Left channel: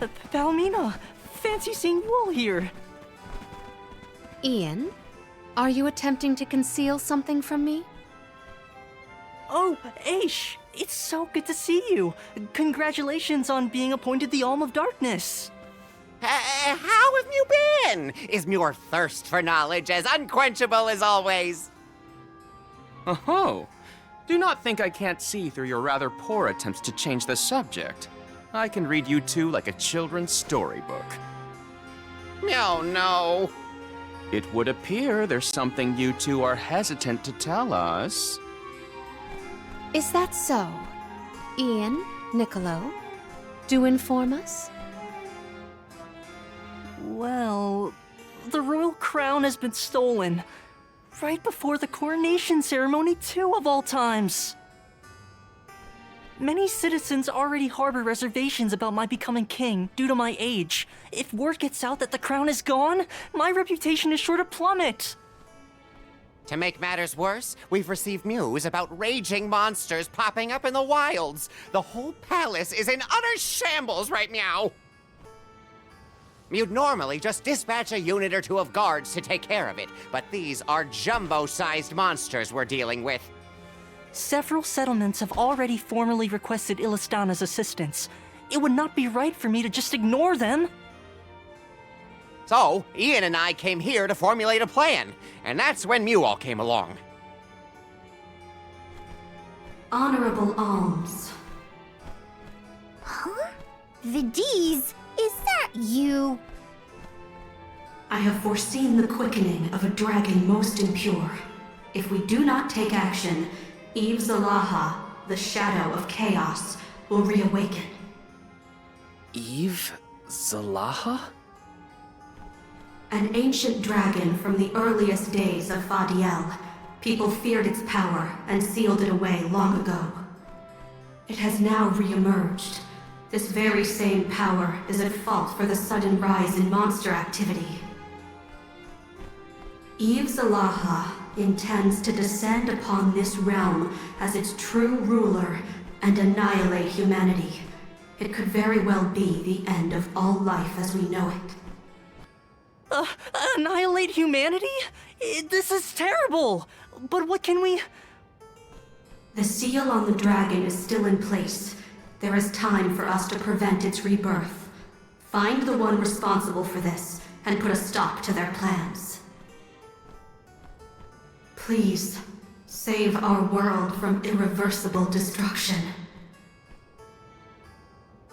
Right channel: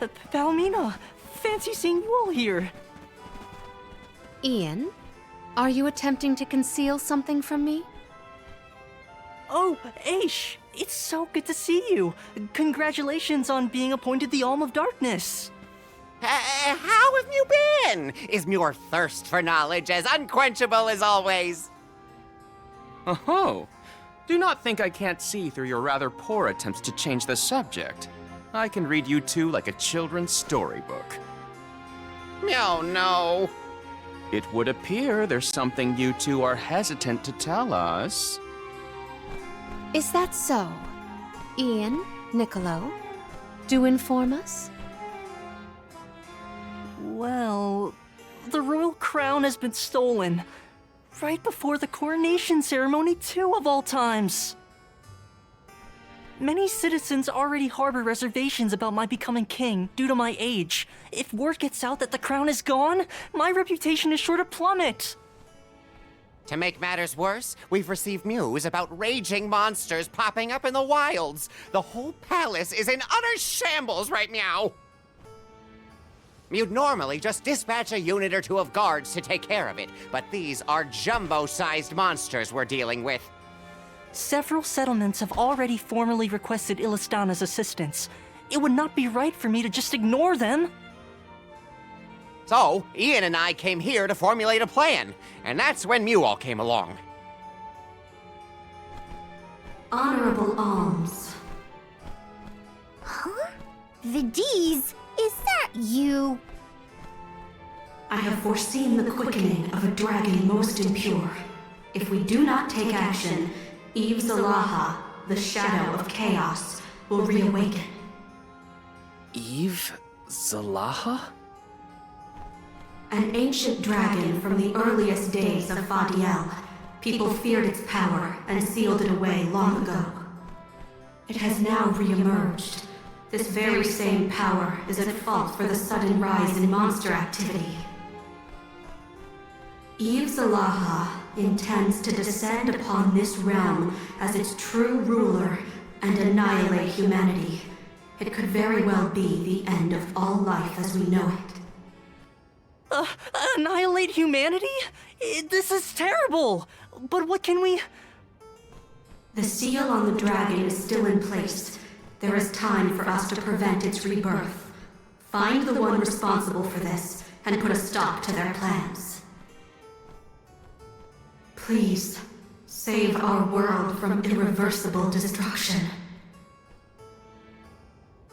Palomina, fancy seeing you all here. Ian, are you attempting to conceal something from me? Oh, Aish, it's so good to see you. Congratulations on being appointed the Alm of Darkness. How have you been? Is your thirst for knowledge as unquenchable as always? Oh, do not think I can't see through your rather poor attempts to change the subject. I can read you two like a children's storybook. Oh, no. It would appear there's something you two are hesitant to tell us. Is that so? Ian, Niccolo, do inform us. Well, the royal crown has been stolen. Right before the coronation ceremony, too, of all times. Many citizens already harbor reservations about my becoming king due to my age. If word gets out that the crown is gone, my reputation is sure to plummet. To make matters worse, we've received news about raging monsters popping up in the wilds. The whole palace is in utter shambles right now. You'd normally just dispatch a unit or two of guards to take care of it, but these are jumbo-sized monsters we're dealing with. Several settlements have already formally requested Illistana's assistance. It would not be right for me to just ignore them. So, Ian and I came here to formulate a plan, and that's when Mew all came along. Honorable alms. Huh? Vidiz, is that you? I have foreseen the quickening of a dragon most impure. If we do not take action, Aeve Zalaha, the shadow of chaos, will reawaken. Aeve Zalaha? An ancient dragon from the earliest days of Fadiel. People feared its power and sealed it away long ago. It has now re-emerged. This very same power is at fault for the sudden rise in monster activity. Aeve Zalaha intends to descend upon this realm as its true ruler and annihilate humanity. It could very well be the end of all life as we know it. Annihilate humanity? This is terrible! But what can we... The seal on the dragon is still in place. There is time for us to prevent its rebirth. Find the one responsible for this, and put a stop to their plans. Please, save our world from irreversible destruction.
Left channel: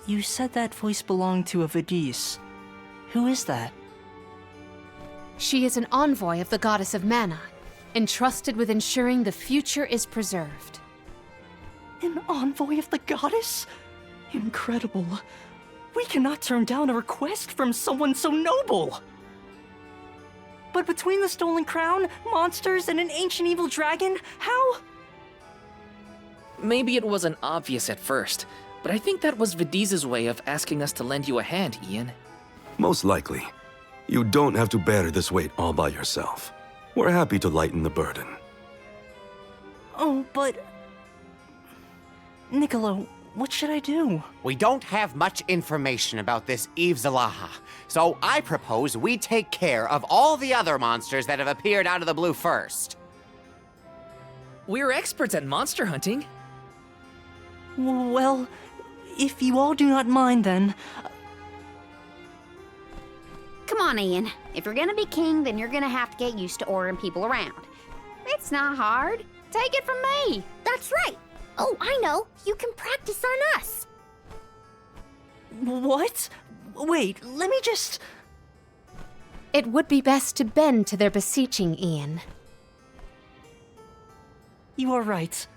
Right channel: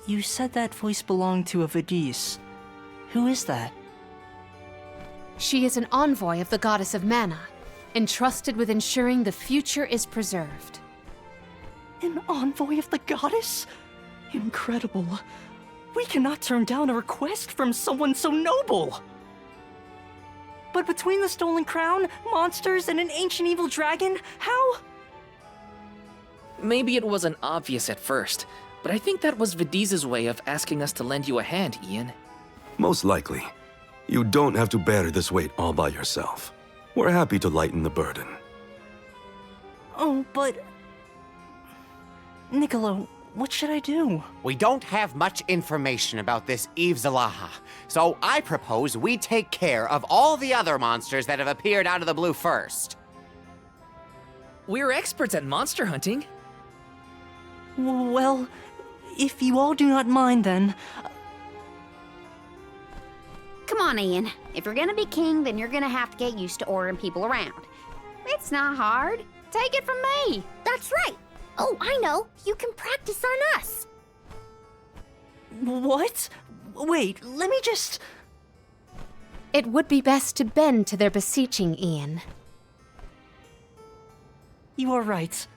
You said that voice belonged to a Vidiz. Who is that? She is an envoy of the goddess of mana, entrusted with ensuring the future is preserved. An envoy of the goddess? Incredible. We cannot turn down a request from someone so noble. But between the stolen crown, monsters, and an ancient evil dragon, how? Maybe it wasn't obvious at first, but I think that was Vidiz's way of asking us to lend you a hand, Ian. Most likely. You don't have to bear this weight all by yourself. We're happy to lighten the burden. Oh, but... Niccolo, what should I do? We don't have much information about this Aeve Zalaha, so I propose we take care of all the other monsters that have appeared out of the blue first. We're experts at monster hunting. Well, if you all do not mind, then... Come on, Ian. If you're gonna be king, then you're gonna have to get used to ordering people around. It's not hard. Take it from me. That's right. Oh, I know. You can practice on us. What? Wait, let me just... It would be best to bend to their beseeching, Ian. You are right.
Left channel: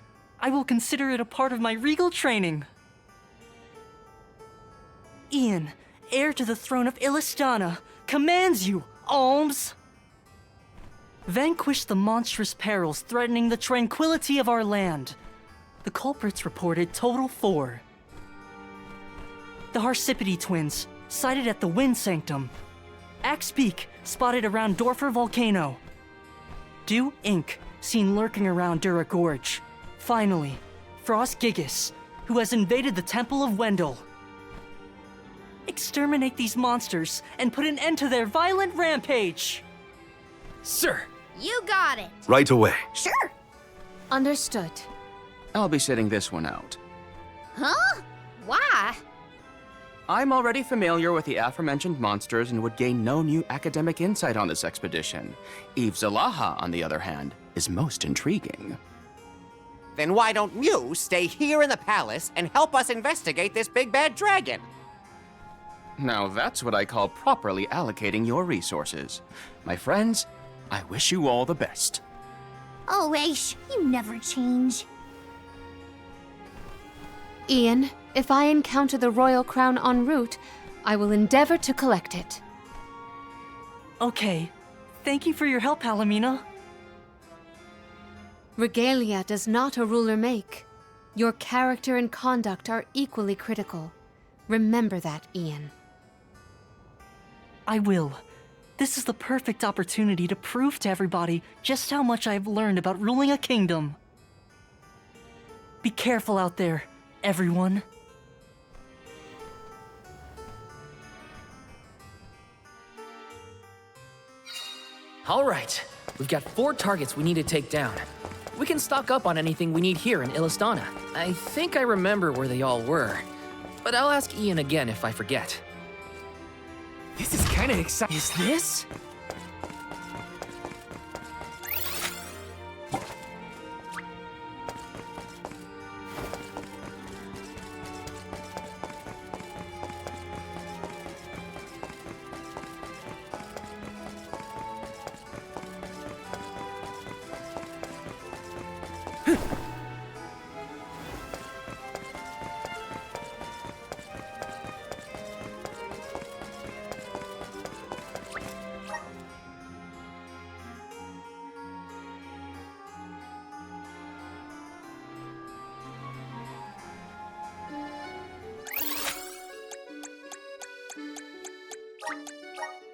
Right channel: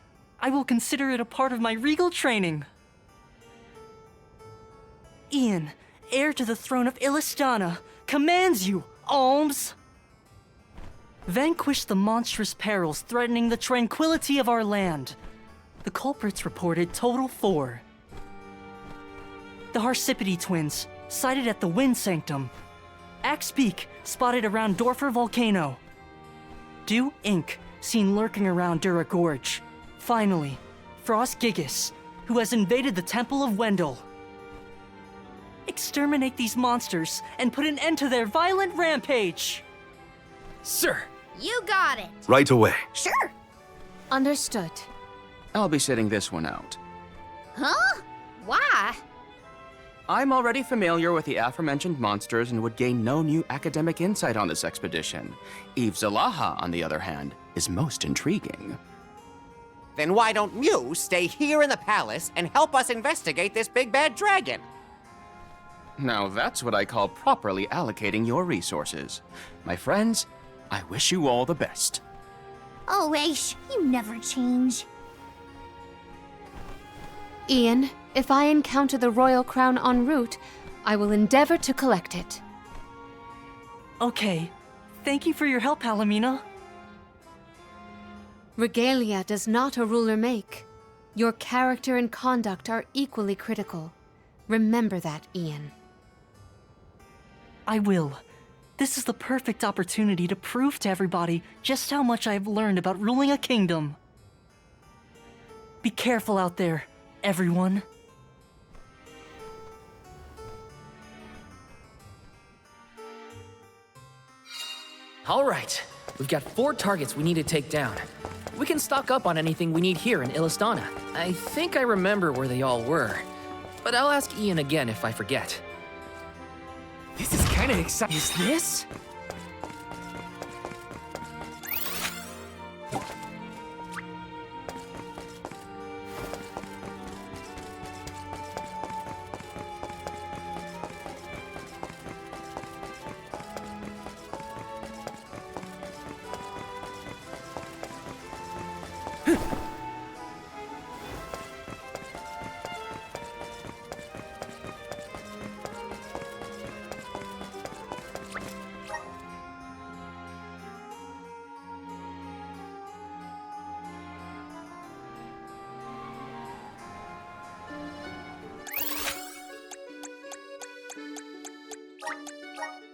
I will consider it a part of my regal training. Ian, heir to the throne of Illistana, commands you, alms! Vanquish the monstrous perils threatening the tranquility of our land. The culprits reported total 4. The Ocypete twins, sighted at the Wind Sanctum. Beak, spotted around Dorfer Volcano. Dew Inc., seen lurking around Dura Gorge. Finally, Gigas, who has invaded the Temple of Wendell. exterminate these monsters and put an end to their violent rampage. Sir! You got it. Right away. Sure. Understood. I'll be sitting this one out. Huh? Why? I'm already familiar with the aforementioned monsters and would gain no new academic insight on this expedition. Aeve Zalaha, on the other hand, is most intriguing. Then why don't Mew stay here in the palace and help us investigate this big bad dragon? Now that's what I call properly allocating your resources. My friends, I wish you all the best. Oh, Aish, you never change. Ian, if I encounter the royal crown en route, I will endeavor to collect it. Okay. Thank you for your help, Palomina. Regalia does not a ruler make. Your character and conduct are equally critical. Remember that, Ian. I will. This is the perfect opportunity to prove to everybody just how much I've learned about ruling a kingdom. Be careful out there, everyone. All right, we've got 4 targets we need to take down. We can stock up on anything we need here in Illistana. I think I remember where they all were, but I'll ask Ian again if I forget. This is kind of exciting. Is this?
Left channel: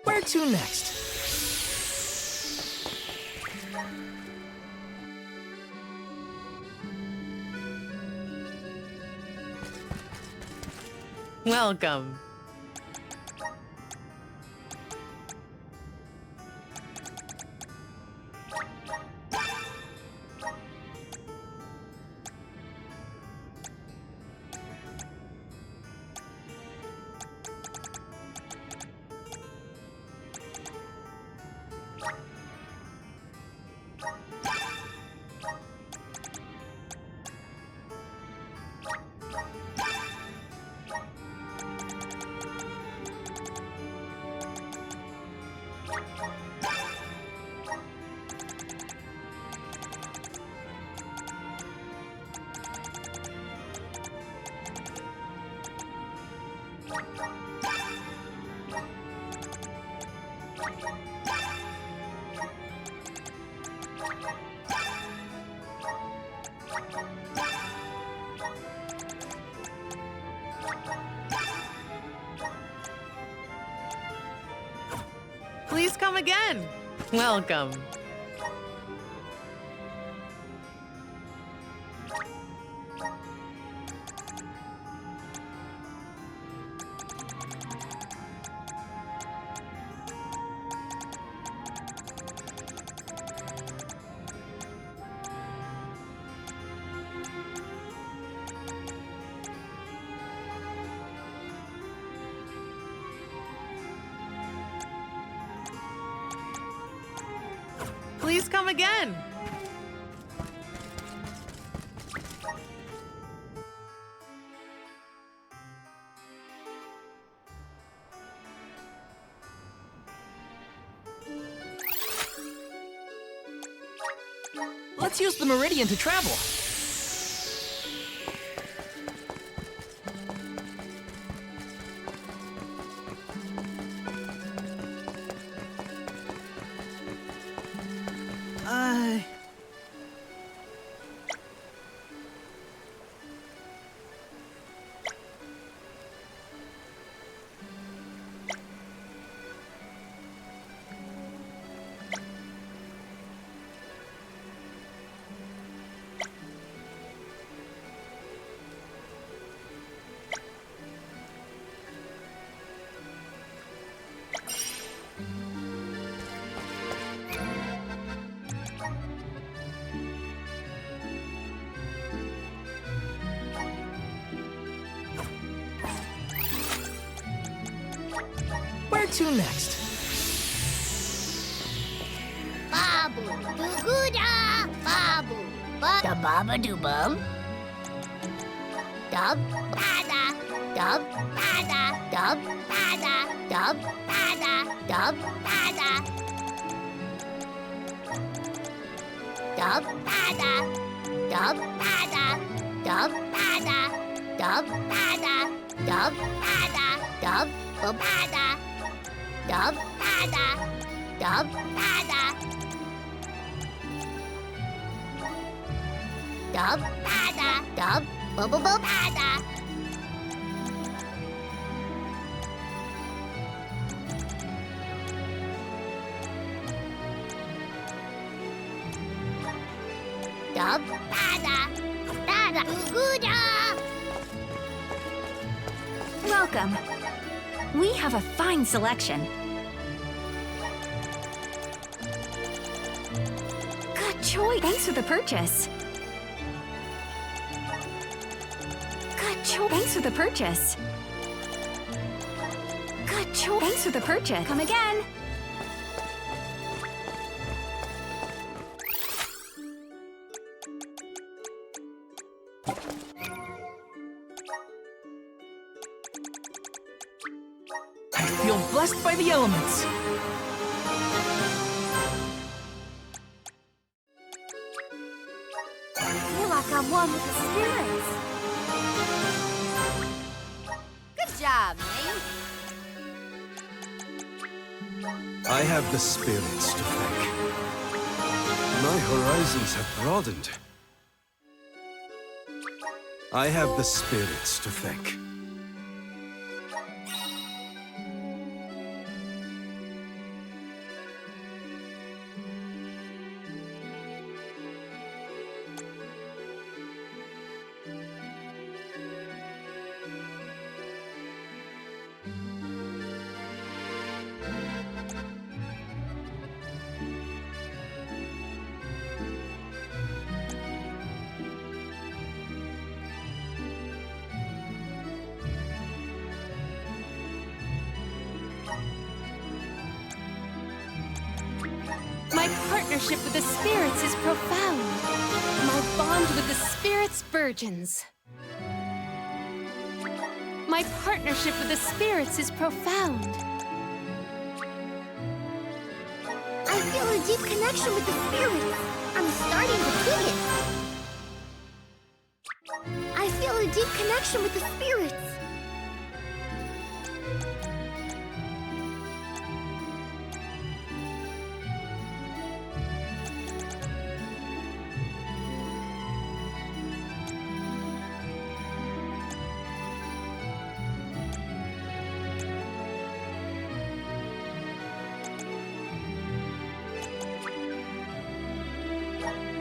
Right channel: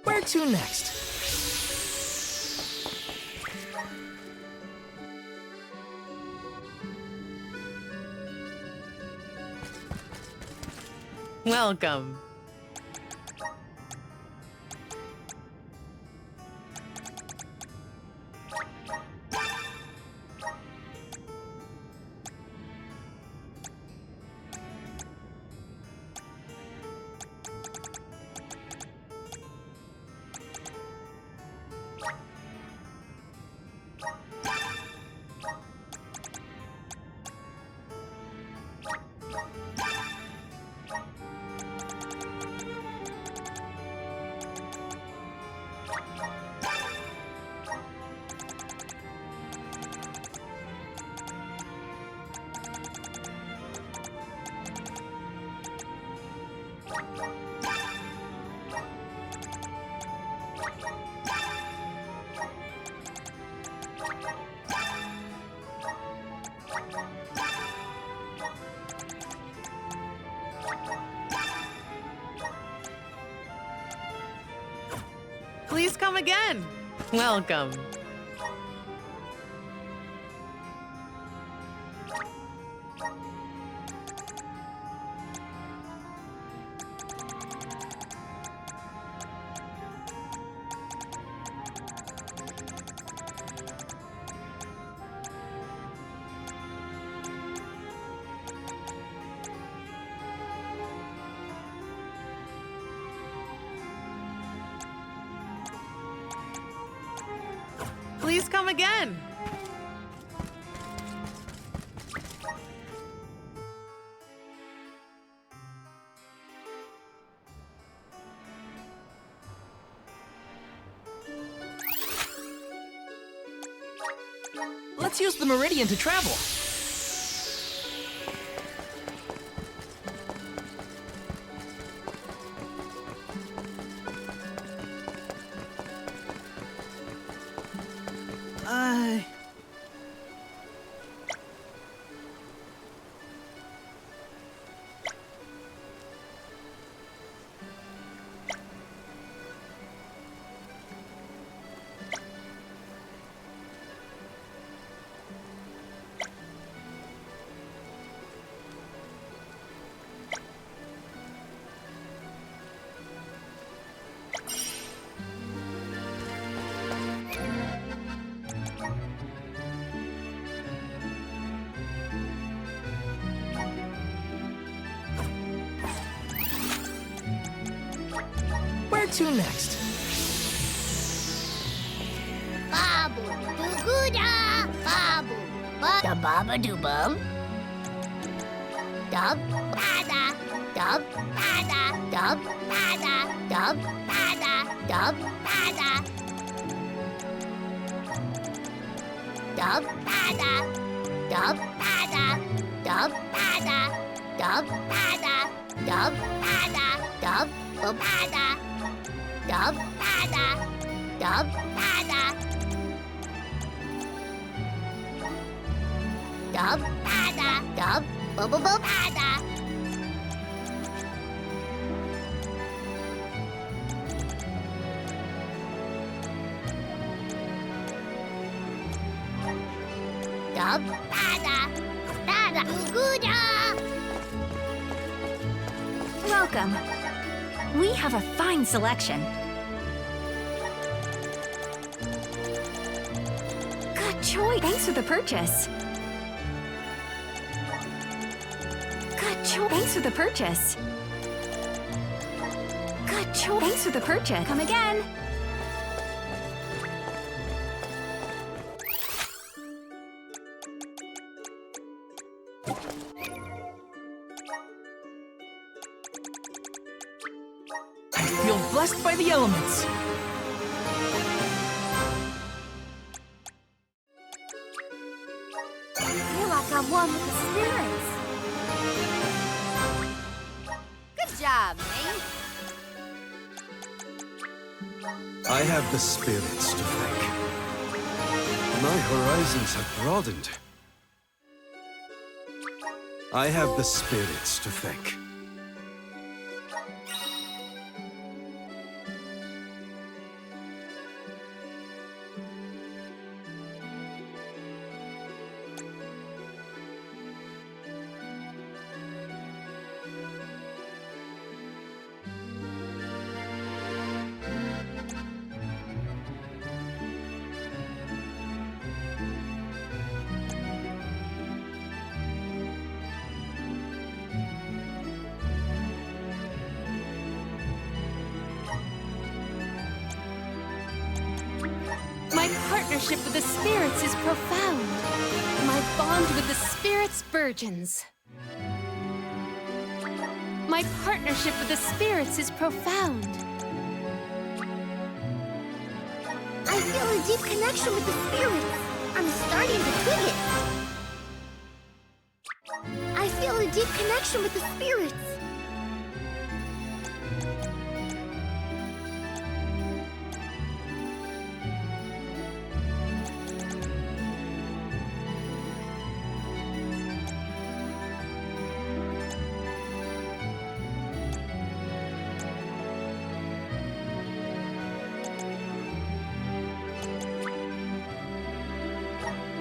Where to next? Welcome. Please come again. Welcome. Please come again. Let's use the meridian to travel. to next? Babu doo-goo-da, babu da baba doo bum. Dub bada, dub bada, dub bada, dub bada, dub bada. Dub bada, dub bada, dub bada, dub bada, dub bada, dub bada, dub bada, dub bada. Dub bada, dub bada. Dub bada, bada doo-goo-da. Welcome. We have a fine selection. Good choice. Thanks for the purchase. Good choice. Thanks for the purchase. Good choice. Thanks for the purchase. Come again. I feel blessed by the elements. I feel like I'm one with the spirits. Good job, me. I have the spirits to thank. My horizons have broadened. I have the spirits to thank. My partnership with the spirits is profound. My bond with the spirits burgeons. My partnership with the spirits is profound. I feel a deep connection with the spirits. I'm starting to twig it. I feel a deep connection with the spirits.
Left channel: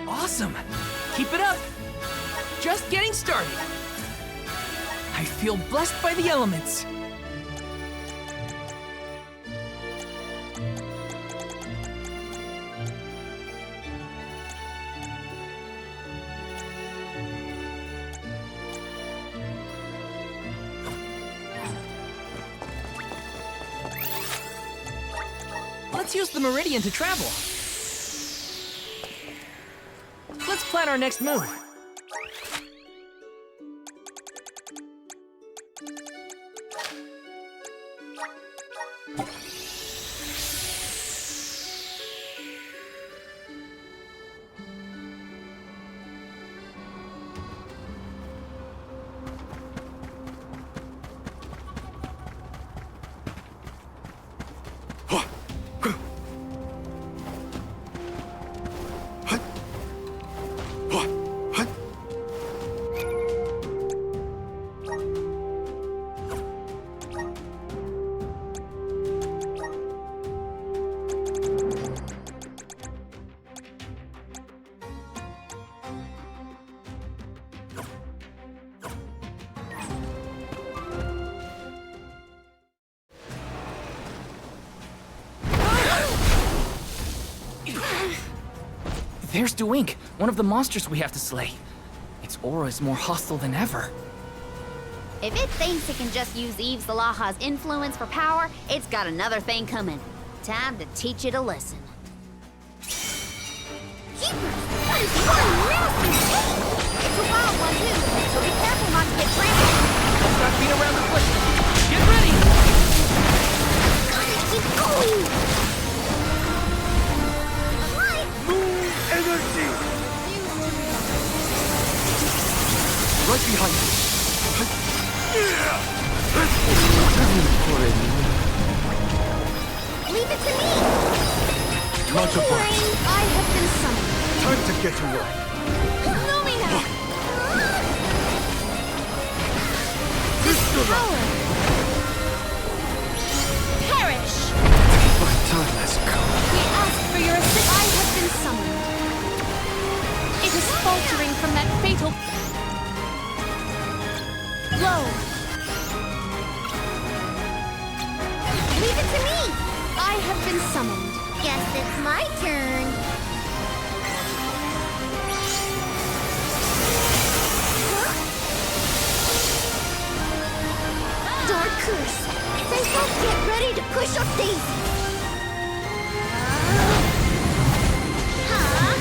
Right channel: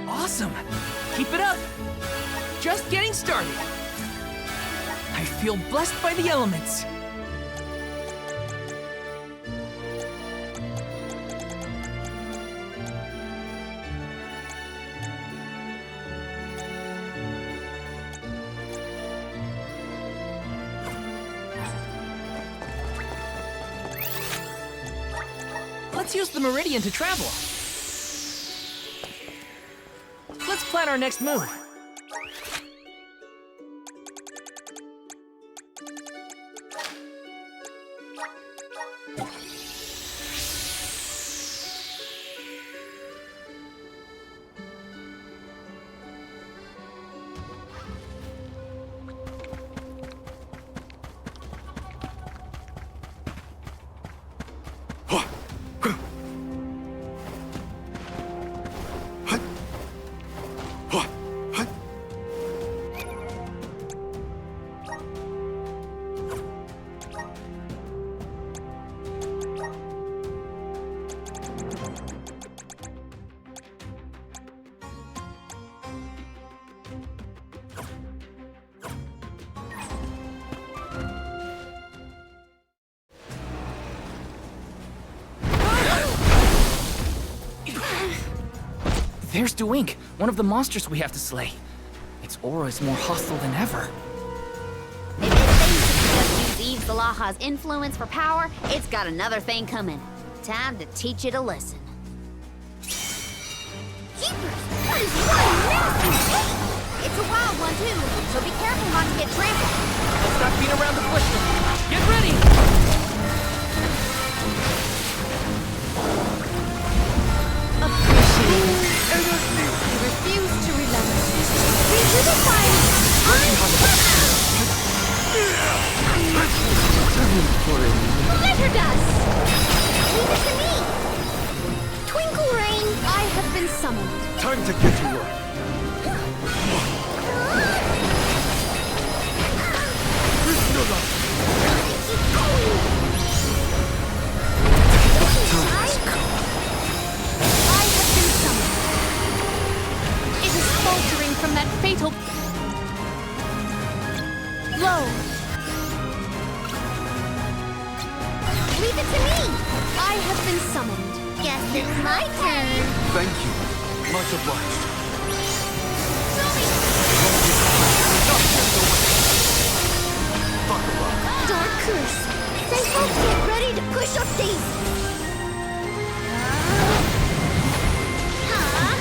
Awesome. Keep it up. Just getting started. I feel blessed by the elements. Let's use the meridian to travel. Let's plan our next move. There's Dewink, one of the monsters we have to slay. Its aura is more hostile than ever. If it thinks it can just use Aeve Zalaha's influence for power, it's got another thing coming. Time to teach it a lesson. Jeepers! That is one nasty ape! It's a wild one, too, so be careful not to get trampled. Let's not beat around the bush. Get ready! Energy! I refuse to relent. Right behind you. Treasure dust! Leave it to me! Twinkle ring! I have been summoned. Time to get to work. Perish! My time has come. I have been summoned. It is faltering from that fatal... Blow! Leave it to me! I have been summoned. Guess it's my turn. Thank you. Much obliged. Dark curse. Say folks get ready to push up daisies. Huh?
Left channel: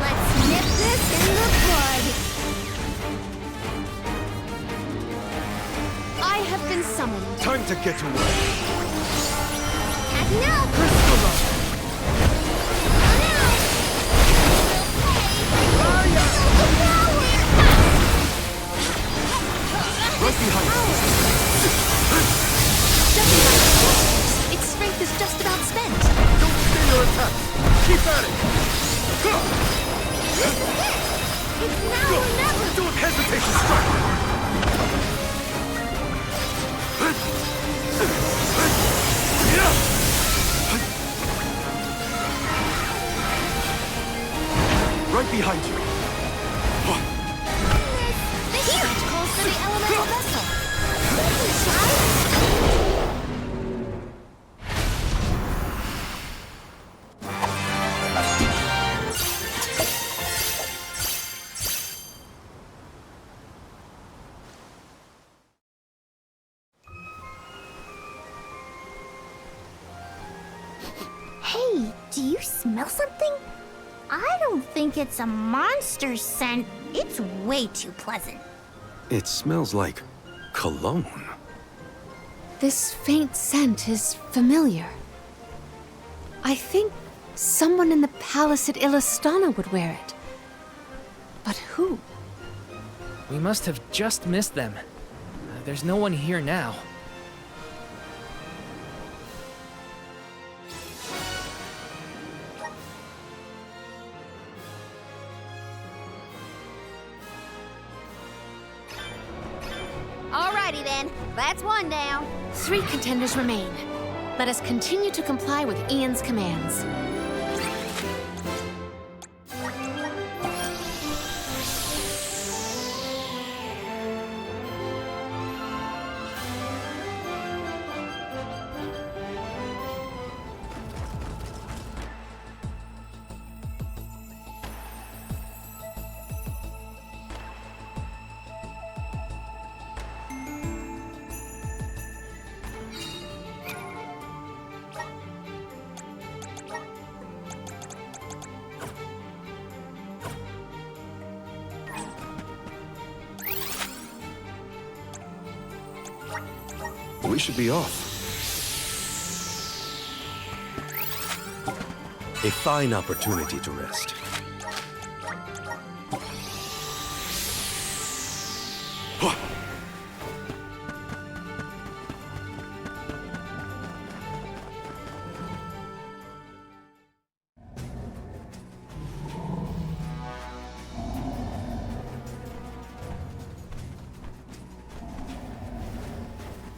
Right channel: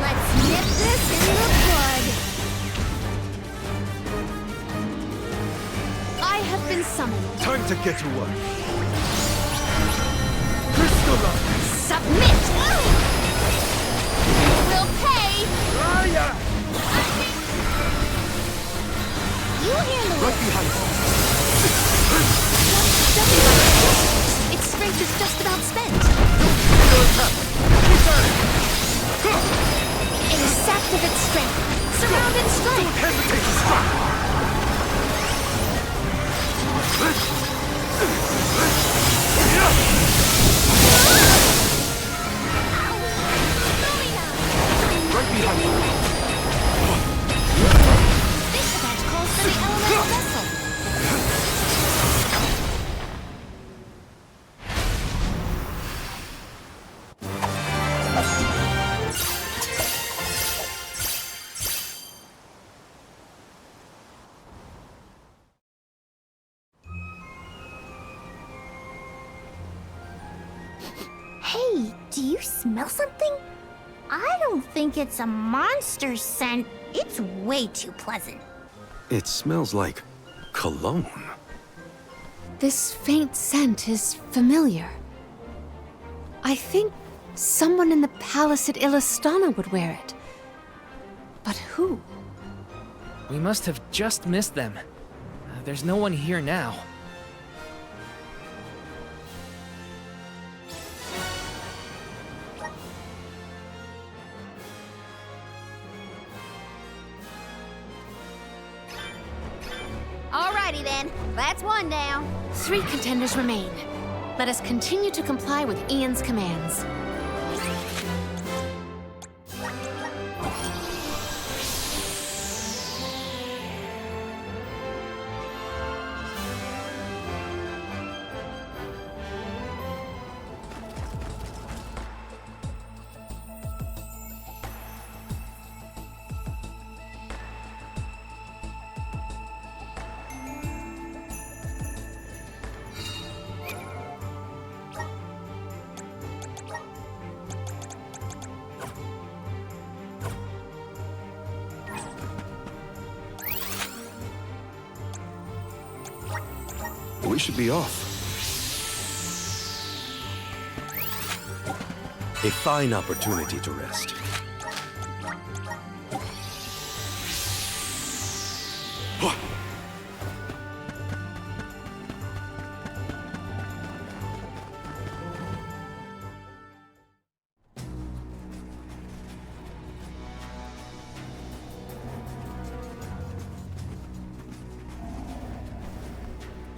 Let's nip this in the bud. I have been summoned. Time to get to work. No. Crystalline! Submit. We'll pay. Right behind you. Judging by its force, its strength is just about spent. Don't stay your attack. Keep at it. It is sapped of its strength. Go. Don't hesitate to strike. Right behind you. This branch calls for the elemental vessel. Hey, do you smell something? I don't think it's a monster scent. It's way too pleasant. It smells like cologne. This faint scent is familiar. I think someone in the palace at Illistana would wear it. But who? We must have just missed them. There's no one here now. Alrighty then, that's one down. 3 contenders remain. Let us continue to comply with Ian's commands. We should be off. A fine opportunity to rest.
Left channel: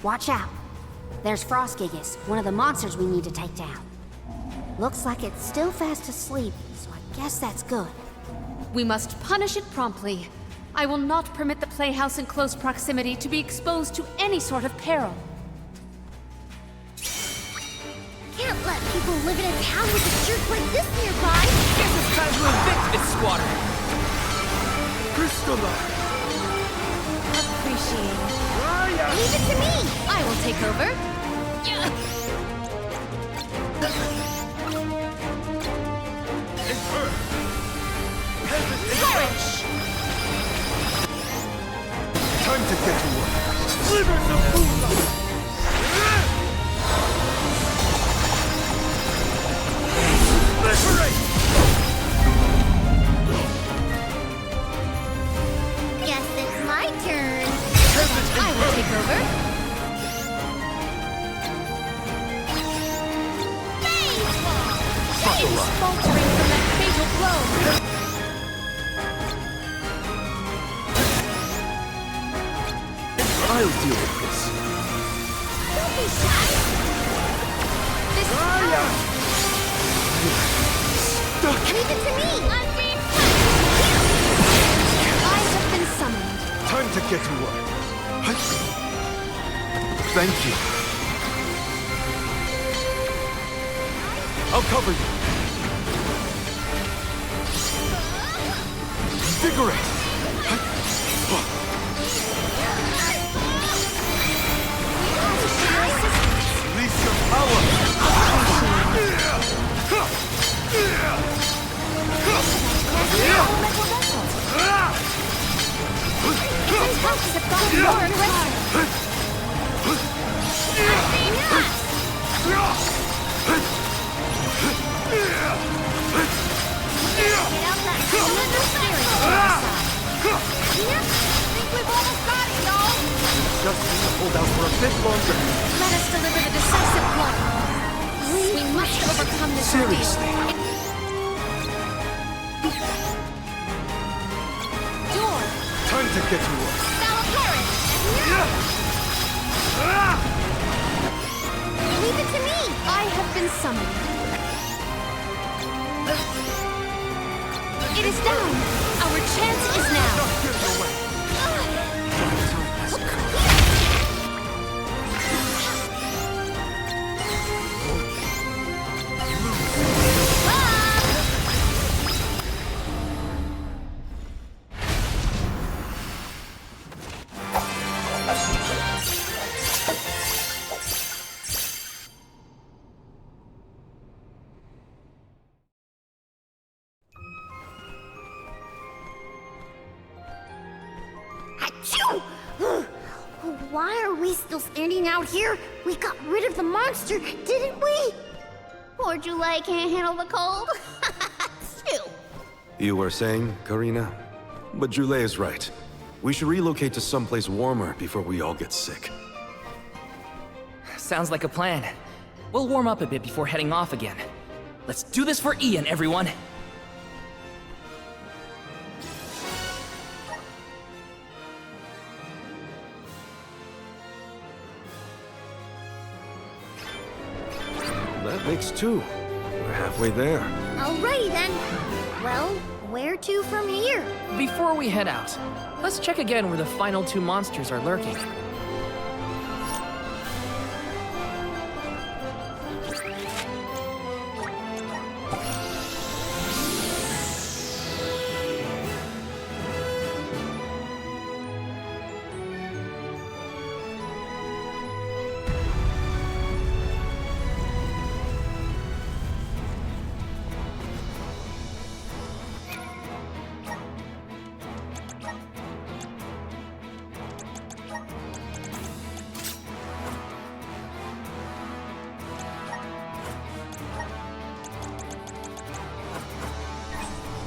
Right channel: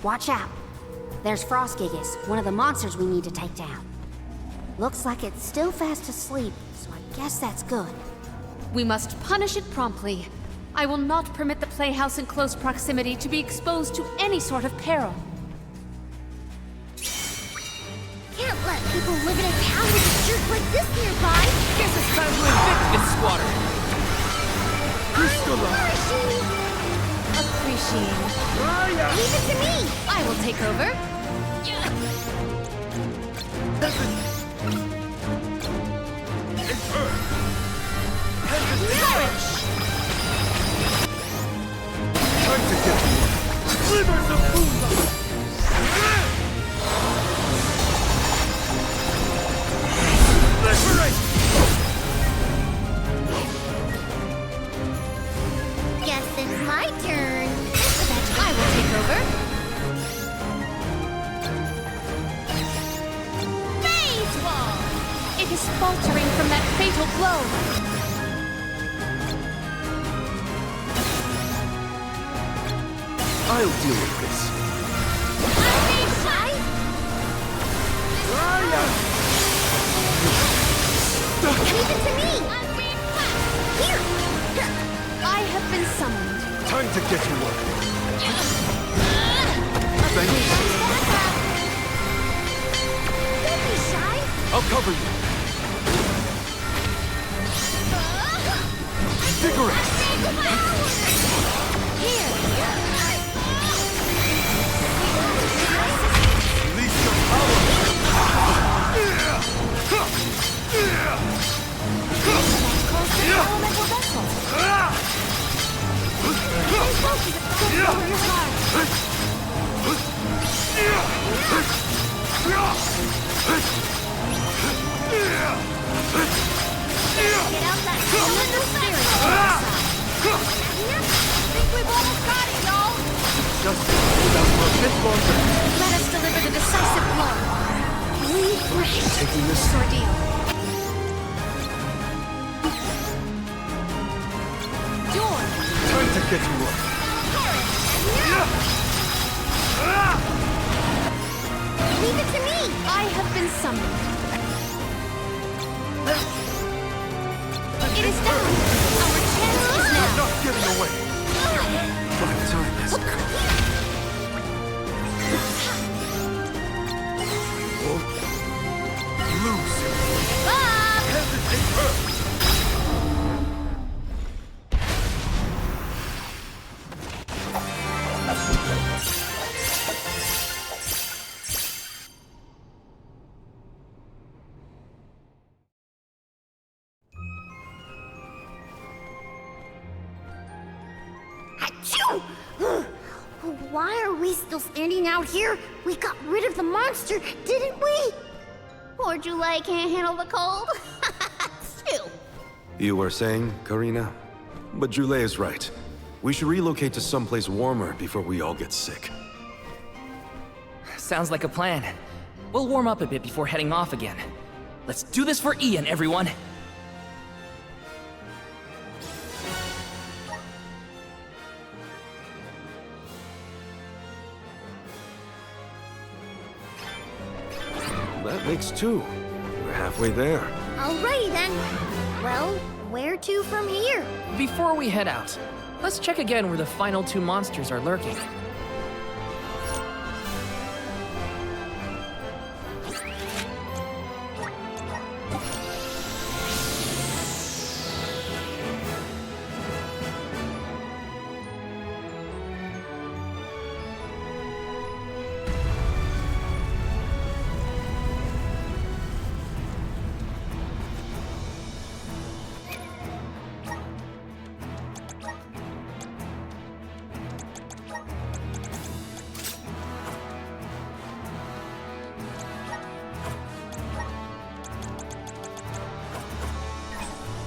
Watch out. There's Frost Gigas, one of the monsters we need to take down. Looks like it's still fast asleep, so I guess that's good. We must punish it promptly. I will not permit the playhouse in close proximity to be exposed to any sort of peril. Can't let people live in a town with a jerk like this nearby. Guess it's time to evict this squatter. Crystalline! A appreciate it. Leave it to me! I will take over. Perish! Time to get to work. Slivers of moonlight! Liberate! Guess it's my turn. I will take over. Phase wall! It is faltering from that fatal blow. I'll deal with this. Leave it to me! I'm being punished! Here! I have been summoned. Time to get to work. Thank you. I'll cover you. Invigorate! Release your power! Elemental vessel. Get out that elemental spirit on our side. Yep, think we've almost got it, y'all. Just hold out for a bit longer. Let us deliver the decisive blow. We must overcome this ordeal. Door. Time to get to work. Leave it to me. I have been summoned. It is done. Our chance is now. Not getting away. My time has come. I won't lose. Achoo! Why are we still standing out here? We got rid of the monster, didn't we? Poor July can't handle the cold. Phew. You were saying, Karina? But Jule is right. We should relocate to someplace warmer before we all get sick. Sounds like a plan. We'll warm up a bit before heading off again. Let's do this for Ian, everyone! That makes two. We're halfway there. Alrighty then. Well, where to from here? Before we head out, let's check again where the final two monsters are lurking.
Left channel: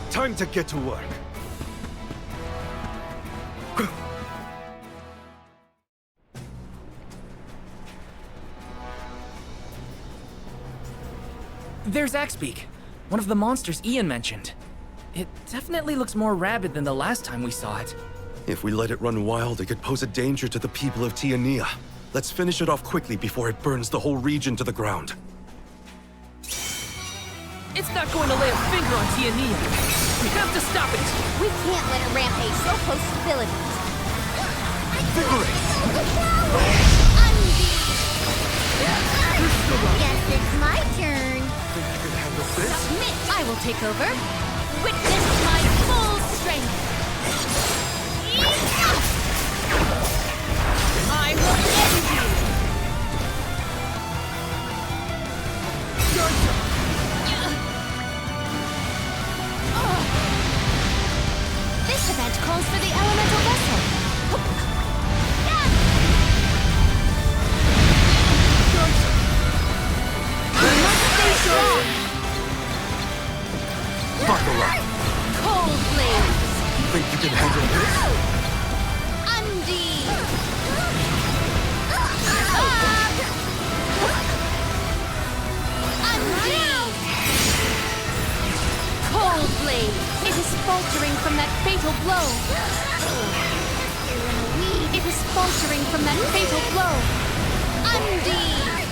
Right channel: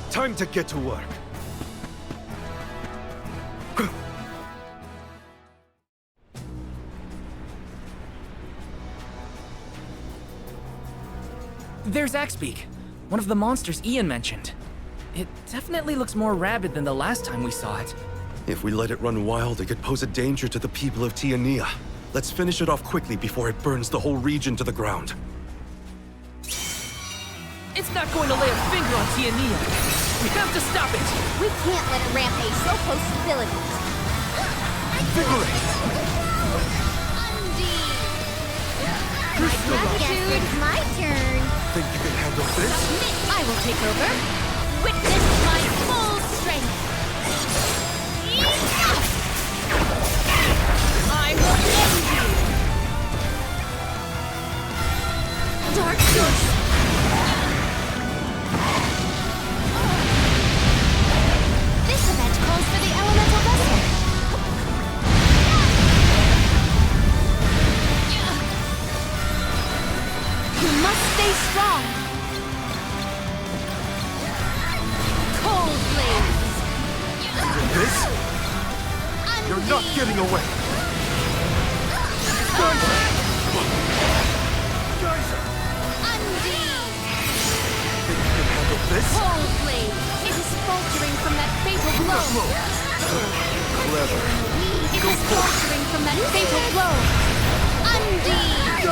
Time to get to work. There's Axebeak, one of the monsters Ian mentioned. It definitely looks more rabid than the last time we saw it. If we let it run wild, it could pose a danger to the people of Tiania. Let's finish it off quickly before it burns the whole region to the ground. It's not going to lay a finger on Tiania. We have to stop it! We can't let it rampage so close to villages. Invigorate! Guess it's my turn. Think you can handle this? Submit. I will take over. Witness my full strength. This event calls for the elemental vessel. You must stay strong. Cold blaze. Undead. Cold blade! It is faltering from that fatal blow! It is faltering from that fatal blow! Undead!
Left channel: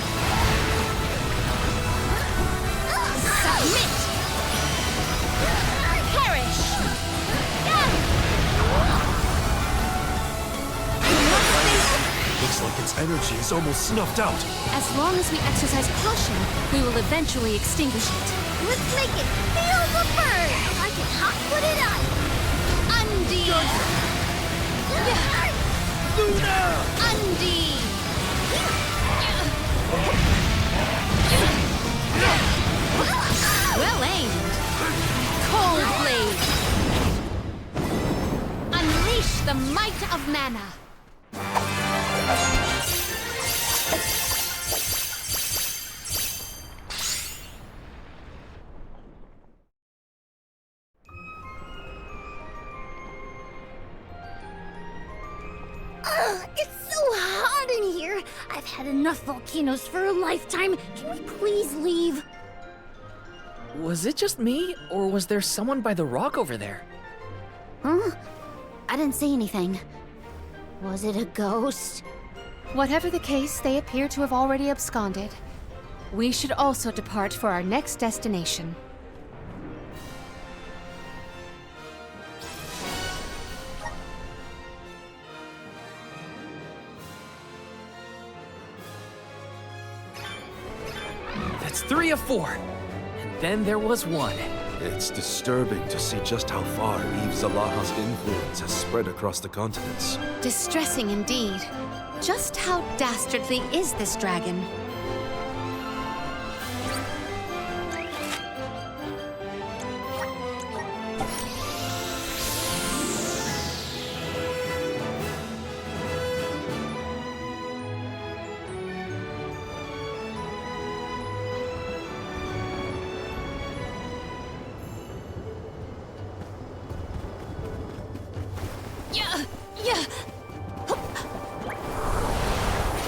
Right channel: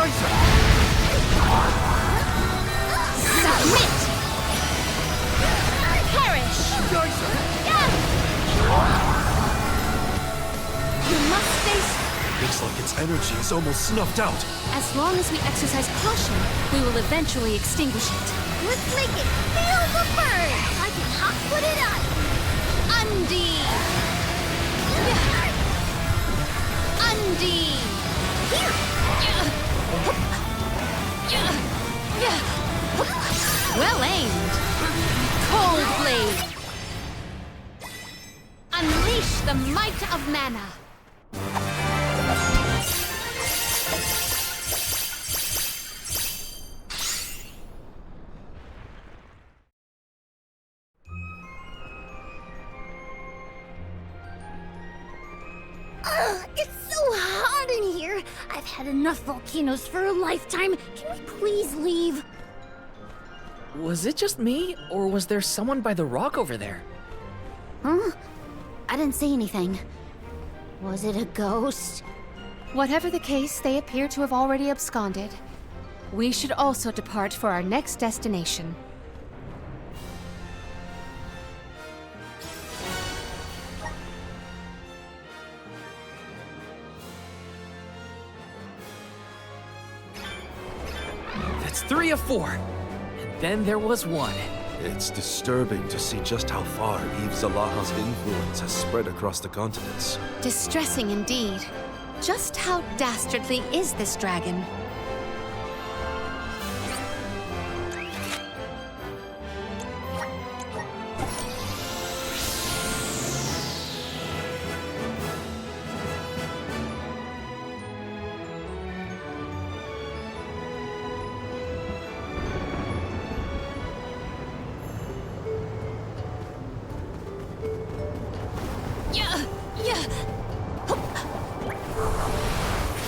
Submit! Perish! You must stay... Looks like its energy is almost snuffed out. As long as we exercise caution, we will eventually extinguish it. Let's make it feel the burn! I can hot put it on! Undead! Undead! Well aimed! Cold blade! Unleash the might of mana! It's so hot in here. I've had enough volcanoes for a lifetime. Can we please leave? Was it just me, or was there someone by the rock over there? Huh? I didn't see anything. Was it a ghost? Whatever the case, they appear to have already absconded. We should also depart for our next destination. That's 3 of 4. And then there was 1. It's disturbing to see just how far Aeve Zalaha's influence has spread across the continents. Distressing indeed. Just how dastardly is this dragon?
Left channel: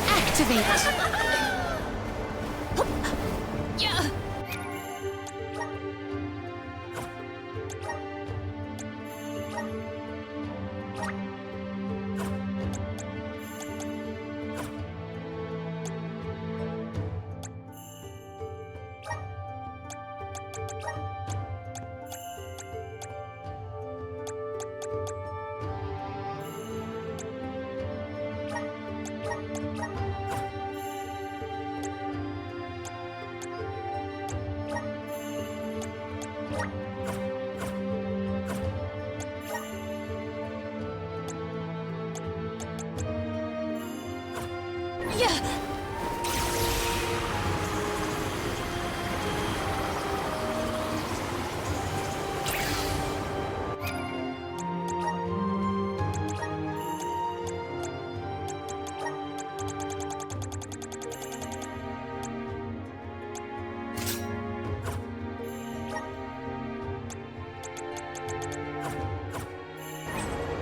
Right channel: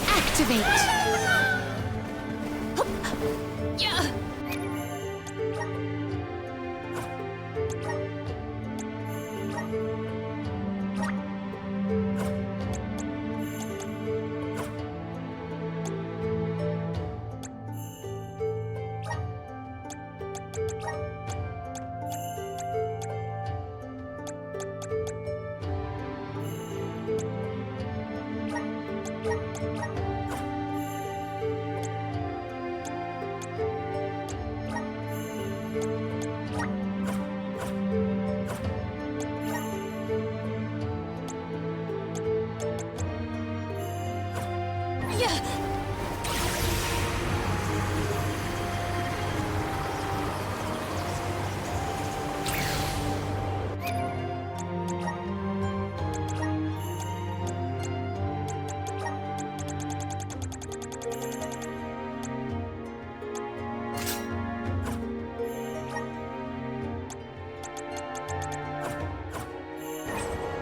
Activate!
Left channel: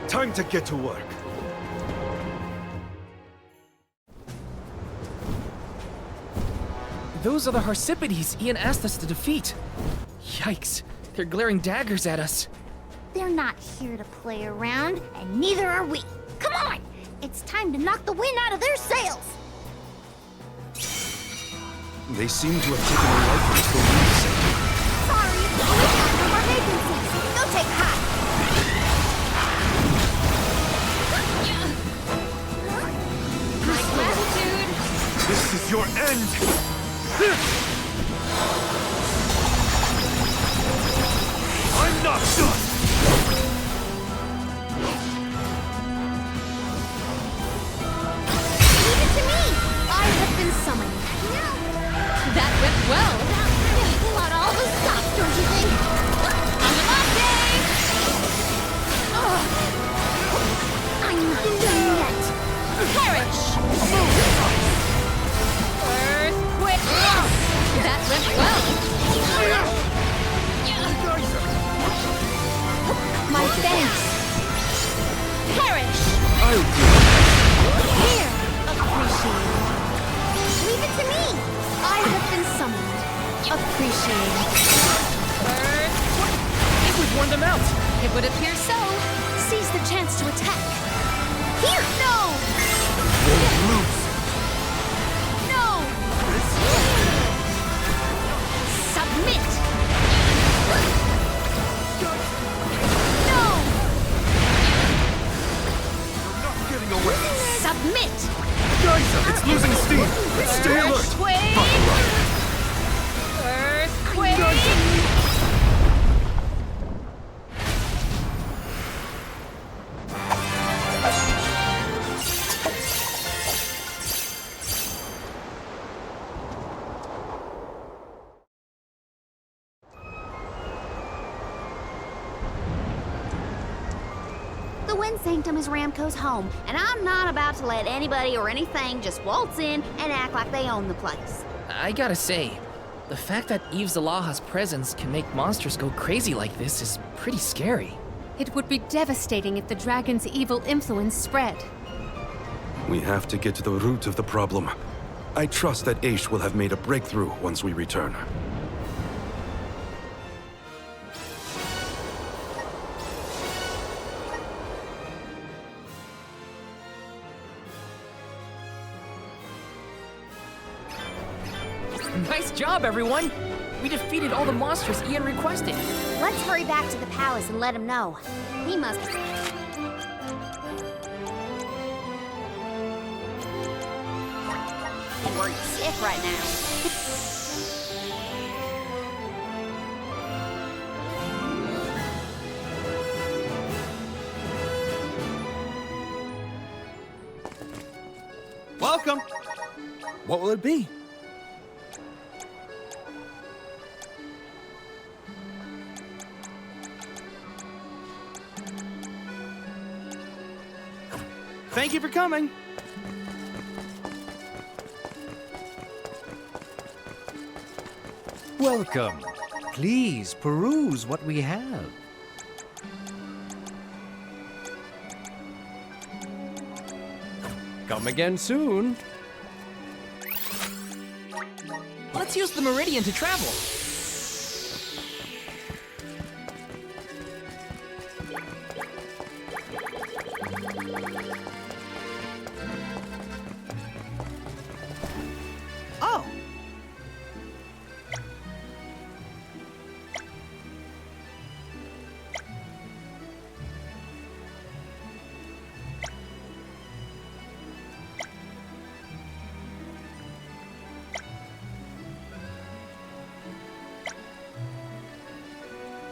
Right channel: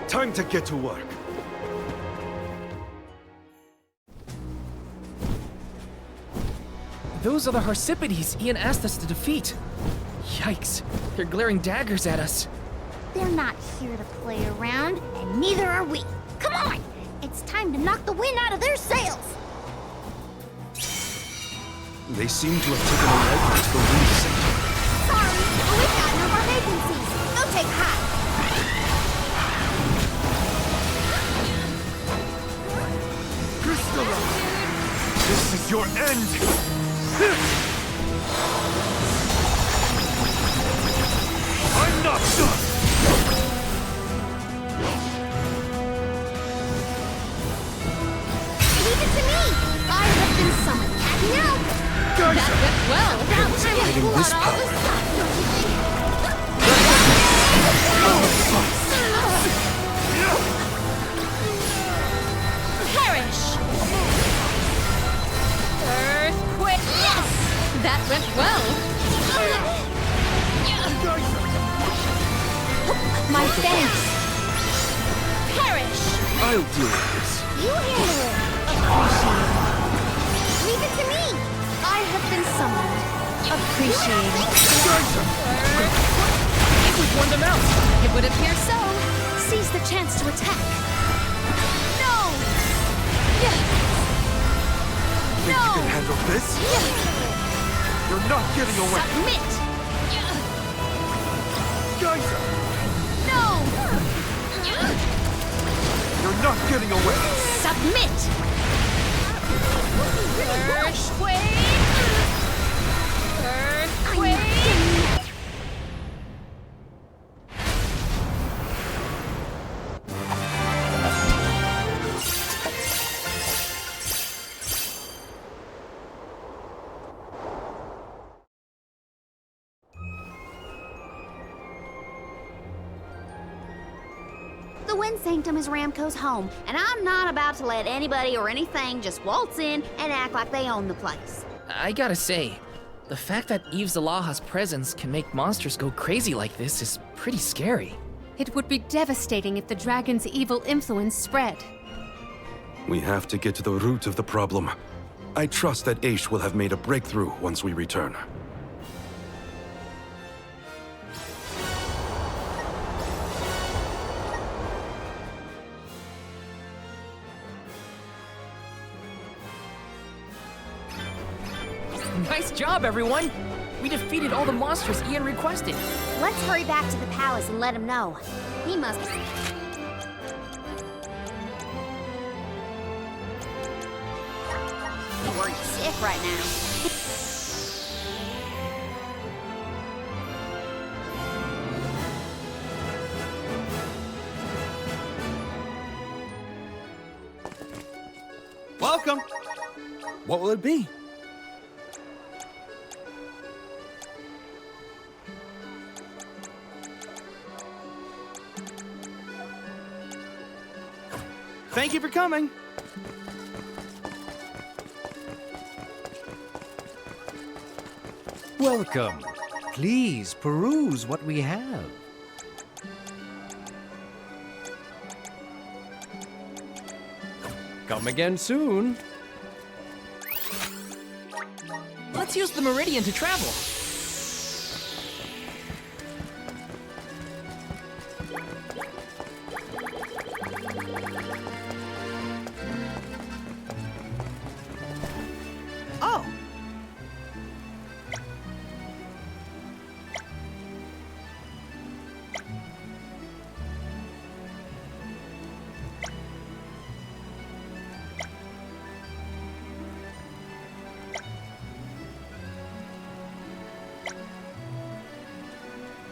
Time to get to work. Those are the Harsipides Ian asked us to defeat. Yikes, they're glaring daggers at us. They're not here to play around, and neither are we. Come on! It's time to knock the wind out of their sails! They seem to have taken a liking to the wind sector. Sorry, but we've got no more vacancies. Go take hot. This is your end! I'm not done! Leave it to me! I have been summoned. Now, That went well! my thanks. Perish! I'll deal with this. Appreciate it. Leave it to me! I have been summoned. Appreciate it. We've worn them out. It would appear so. Seize the chance to attack. Here! No! No! Handle this? You're not getting away. Submit! Geyser! No! You're not getting away. Submit! It's losing steam. Earthquake! Earthquake! The Wind Sanctum is Ramco's home, and I'm not about to let anybody or anything just waltz in and act like they own the place. I gotta say, the fact that Aeve Zalaha's presence can make monsters go crazy like this is pretty scary. It would be devastating if the dragon's evil influence spread. We have to get to the root of the problem. I trust that Aesh will have made a breakthrough once we return. Nice job, everyone! We defeated all the monsters Ian requested. Let's hurry back to the palace and let him know. He must... be worried sick right now. Welcome. What will it be? Thank you for coming. Welcome. Please peruse what we have. Come again soon. Let's use the Meridian to travel. Oh.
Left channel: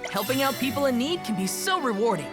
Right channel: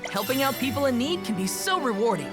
Helping out people in need can be so rewarding.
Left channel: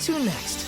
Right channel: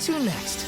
to next?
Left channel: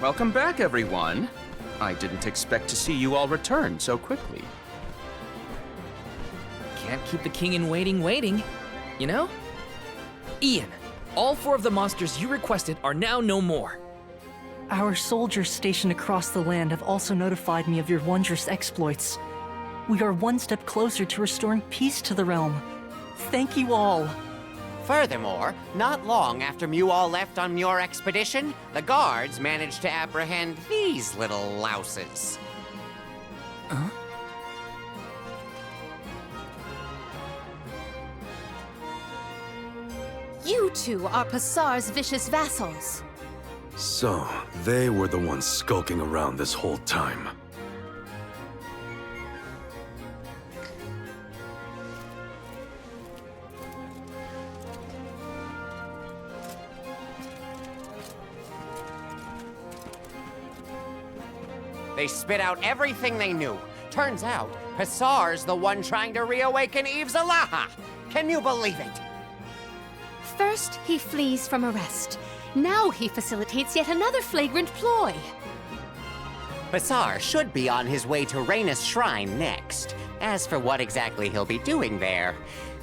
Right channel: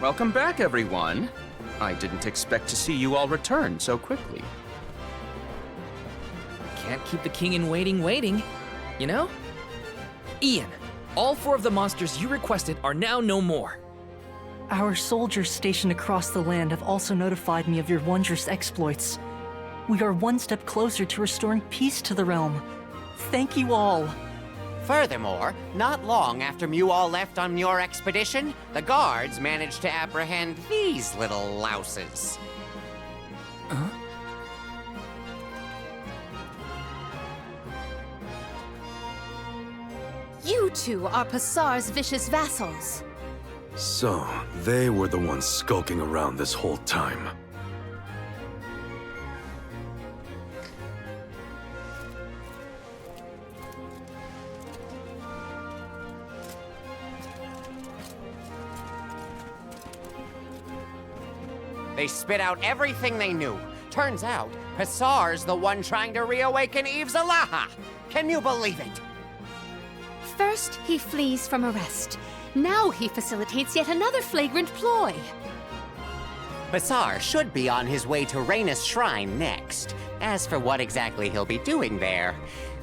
Welcome back, everyone. I didn't expect to see you all return so quickly. Can't keep the king in waiting, you know? Ian, all 4 of the monsters you requested are now no more. Our soldiers stationed across the land have also notified me of your wondrous exploits. We are one step closer to restoring peace to the realm. Thank you all. Furthermore, not long after you all left on your expedition, the guards managed to apprehend these little louses. Huh? You two are Passar's vicious vassals. So, they were the ones skulking around this whole time. They spit out everything they knew. Turns out, Passar's the one trying to reawaken Aeve Zalaha. Can you believe it? First, he flees from arrest. Now he facilitates yet another flagrant ploy. Passar should be on his way to Raina's shrine next. As for what exactly he'll be doing there,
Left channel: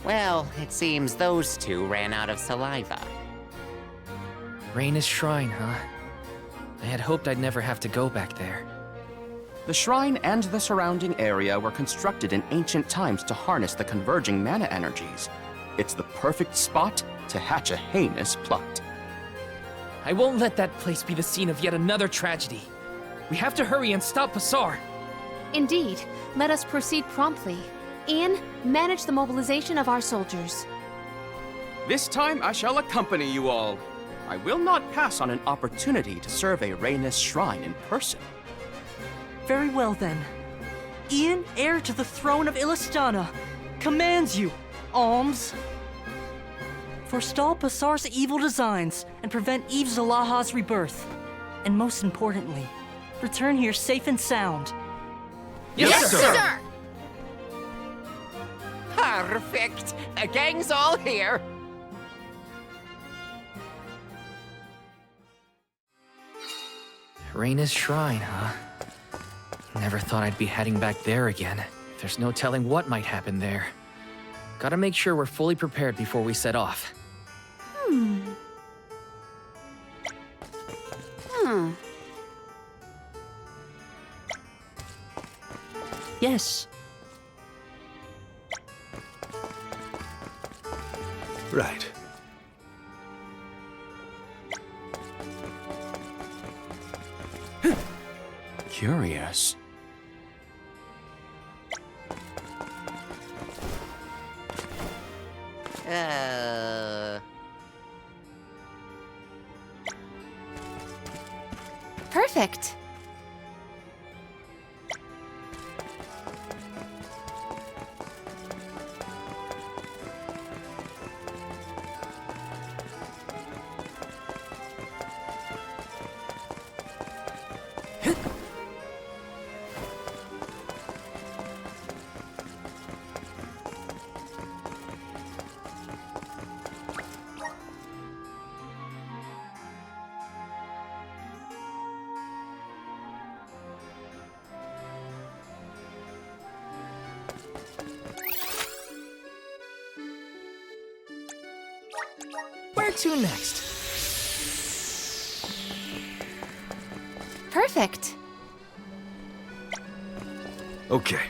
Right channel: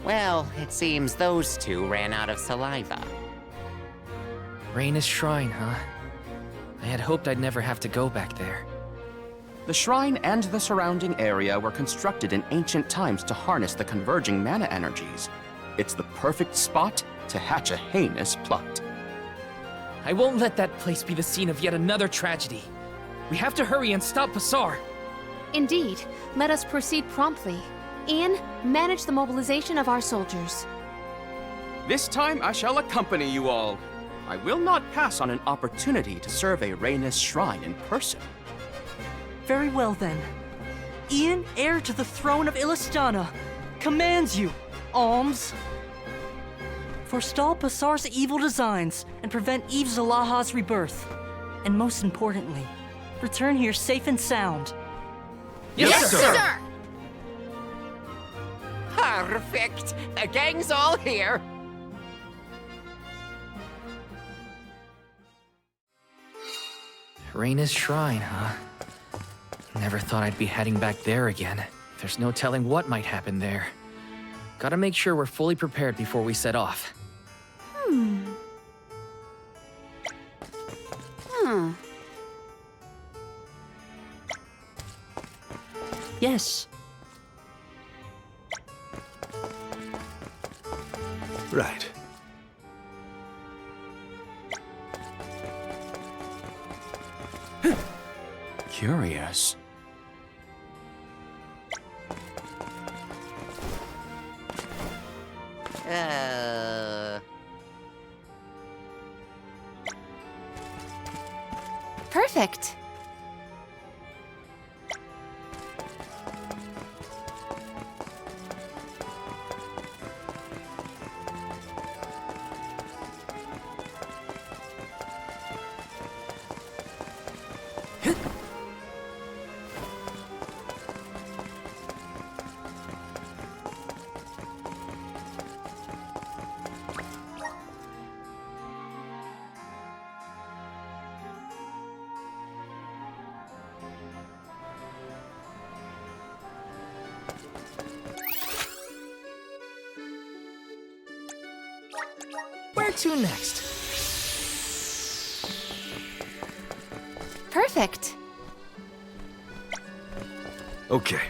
well, it seems those two ran out of saliva. Raina's shrine, huh? I had hoped I'd never have to go back there. The shrine and the surrounding area were constructed in ancient times to harness the converging mana energies. It's the perfect spot to hatch a heinous plot. I won't let that place be the scene of yet another tragedy. We have to hurry and stop Passar. Indeed, let us proceed promptly. Ian, manage the mobilization of our soldiers. This time I shall accompany you all. I will not pass on an opportunity to survey Raina's shrine in person. Very well then. Ian, heir to the throne of Illistana, commands you, Alms. Forestall Passar's evil designs and prevent Aeve Zalaha's rebirth. And most importantly, return here safe and sound. Yes, sir! Perfect! The gang's all here! Raina's shrine, huh? Never thought I'd be heading back there again. There's no telling what might happen there. Gotta make sure we're fully prepared before we set off. Yes. Right. Curious. Perfect. Where to next? Perfect. Okay.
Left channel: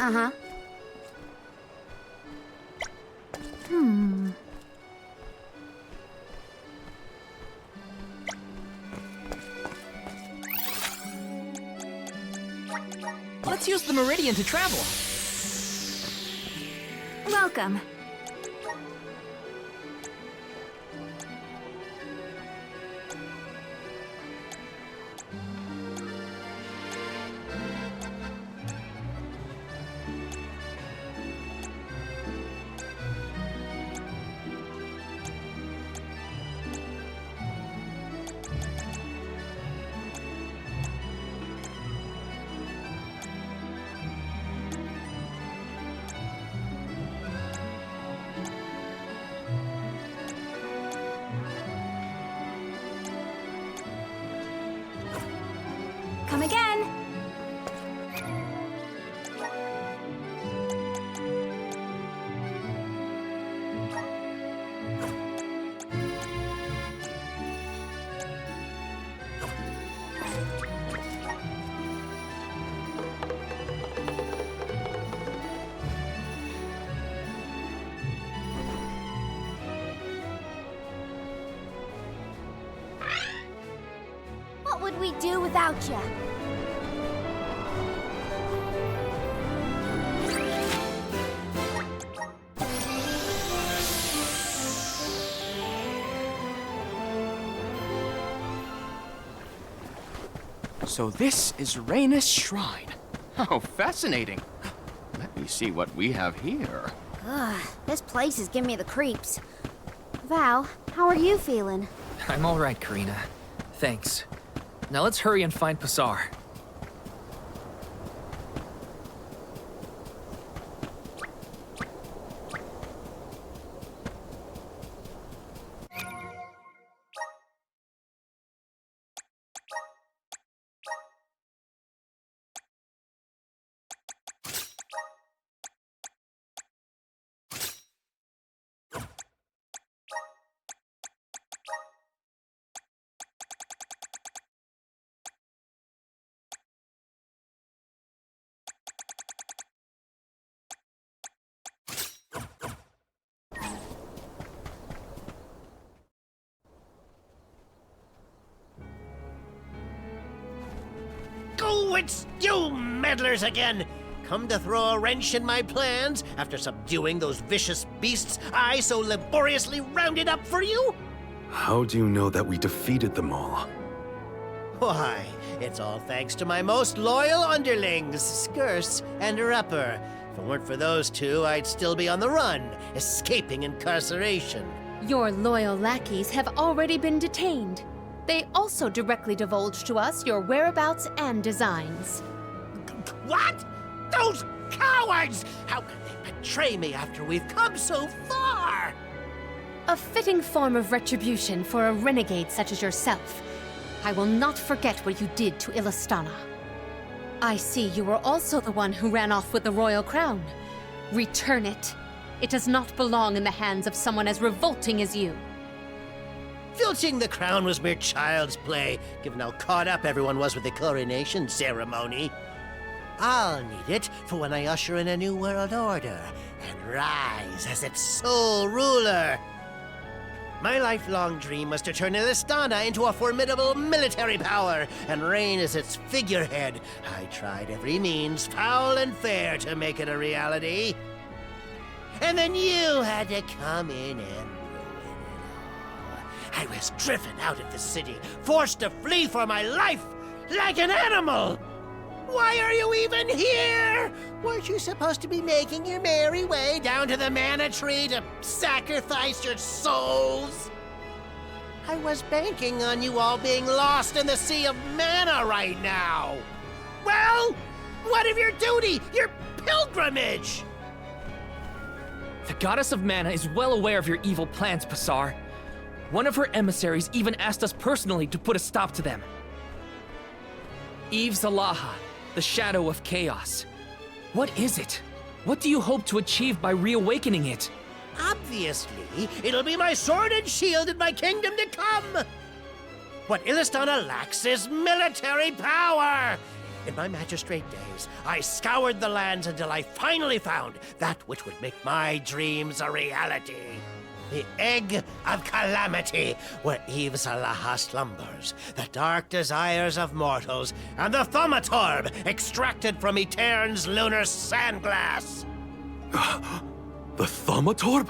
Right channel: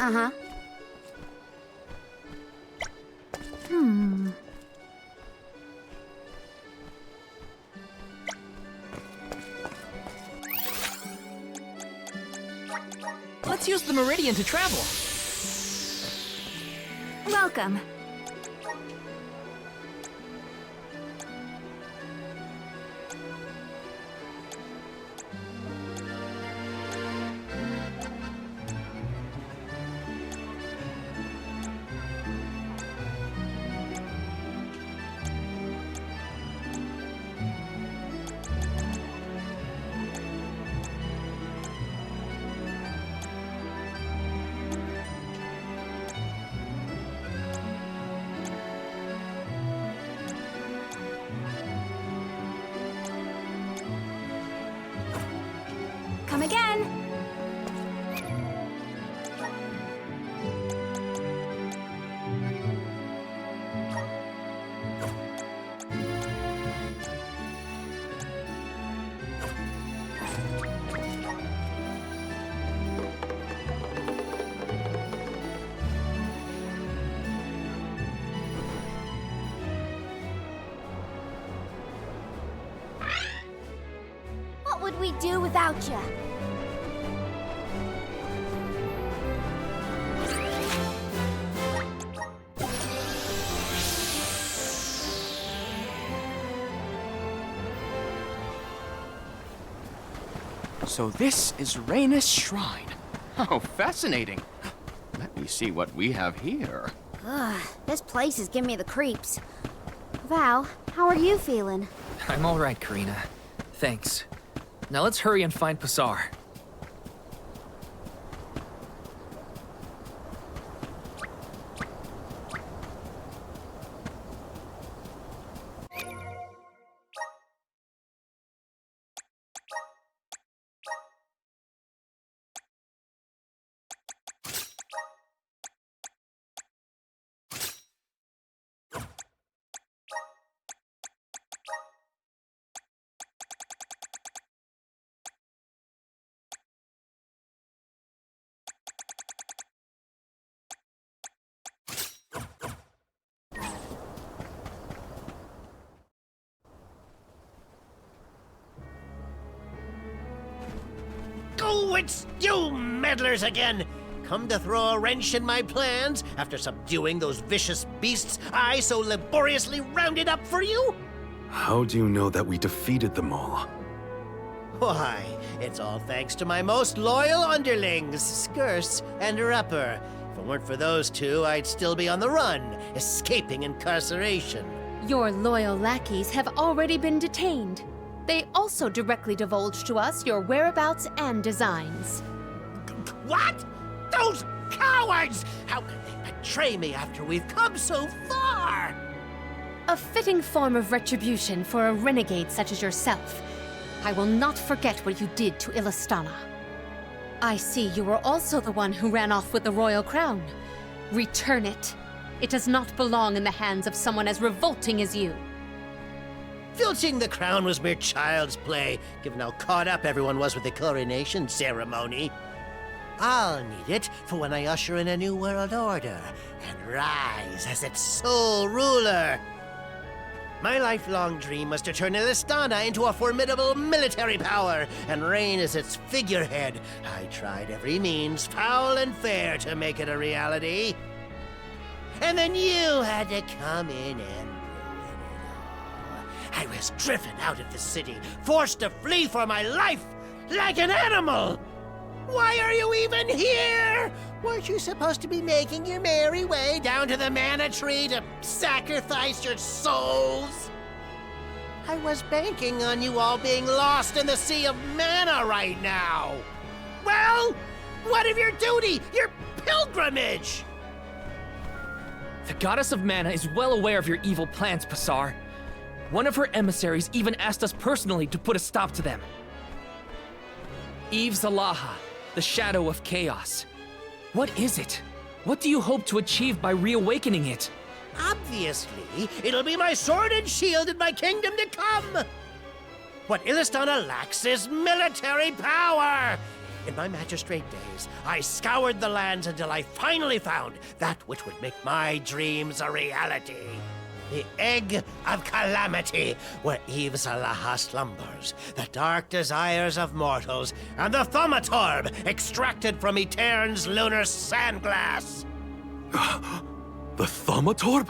Uh-huh. Let's use the meridian to travel. Welcome. Come again. What would we do without you? So this is Rhaenys Shrine. How fascinating. Let me see what we have here. Ugh, this place is giving me the creeps. Val, how are you feeling? I'm all right, Karina. Thanks. Now let's hurry and find Passar. Oh, it's you meddlers again! Come to throw a wrench in my plans after subduing those vicious beasts I so laboriously rounded up for you? How do you know that we defeated them all? Why, it's all thanks to my most loyal underlings, Skirce and Rupper. If it weren't for those two, I'd still be on the run, escaping incarceration. Your loyal lackeys have already been detained. They also directly divulged to us your whereabouts and designs. What? Those cowards! How could they betray me after we've come so far? A fitting form of retribution for a renegade such as yourself. I will not forget what you did to Illistana. I see you were also the one who ran off with the royal crown. Return it. It does not belong in the hands of someone as revolting as you. Filching the crown was mere child's play, given how caught up everyone was with the coronation ceremony. I'll need it for when I usher in a new world order and rise as its sole ruler. My lifelong dream was to turn Illistana into a formidable military power and reign as its figurehead. I tried every means, foul and fair, to make it a reality. And then you had to come in and ruin it all. I was driven out of the city, forced to flee for my life, like an animal! Why are you even here? Weren't you supposed to be making your merry way down to the mana tree to sacrifice your souls? I was banking on you all being lost in the sea of mana right now. Well, what of your duty, your pilgrimage? The goddess of mana is well aware of your evil plans, Passar. One of her emissaries even asked us personally to put a stop to them. Aeve Zalaha, the shadow of chaos. What is it? What do you hope to achieve by reawakening it? Obviously, it'll be my sword and shield in my kingdom to come! What Illistana lacks is military power! In my magistrate days, I scoured the lands until I finally found that which would make my dreams a reality. The Egg of Calamity, where Aeve Zalaha slumbers, the dark desires of mortals, and the Thaumatorb extracted from Etern's lunar sandglass. The Thaumatorb?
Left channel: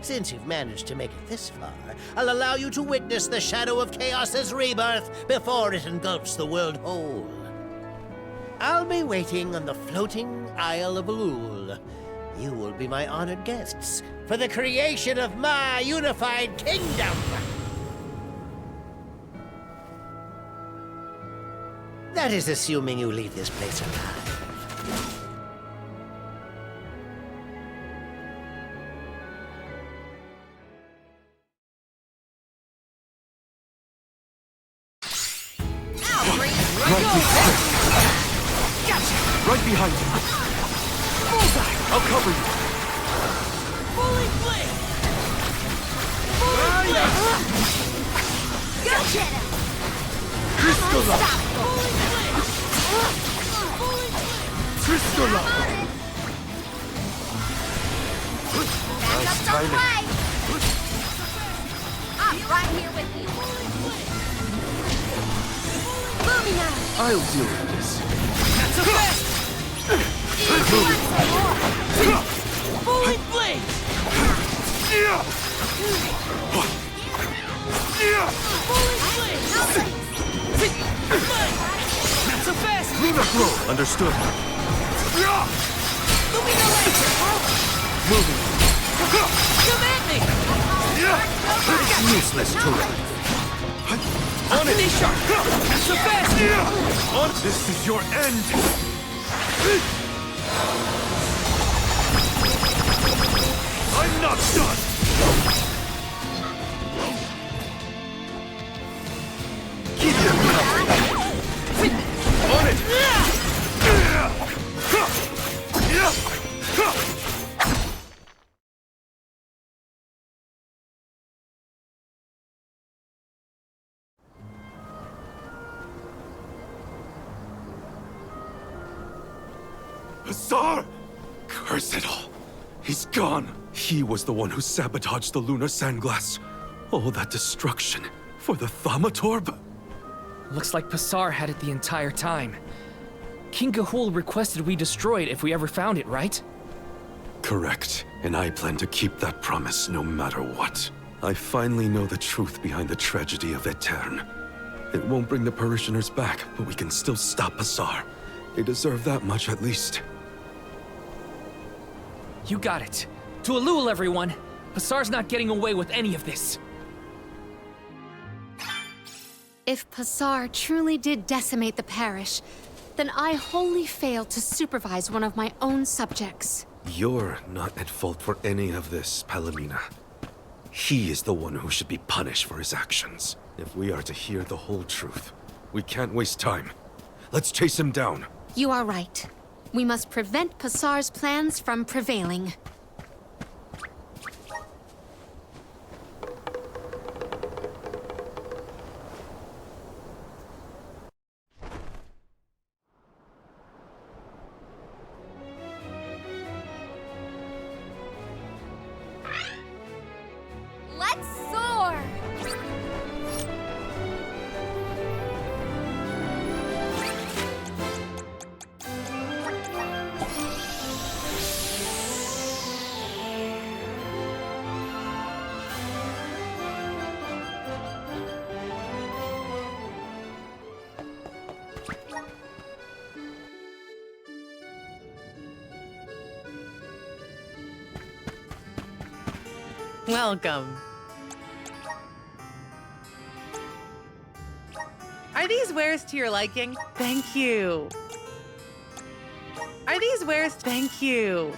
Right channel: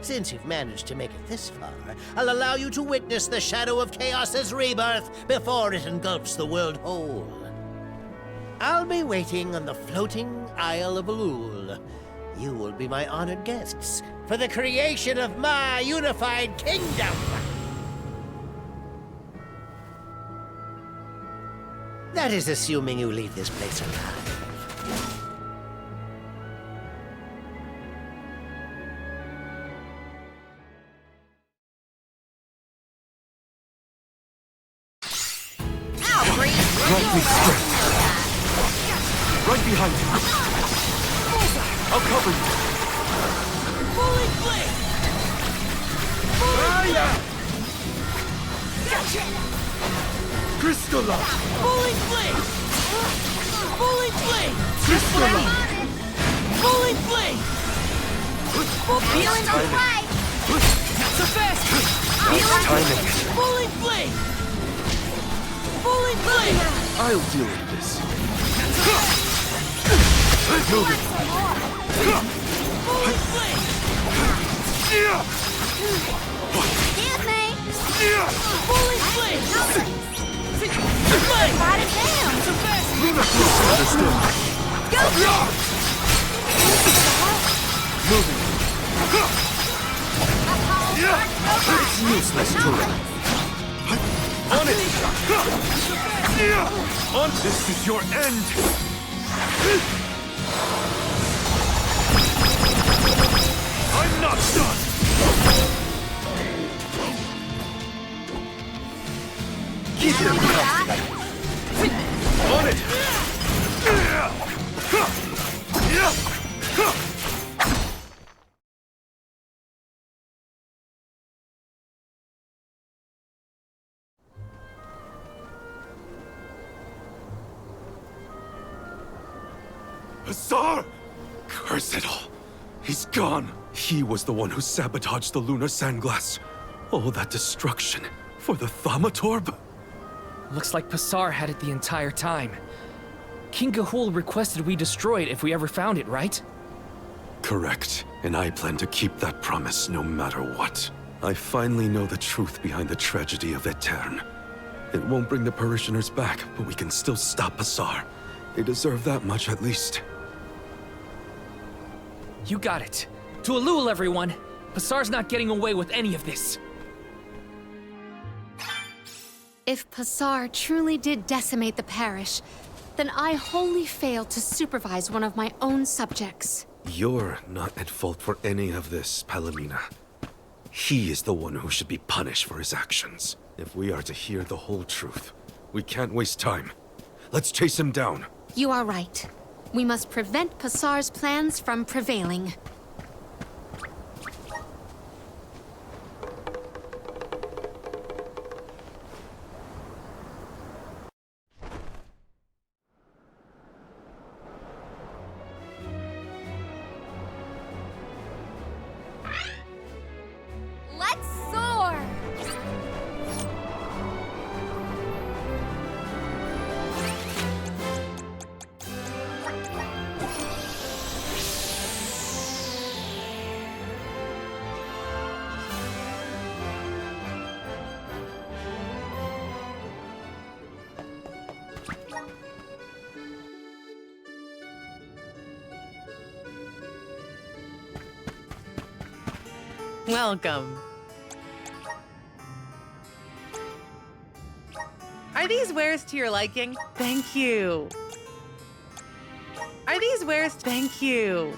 Since you've managed to make it this far, I'll allow you to witness the Shadow of Chaos's rebirth before it engulfs the world whole. I'll be waiting on the floating Isle of Elul. You will be my honored guests for the creation of my unified kingdom. That is assuming you leave this place alive. Grant me strength. Right behind you. I'll cover you. Fully blade! Gotcha! Crystal! Fully blade! Fully blade! Crystal! Fully blade! Feeling alright! Not so fast! Fully blade! Fully blade! I'll deal with this. Not so fast! Moving. Fully blade! Fully blade! Blade! Not so fast! Luna Flow. Understood. Moving. It's useless to run. On it! Not so fast! On! This is your end! I'm not done! Keep them coming! On it! Passar! Curse it all! He's gone! He was the one who sabotaged the lunar sandglass. All that destruction for the Thaumatorb? Looks like Passar had it the entire time. King Gahul requested we destroy it if we ever found it, right? Correct. And I plan to keep that promise no matter what. I finally know the truth behind the tragedy of Etern. It won't bring the parishioners back, but we can still stop Passar. They deserve that much at least. You got it. To Elul, everyone! Passar's not getting away with any of this. If Passar truly did decimate the parish, then I wholly failed to supervise one of my own subjects. You're not at fault for any of this, Palomina. He is the one who should be punished for his actions. If we are to hear the whole truth, we can't waste time. Let's chase him down. You are right. We must prevent Passar's plans from prevailing. Let's soar! Welcome. Are these wares to your liking? Thank you. Are these wares? Thank you.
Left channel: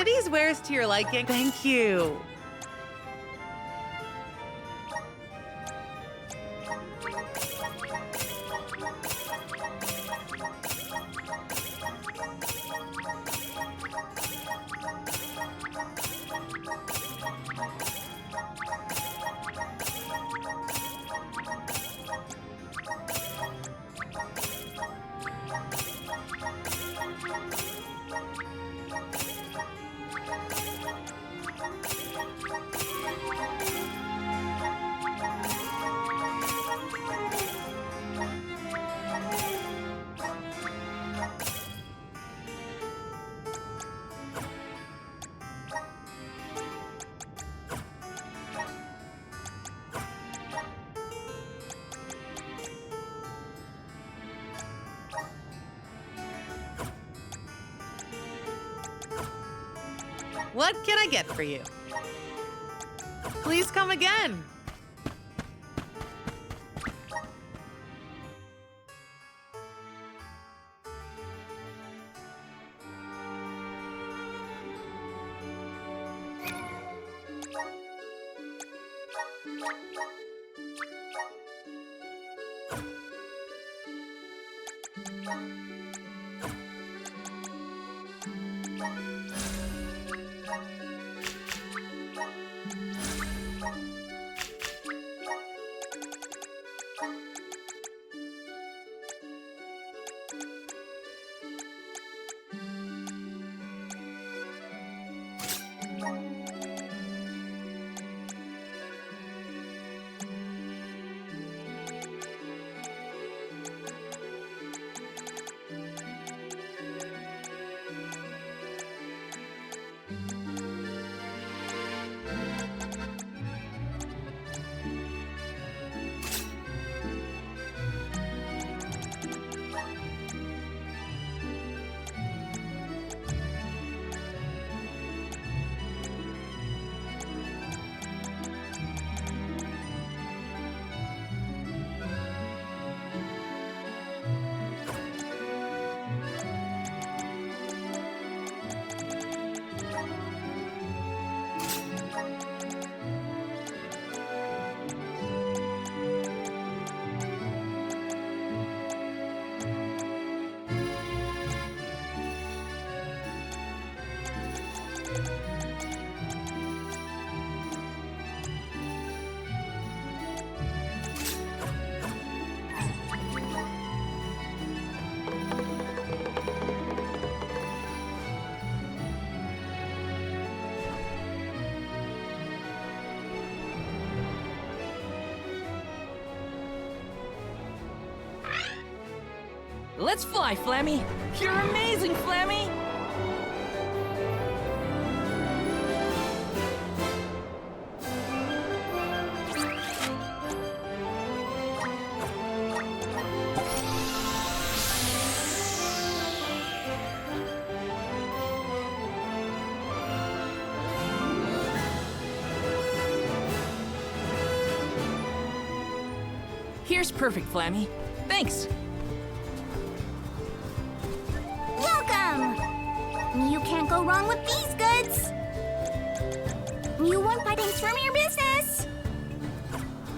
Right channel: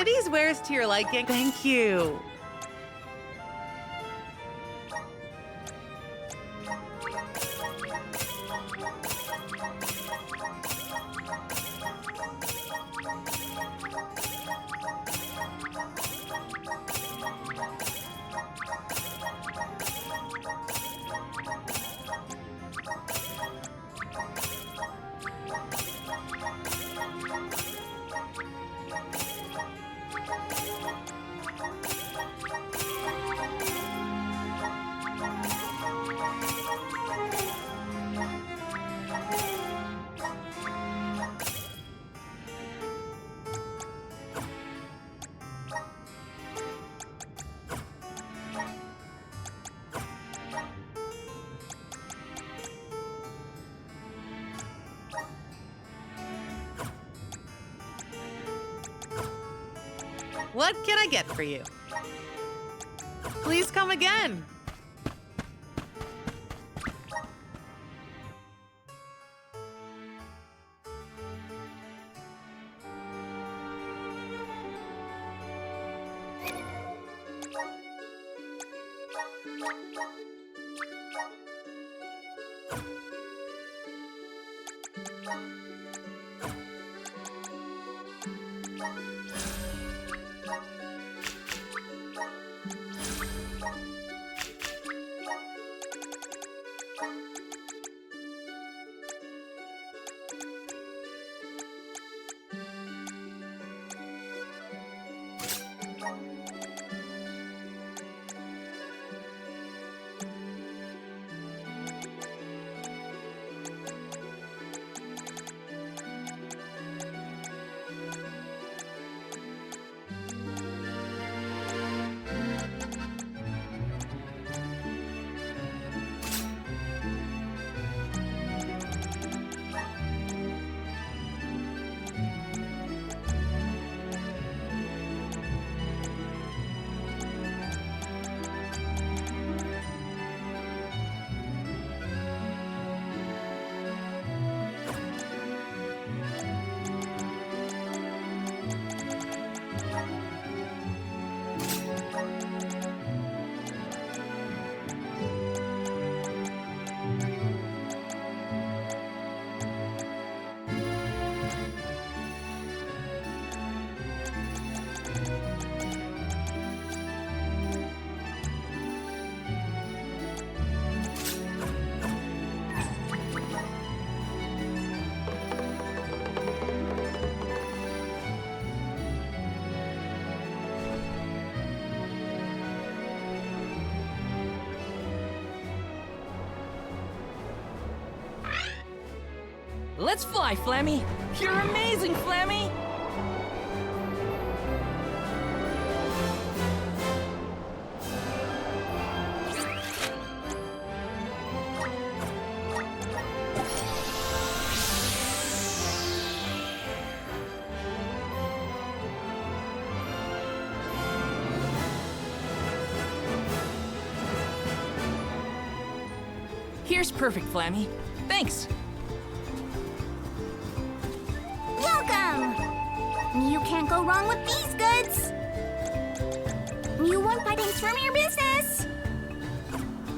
Are these wares to your liking? Thank you. What can I get for you? Please come again. Let's fly, Flammy! You're amazing, Flammy! Here's perfect, Flammy. Thanks! You can't go wrong with these goods. You want things from your business.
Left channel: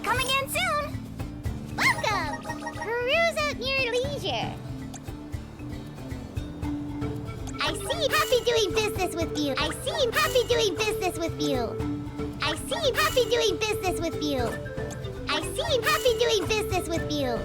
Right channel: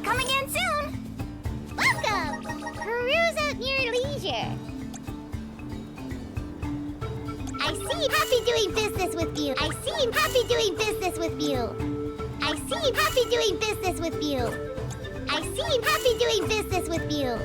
Come again soon. Welcome. Peruse at your leisure. I seem happy doing business with you. I seem happy doing business with you. I seem happy doing business with you. I seem happy doing business with you.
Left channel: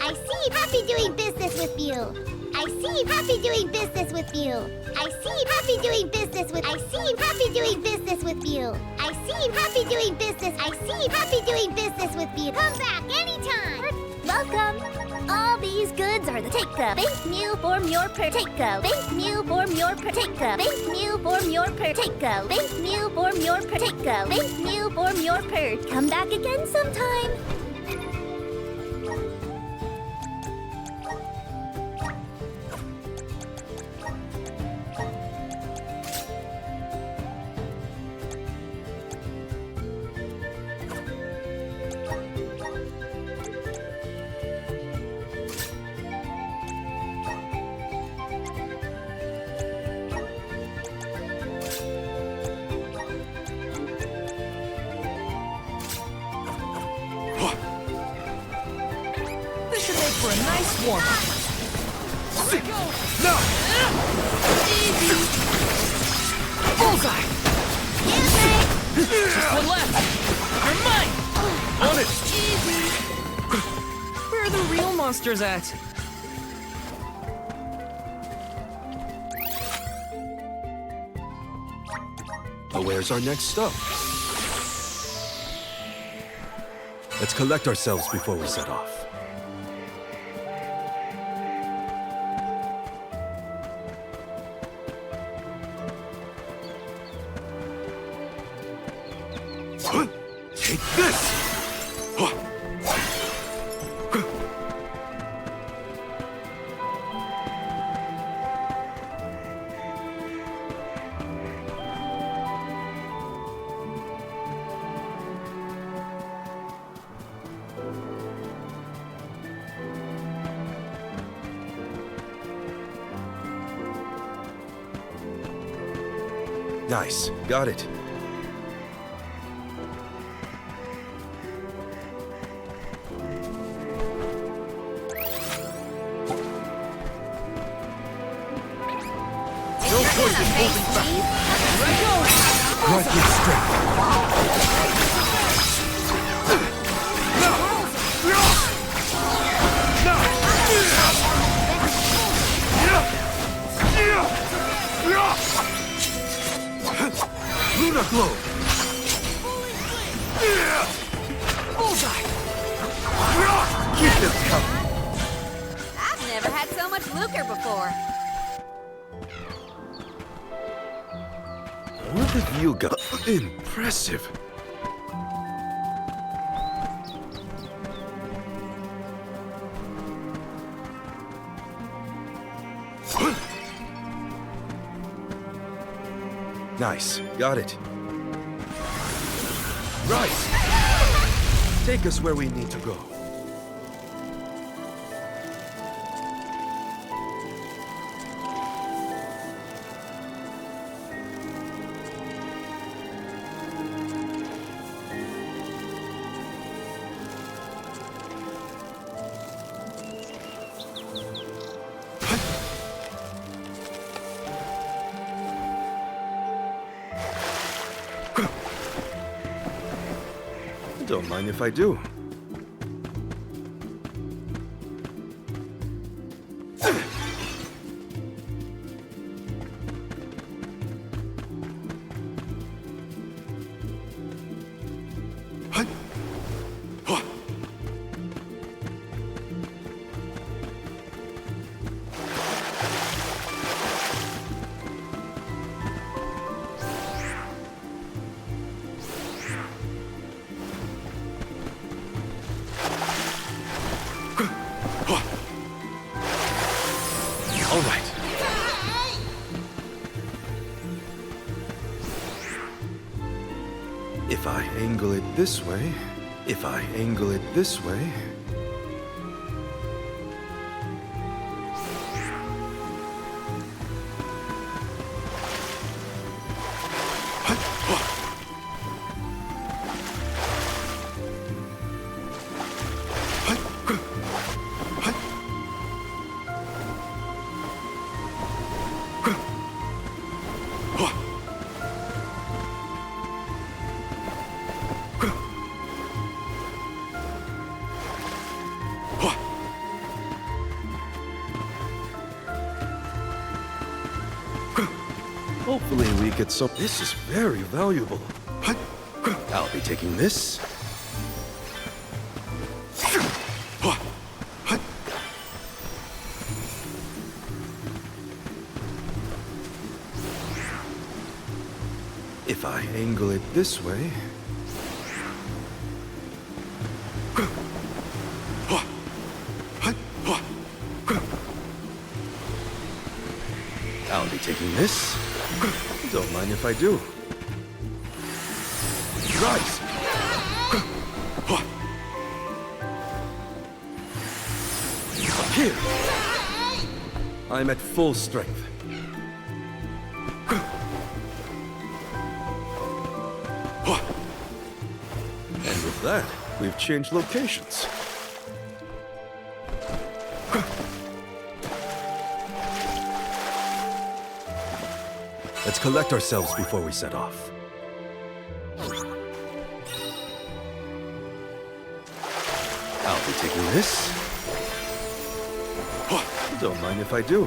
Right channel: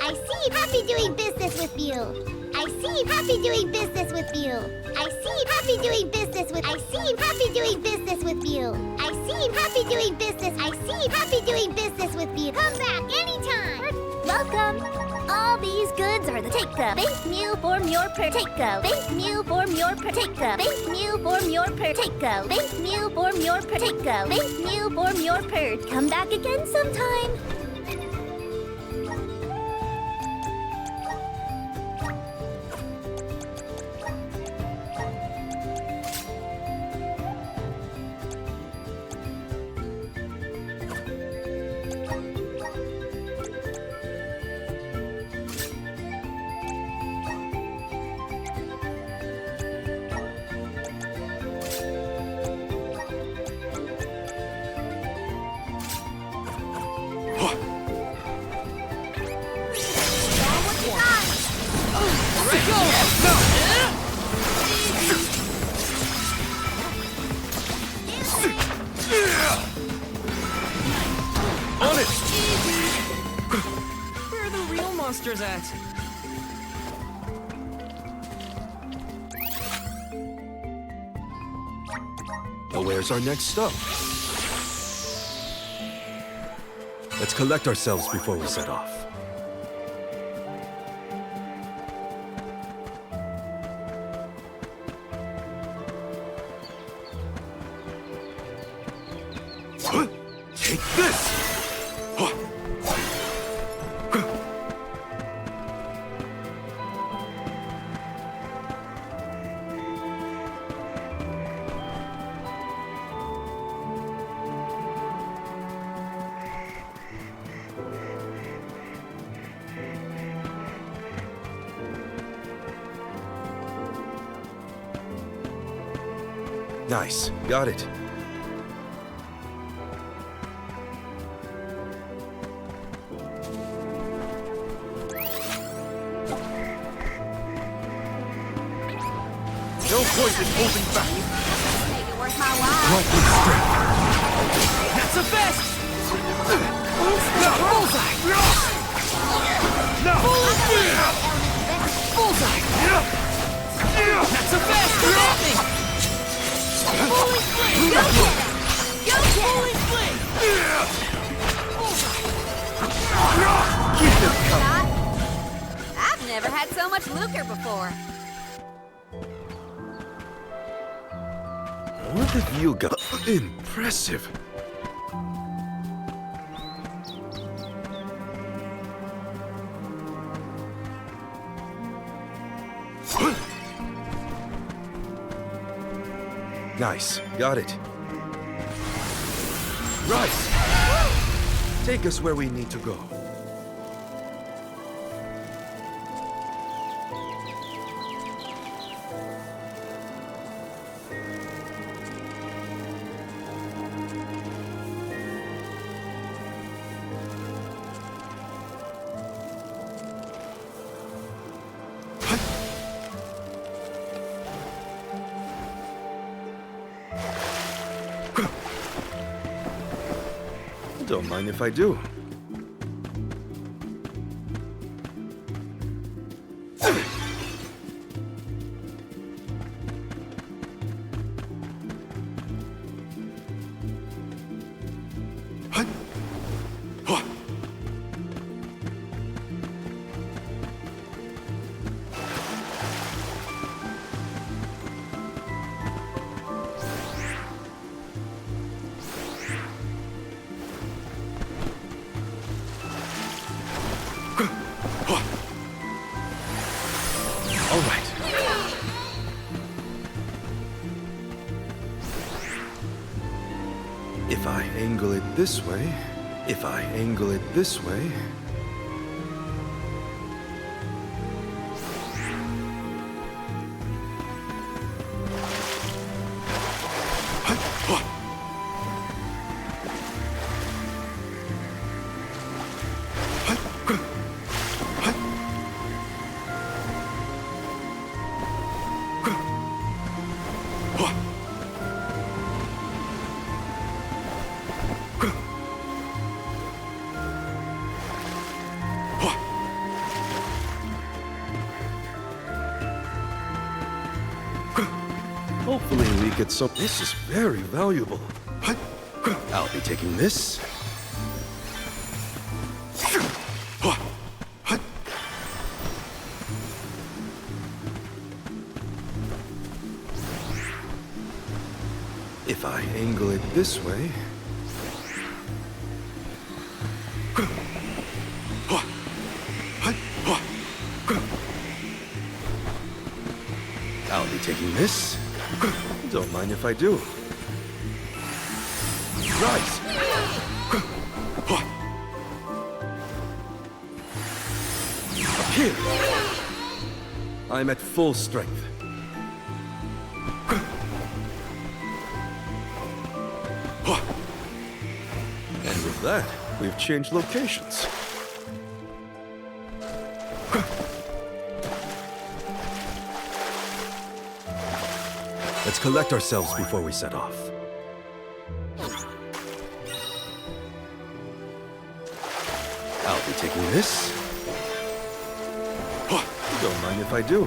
I seem happy doing business with you. I seem happy doing business with you. I seem happy doing business with I seem happy doing business with you. I seem happy doing business. I seem happy doing business with you. Come back anytime. Welcome. All these goods are the take-up. Thank you for your take-up. Thank you for your take-up. Thank you for your take-up. Thank you for your take-up. Thank you for your per. Come back again sometime. form. Here we go! No! Easy! Bullseye! The left! I'm mine! On it! Easy! Where are the real monsters at? Where's our next stop? Let's collect ourselves before we set off. Take this! Nice. Got it. No point in holding back. Grant me strength. That's the best! No! Bullseye! No! Bullseye! That's the best! Lunar glow. Holy flame! Bullseye! Keep them coming. I've never had so much lucre before. What have you got? Impressive. Nice. Got it. Rise! Take us where we need to go. Don't mind if I do. All right. If I angle it this way, if I angle it this way... Hopefully we get some... This is very valuable. I'll be taking this. If I angle it this way... I'll be taking this. Don't mind if I do. Rise! Up here! I'm at full strength. And with that, we've changed locations. Let's collect ourselves before we set off. I'll be taking this. Don't mind if I do.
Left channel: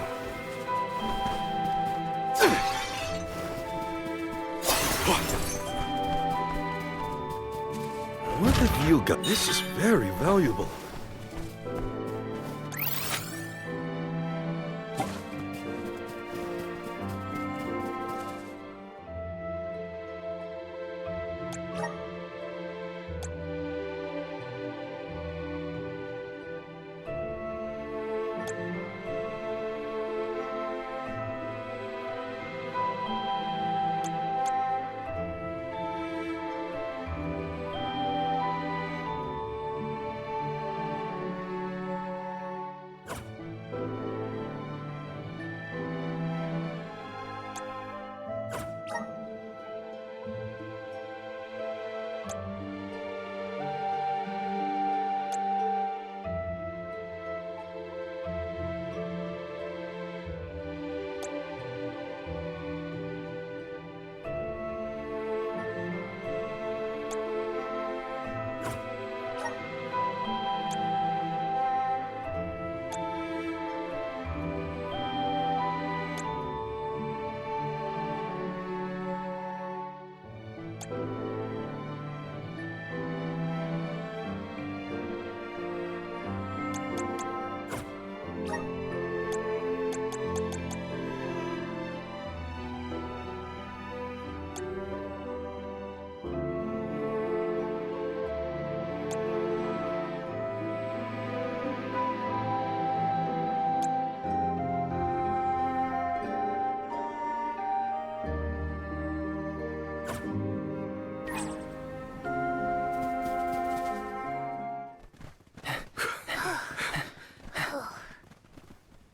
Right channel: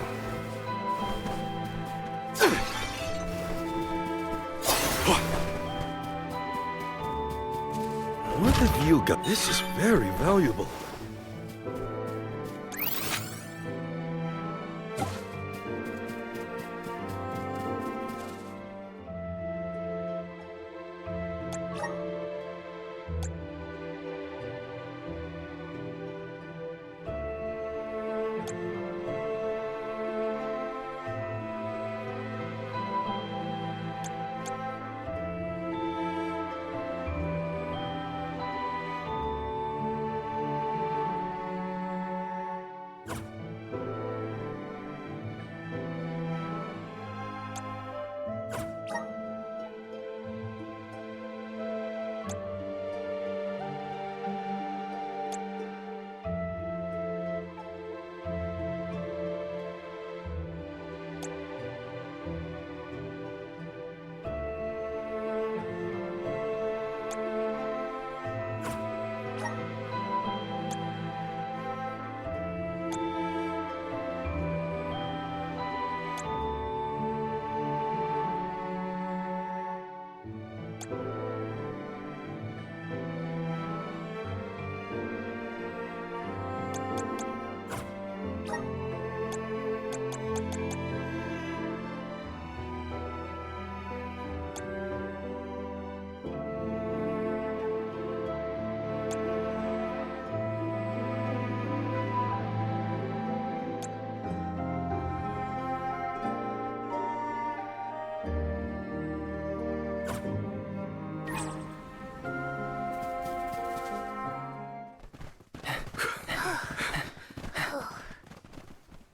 What have you got? This is very valuable.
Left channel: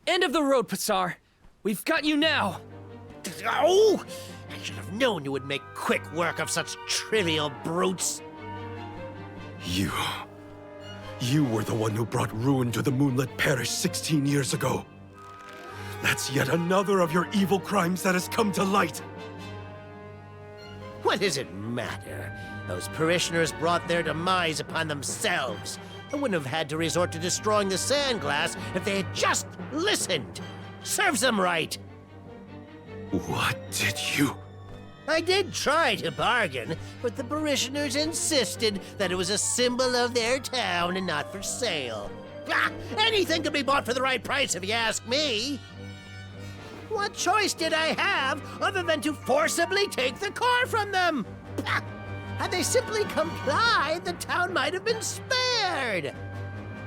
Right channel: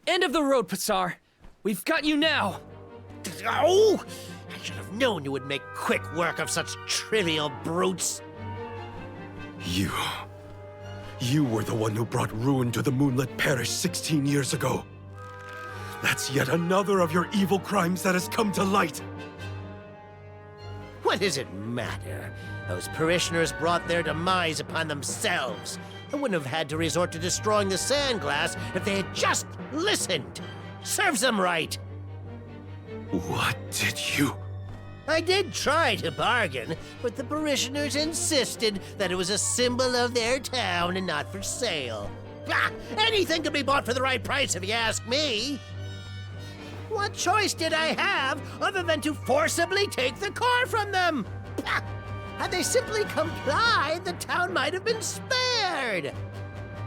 End of the road, Passar. We've got you now. Oh! I should have known you would make quick work of such trivial brutes. You were the one who brought ruin to the Moonlit Parish 16 years ago. That's yet another of your evil crimes that has come to light. What does it matter? Those parishioners brought their demise upon themselves. I wouldn't have had to resort to destroying the sand glass if they had just listened. Serves them right. What did you... I did try to bargain, but the parishioners insisted that it was a symbol of their town and not for sale. Anything can be bought for the right price if you ask me. What choice did I have other than to forcibly take the car from them? Had they simply complied, the town might have been spared.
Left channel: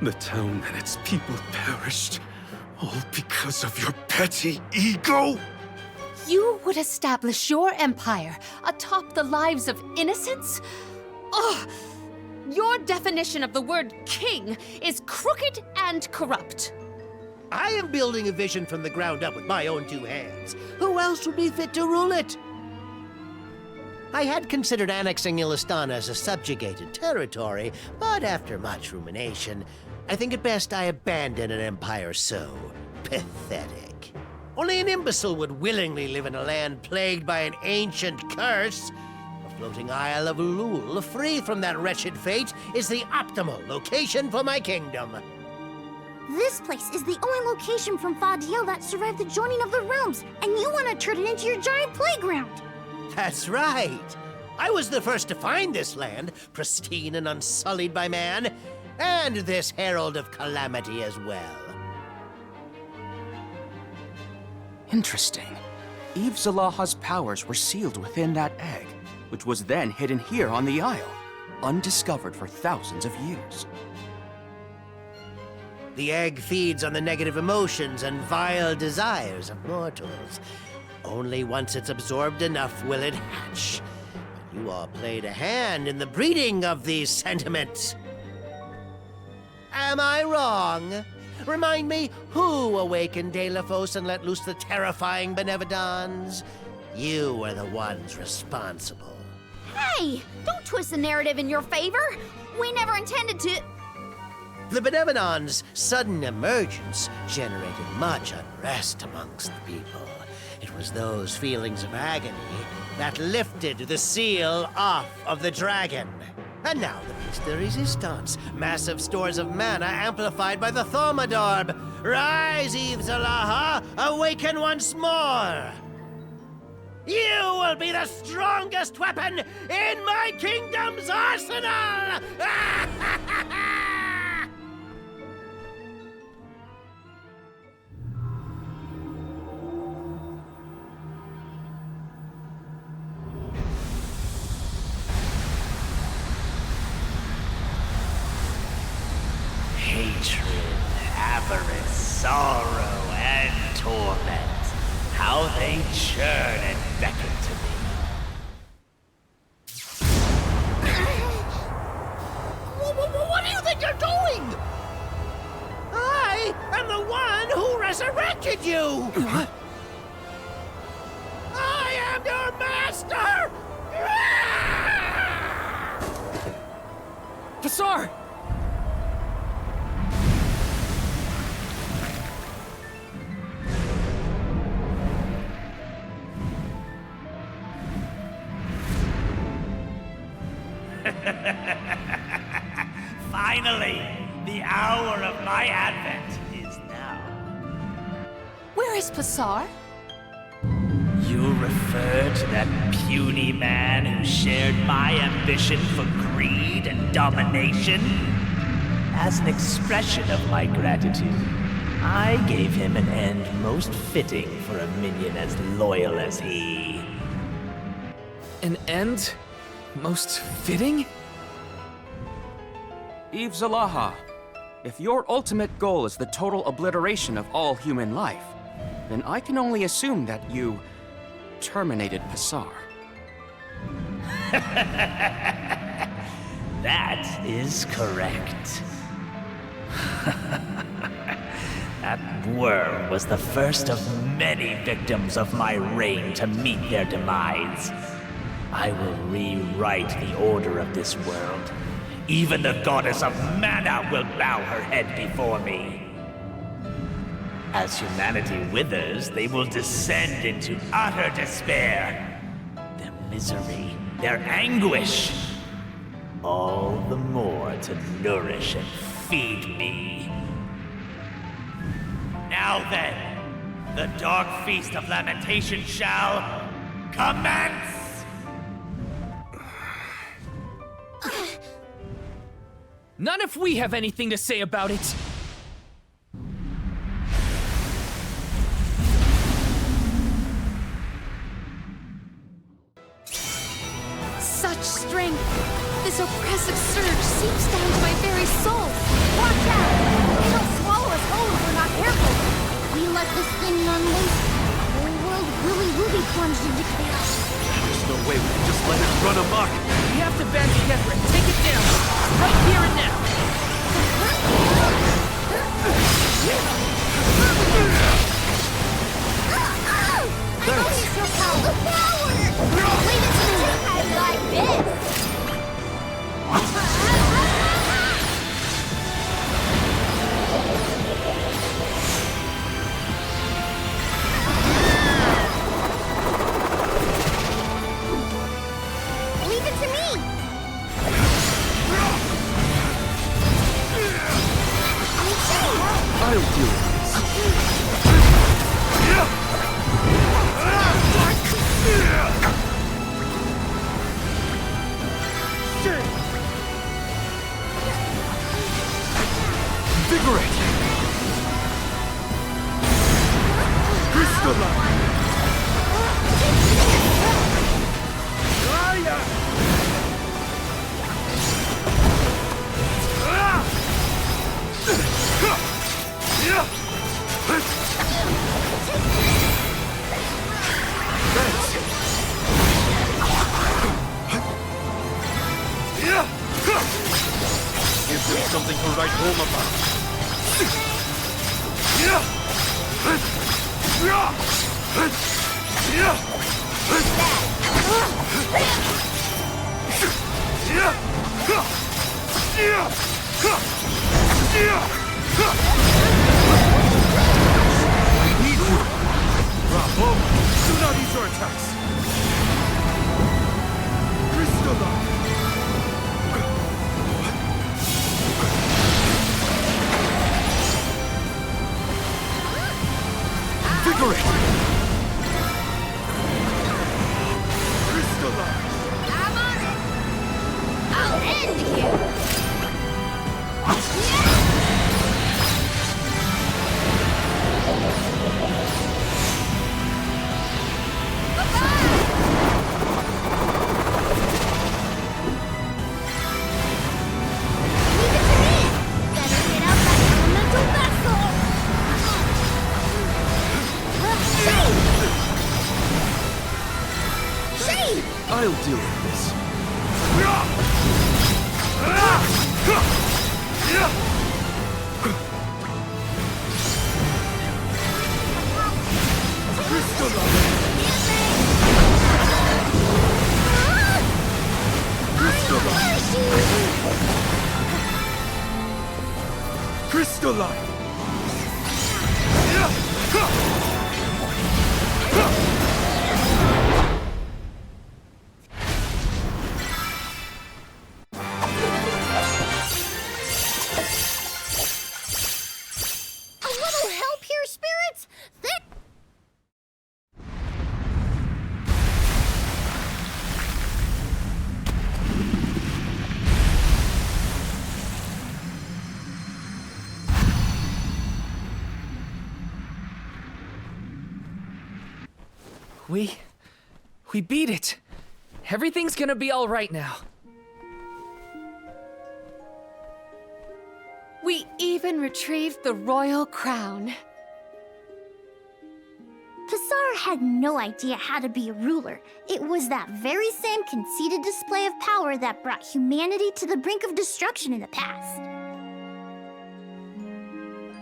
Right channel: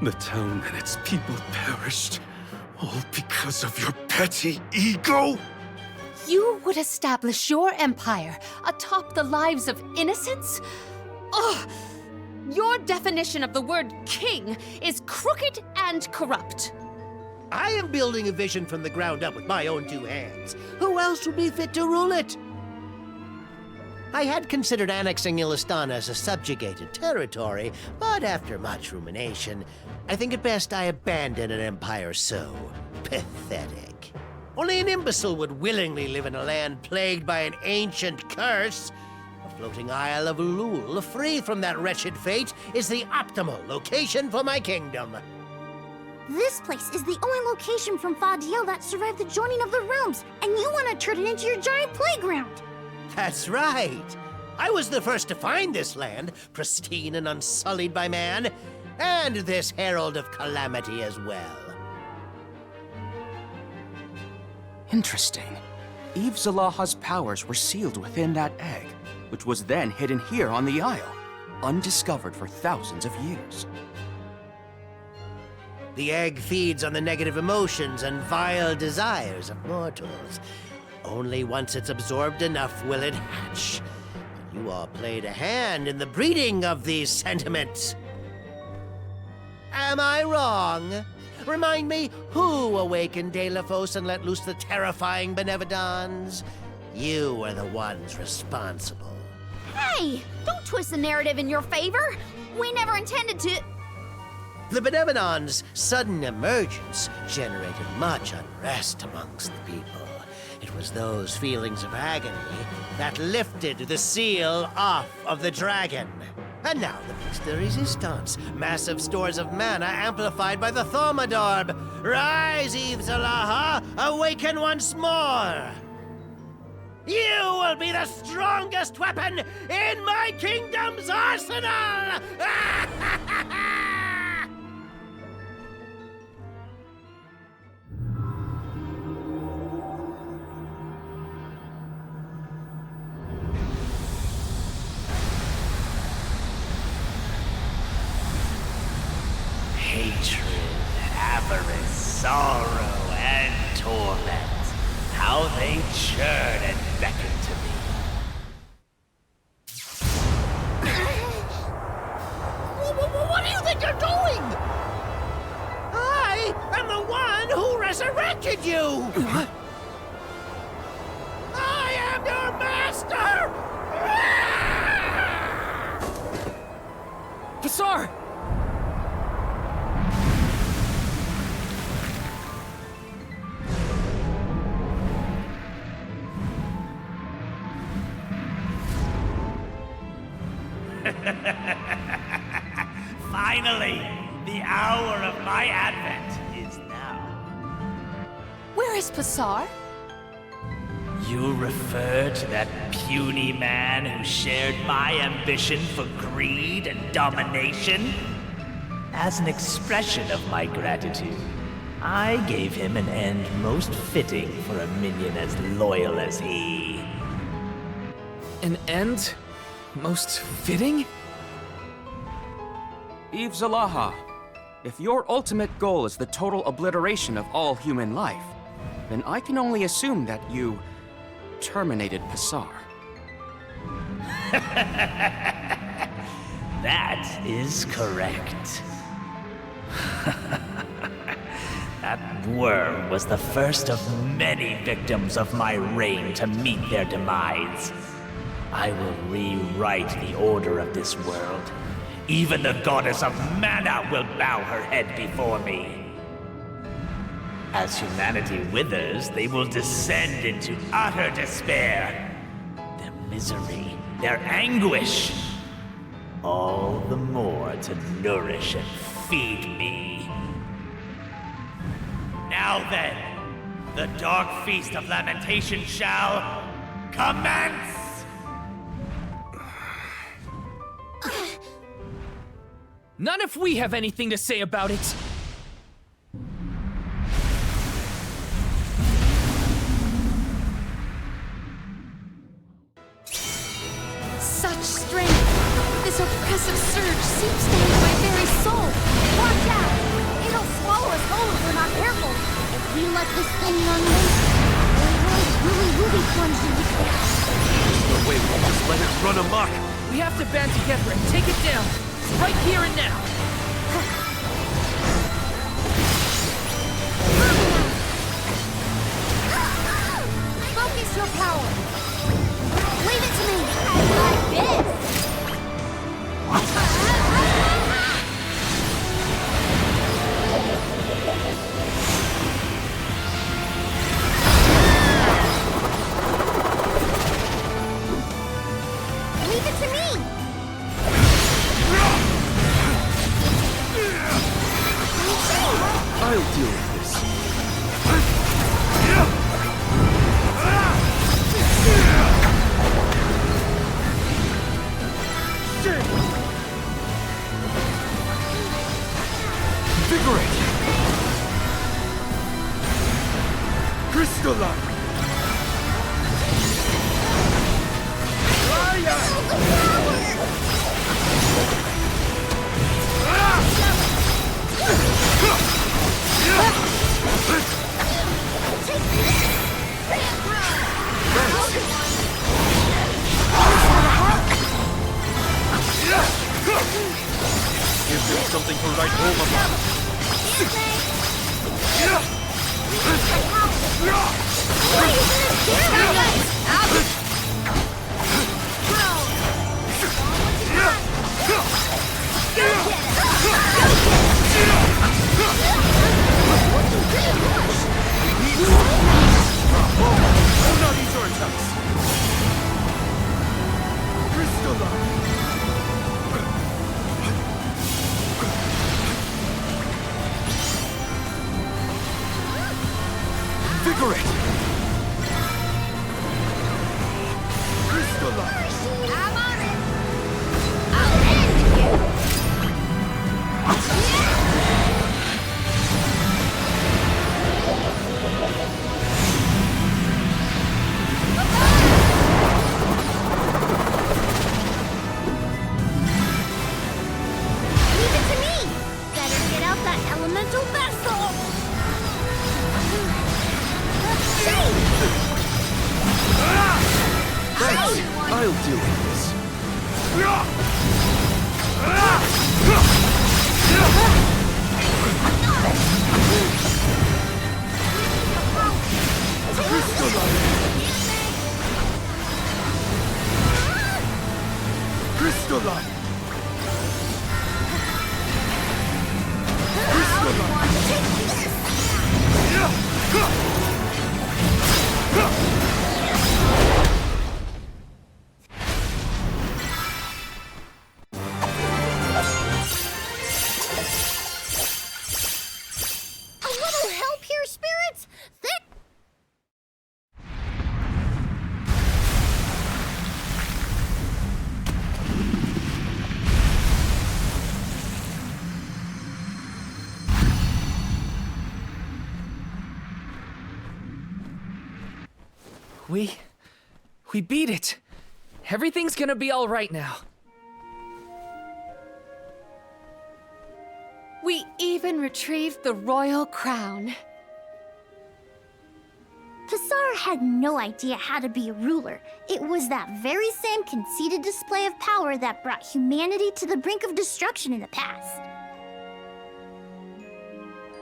The town and its people perished, all because of your petty ego? You would establish your empire atop the lives of innocents? Ugh! Your definition of the word king is crooked and corrupt. I am building a vision from the ground up with my own two hands. Who else would be fit to rule it? I had considered annexing Illistana as a subjugated territory, but after much rumination, I think it best I abandon an empire so pathetic. Only an imbecile would willingly live in a land plagued by an ancient curse. A floating isle of Ulul, free from that wretched fate, is the optimal location for my kingdom. This place is the only location from Fadiel that survived the joining of the realms, and you want to turn it into your giant playground. That's right. I was the first to find this land, pristine and unsullied by man, and this herald of calamity as well. Interesting. Aeve Zalaha's powers were sealed within that egg, which was then hidden here on the Isle, undiscovered for thousands of years. The egg feeds on the negative emotions and vile desires of mortals. Only once it's absorbed enough will it hatch. But you all played a hand in the breeding of these sentiments. Am I wrong? Remind me, who awakened Delafos and let loose the terrifying Benevodons? You were the ones responsible. Hey, don't twist the narrative in your favor. We never intended to... The Benevolon's sudden emergence generated much unrest amongst the people. It was those feelings of agony that lifted the seal off of the dragon. And now the piece de resistance. Massive stores of mana amplified by the Thaumadorb. Rise, Aeve Zalaha! Awaken once more! You will be the strongest weapon in my kingdom's arsenal! Hatred, avarice, sorrow, and torment. How they churn and beckon to me. What do you think you're doing? I am the one who resurrected you! I am your master! Passar! Finally, the hour of my advent is now. Where is Passar? You refer to that puny man who shared my ambition for greed and domination? As an expression of my gratitude, I gave him an end most fitting for a minion as loyal as he. An end? Most fitting? Aeve Zalaha, if your ultimate goal is the total obliteration of all human life, then I can only assume that you terminated Passar. That is correct. That worm was the first of many victims of my reign to meet their demise. I will rewrite the order of this world. Even the goddess of mana will bow her head before me. As humanity withers, they will descend into utter despair. Their misery, their anguish, all the more to nourish and feed me. Now then, the dark feast of lamentation shall commence! Not if we have anything to say about it! Such strength! This oppressive surge seeps down to my very soul! Watch out! It'll swallow us whole if we're not careful. If we let this thing run loose, the whole world really will be plunged into chaos. There's no way we can just let it run amok. We have to band together and take it down! Right here and now! Focus your power! Leave it to me! Like this! Leave it to me! I'll deal with this. Invigorate! Crystalline! Give them something to write home about. attacks! Crystalline! Invigorate! Crystalline! I'm on it! I'll end you! Leave it to me! Better get out that elemental vessel! Thanks. I'll deal with this. Crystalline! Crystalline! A little help here, spirits? We beat it. Everything's gonna be all right now. We even retrieved the royal crown. Passar had no idea how to be a ruler. It was that very same conceited display of power that brought humanity to the brink of destruction in the past.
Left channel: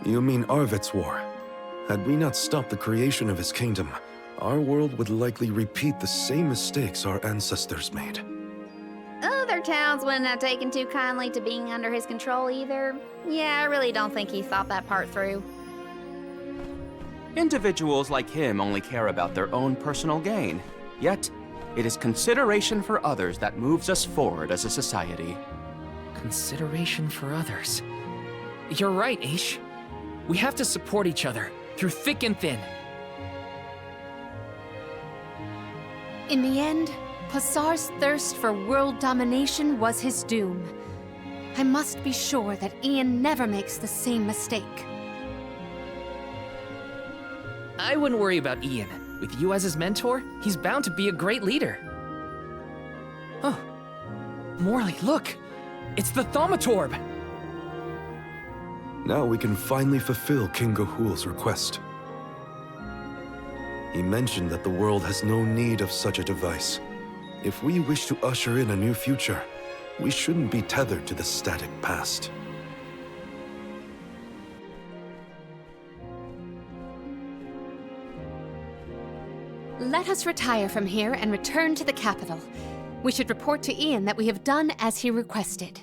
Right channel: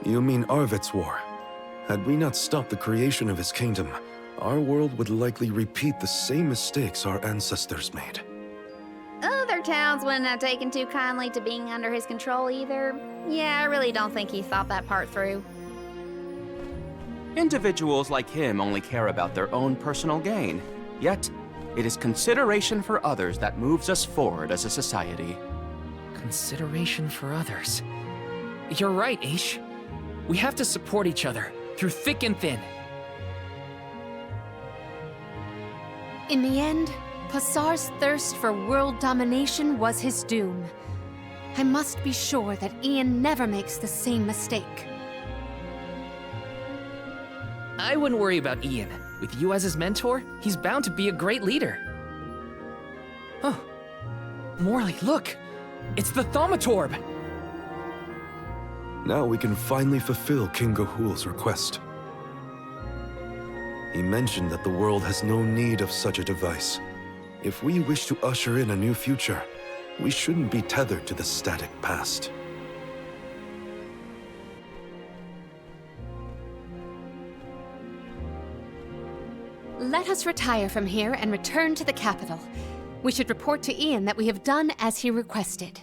You mean Arvid's war? Had we not stopped the creation of his kingdom, our world would likely repeat the same mistakes our ancestors made. Other towns wouldn't have taken too kindly to being under his control either. Yeah, I really don't think he thought that part through. Individuals like him only care about their own personal gain. Yet, it is consideration for others that moves us forward as a society. Consideration for others. You're right, Aish. We have to support each other, through thick and thin. In the end, Passar's thirst for world domination was his doom. I must be sure that Ian never makes the same mistake. I wouldn't worry about Ian. With you as his mentor, he's bound to be a great leader. Oh. Morley, look! It's the Thaumatorb! Now we can finally fulfill King Ga'Hool's request. He mentioned that the world has no need of such a device. If we wish to usher in a new future, we shouldn't be tethered to the static past. Let us retire from here and return to the capital. We should report to Ian that we have done as he requested.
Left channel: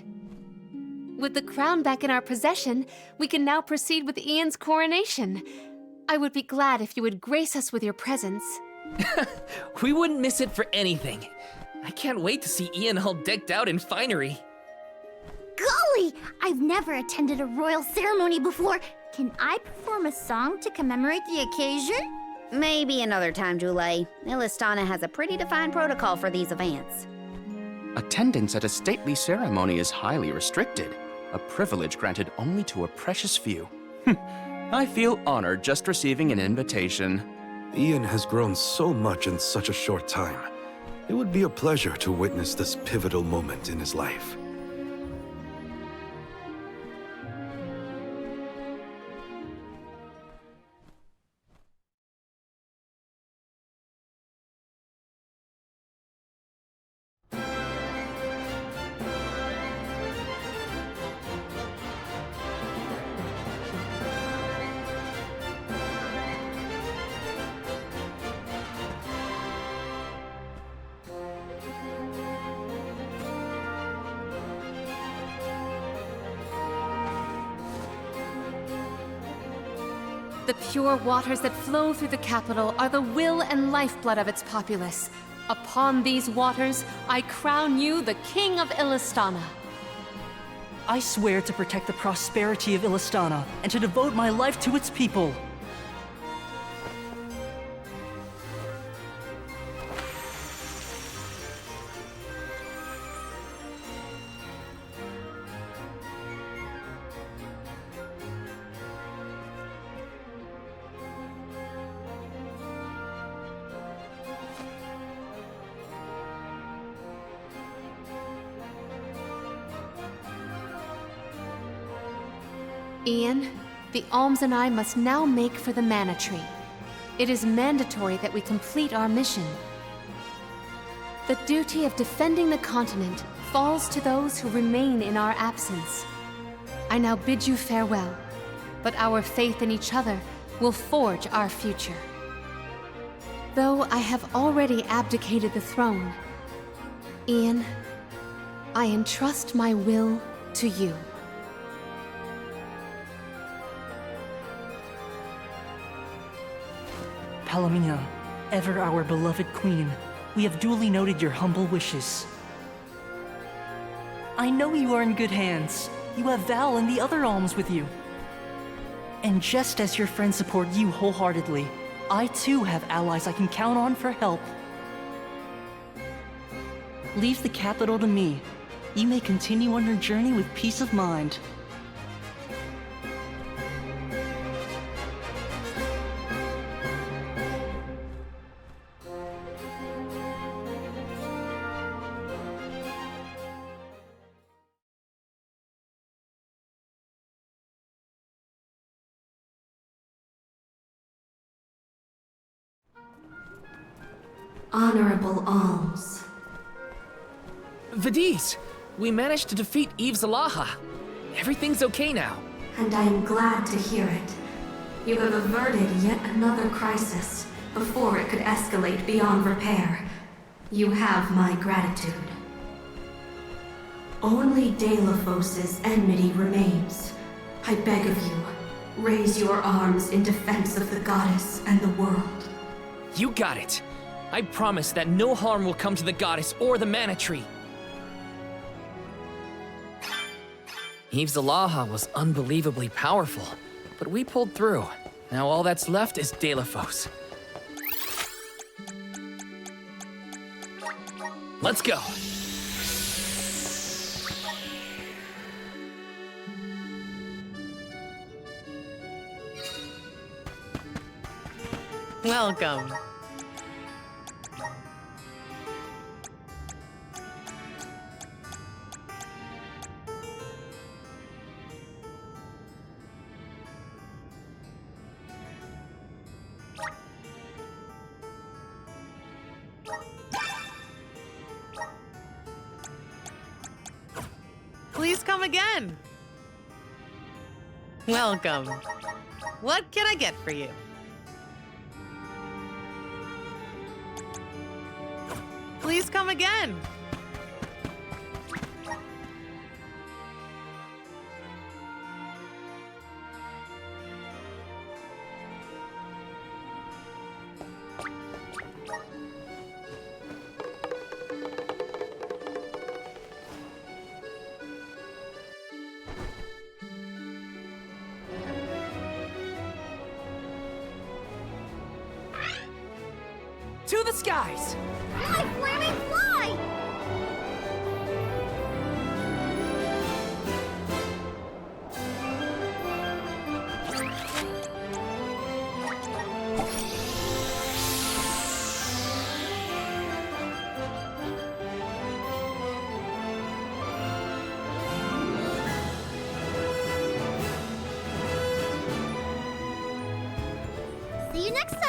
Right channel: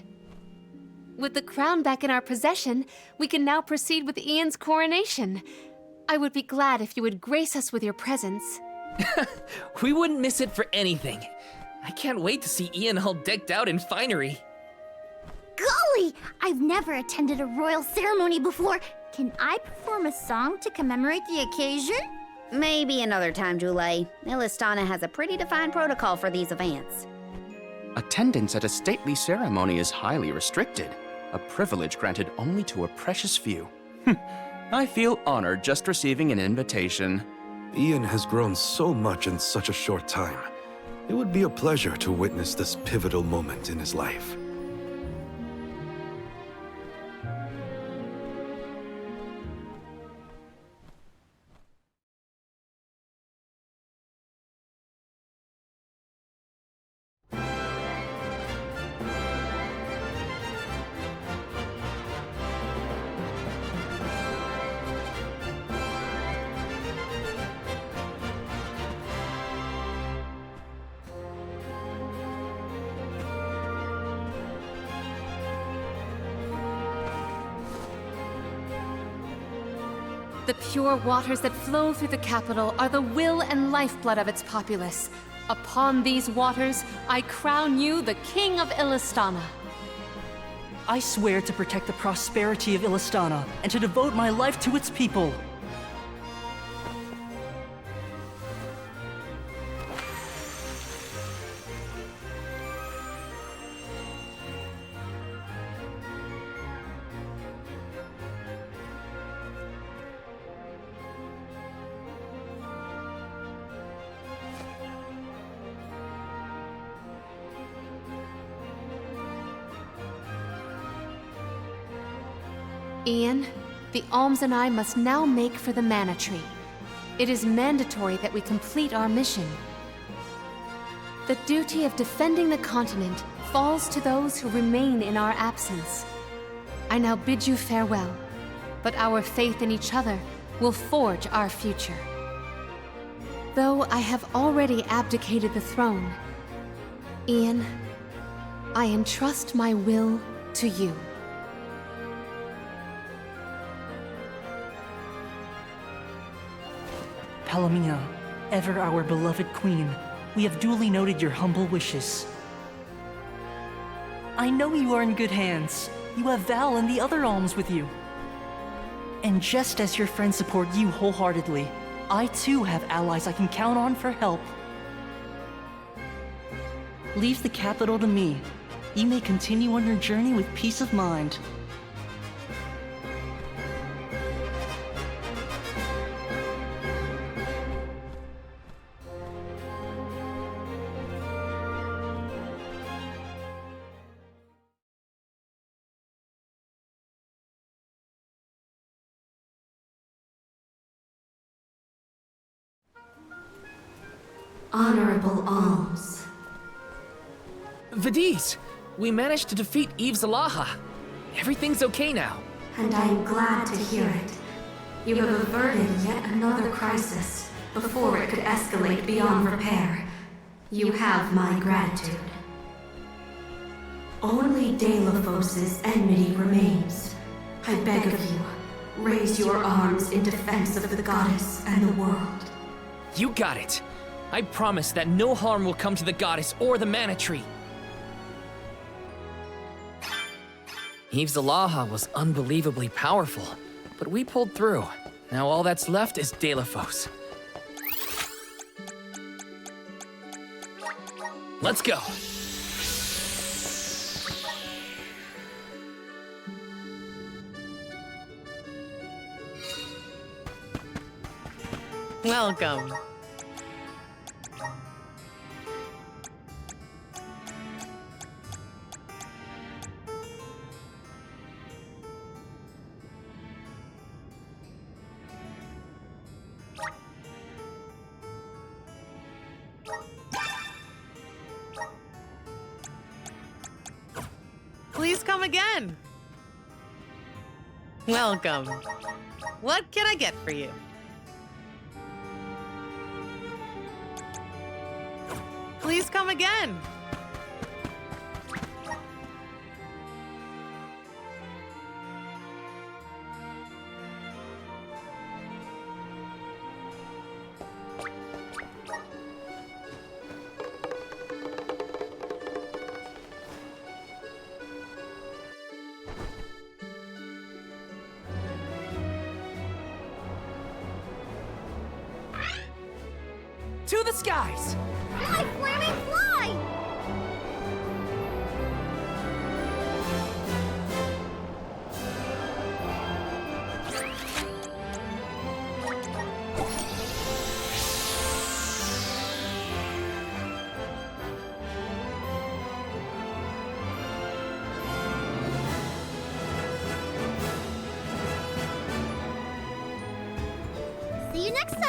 With the crown back in our possession, we can now proceed with Ian's coronation. I would be glad if you would grace us with your presence. We wouldn't miss it for anything. I can't wait to see Ian all decked out in finery. Golly! I've never attended a royal ceremony before. Can I perform a song to commemorate the occasion? Maybe another time, Julie. Illistana has a pretty defined protocol for these events. Attendance at a stately ceremony is highly restricted, a privilege granted only to a precious few. I feel honored just receiving an invitation. Ian has grown so much in such a short time. It would be a pleasure to witness this pivotal moment in his life. The pure waters that flow through the capital are the will and lifeblood of its populace. Upon these waters, I crown you the King of Illistana. I swear to protect the prosperity of Illistana and to devote my life to its people. Ian, the alms and I must now make for the Mana Tree. It is mandatory that we complete our mission. The duty of defending the continent falls to those who remain in our absence. I now bid you farewell, but our faith in each other will forge our future. Though I have already abdicated the throne, Ian, I entrust my will to you. Palomina, ever our beloved queen, we have duly noted your humble wishes. I know you are in good hands. You have Val and the other alms with you. And just as your friends support you wholeheartedly, I too have allies I can count on for help. Leave the capital to me. You may continue on your journey with peace of mind. Honorable alms. Vidiz, we managed to defeat Aeve Zalaha. Everything's okay now. And I am glad to hear it. You have averted yet another crisis before it could escalate beyond repair. You have my gratitude. Only Delafos's enmity remains. I beg of you, raise your arms in defense of the goddess and the world. You got it. I promise that no harm will come to the goddess or the Mana Tree. Aeve Zalaha was unbelievably powerful, but we pulled through. Now all that's left is Delafos. Let's go. Welcome. Please come again. Welcome. What can I get for you? Please come again. To the skies! Fly, flaming fly! See you next time!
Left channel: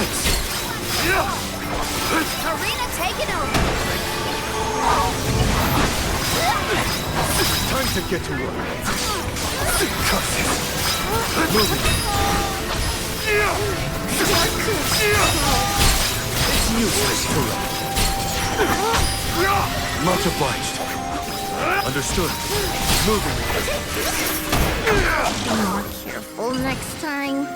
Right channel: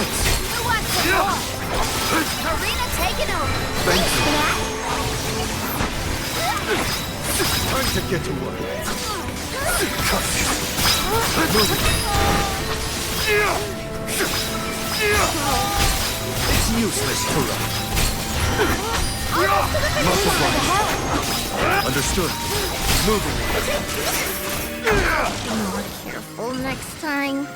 Thanks! Arena taking over. Thank you. Time to get to work. Cut this. Moving. It's useless to run. Much obliged. Understood. Moving. Be more careful next time.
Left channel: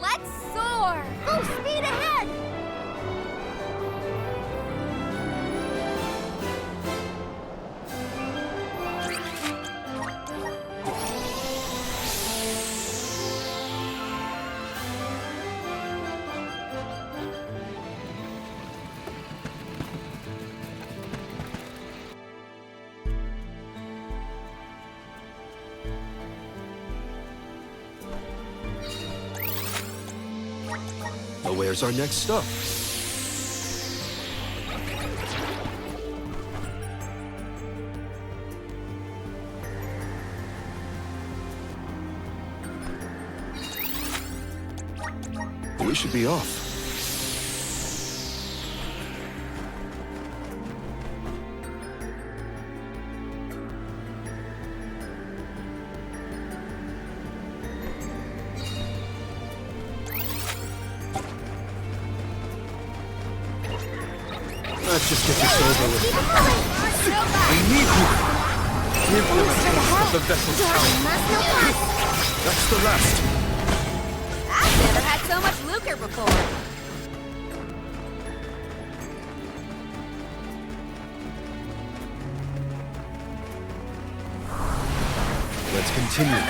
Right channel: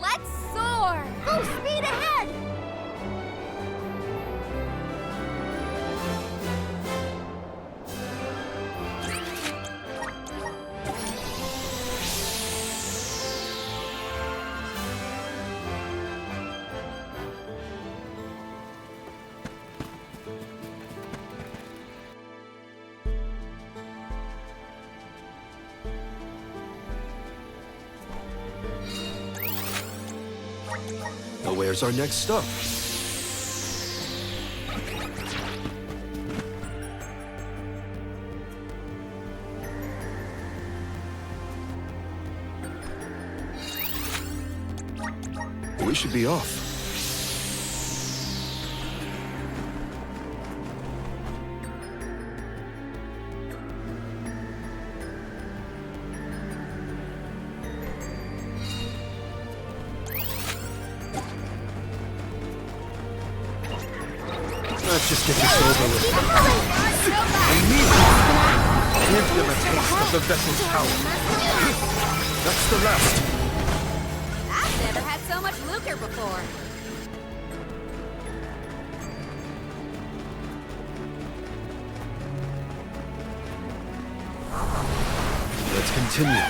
Let's soar! Full speed ahead! Now where's our next stop? We should be off. Let's just get this over with. We need you! Implementation of the vessel's power. That's the last. I've never had so much lucre before. Let's continue.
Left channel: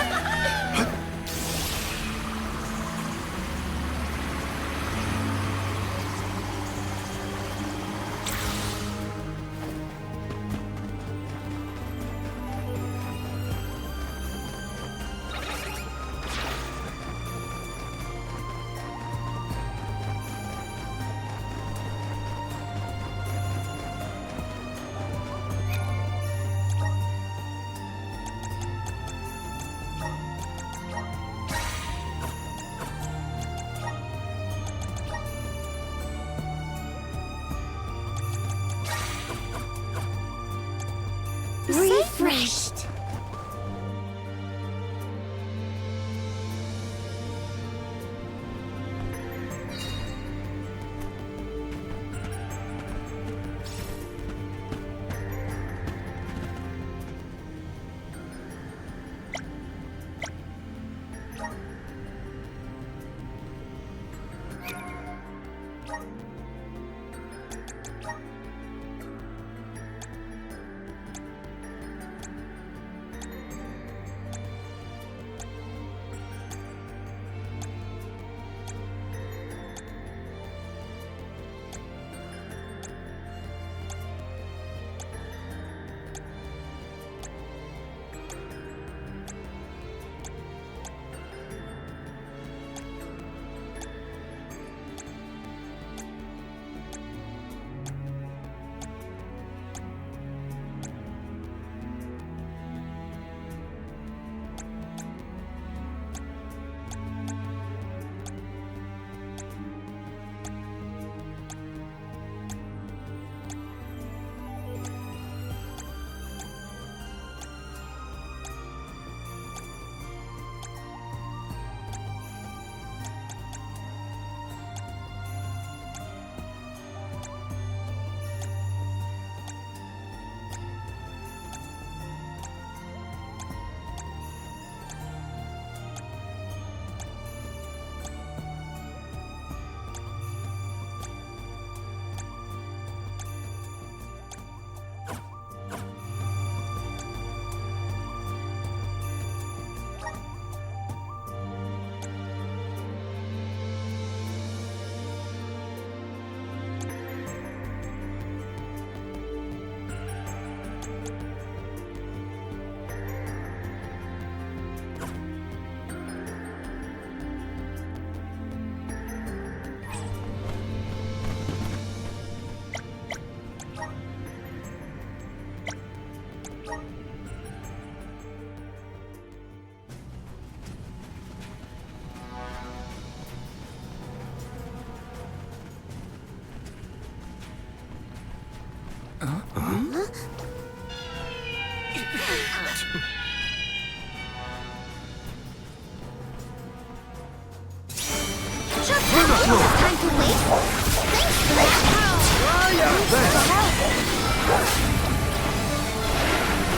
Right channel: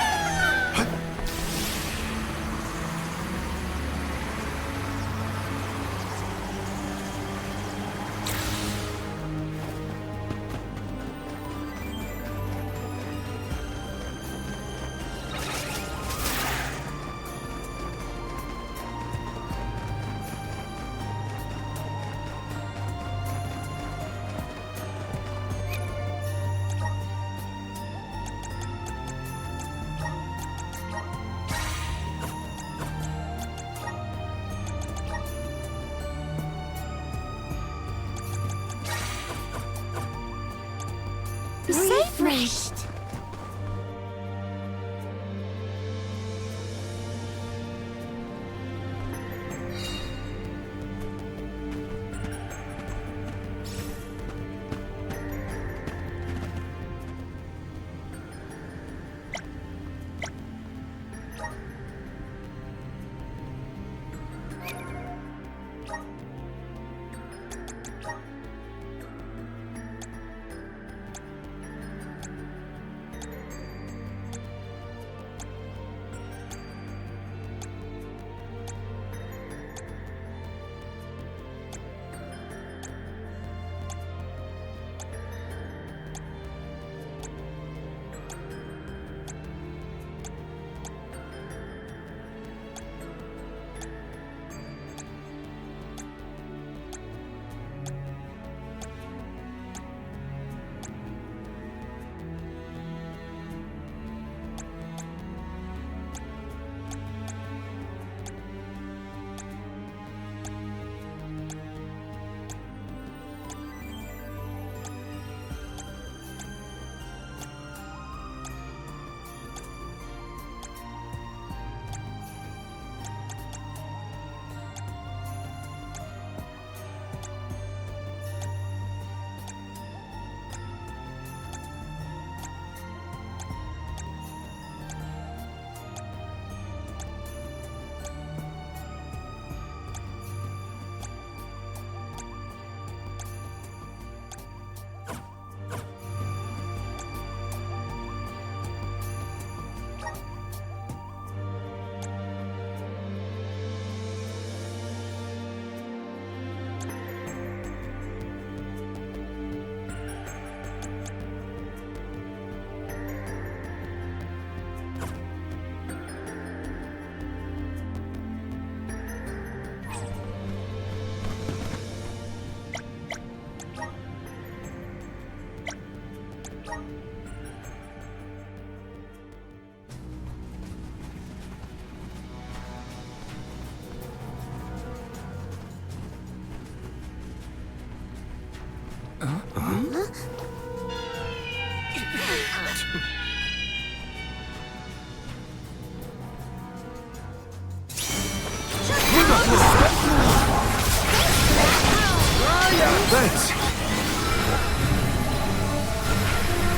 Thanks!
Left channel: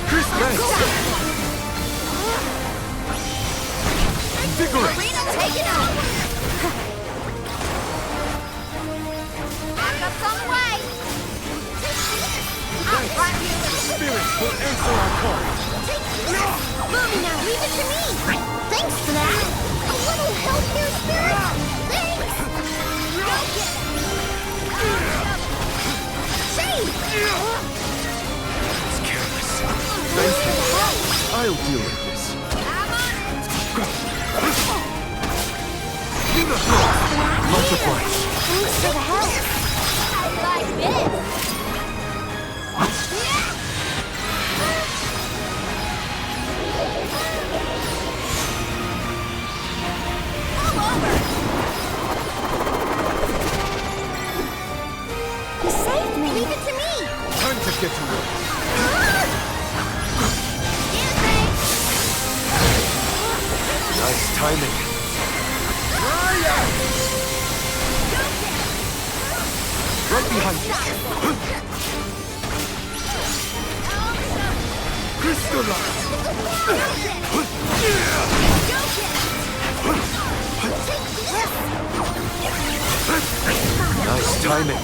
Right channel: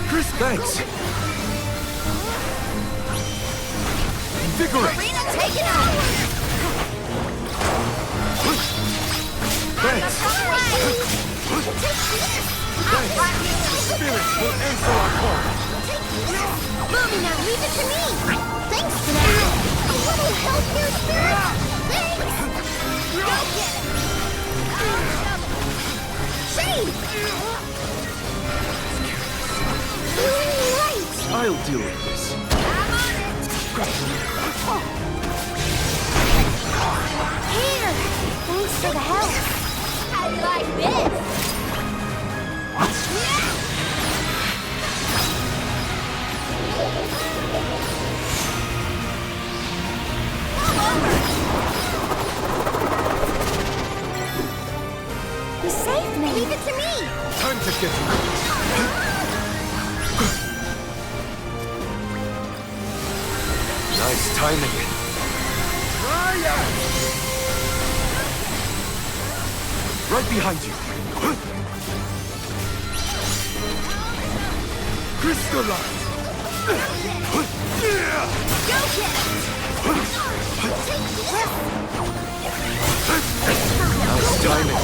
Chris, thanks! Invigorate! Arena taken out! I'm from away! Spirits will answer our call! Movie now, leave it to me! Thanks for that! A little help here, Spirit! Thanks! Go get it! Shade! It's careless. I'll deal with this. I'm on it! Here! Thanks for the help! I like this! You saved me! Leave it to me! Time to get to work. Nice timing. Right behind you. Crystallize. Nice timing.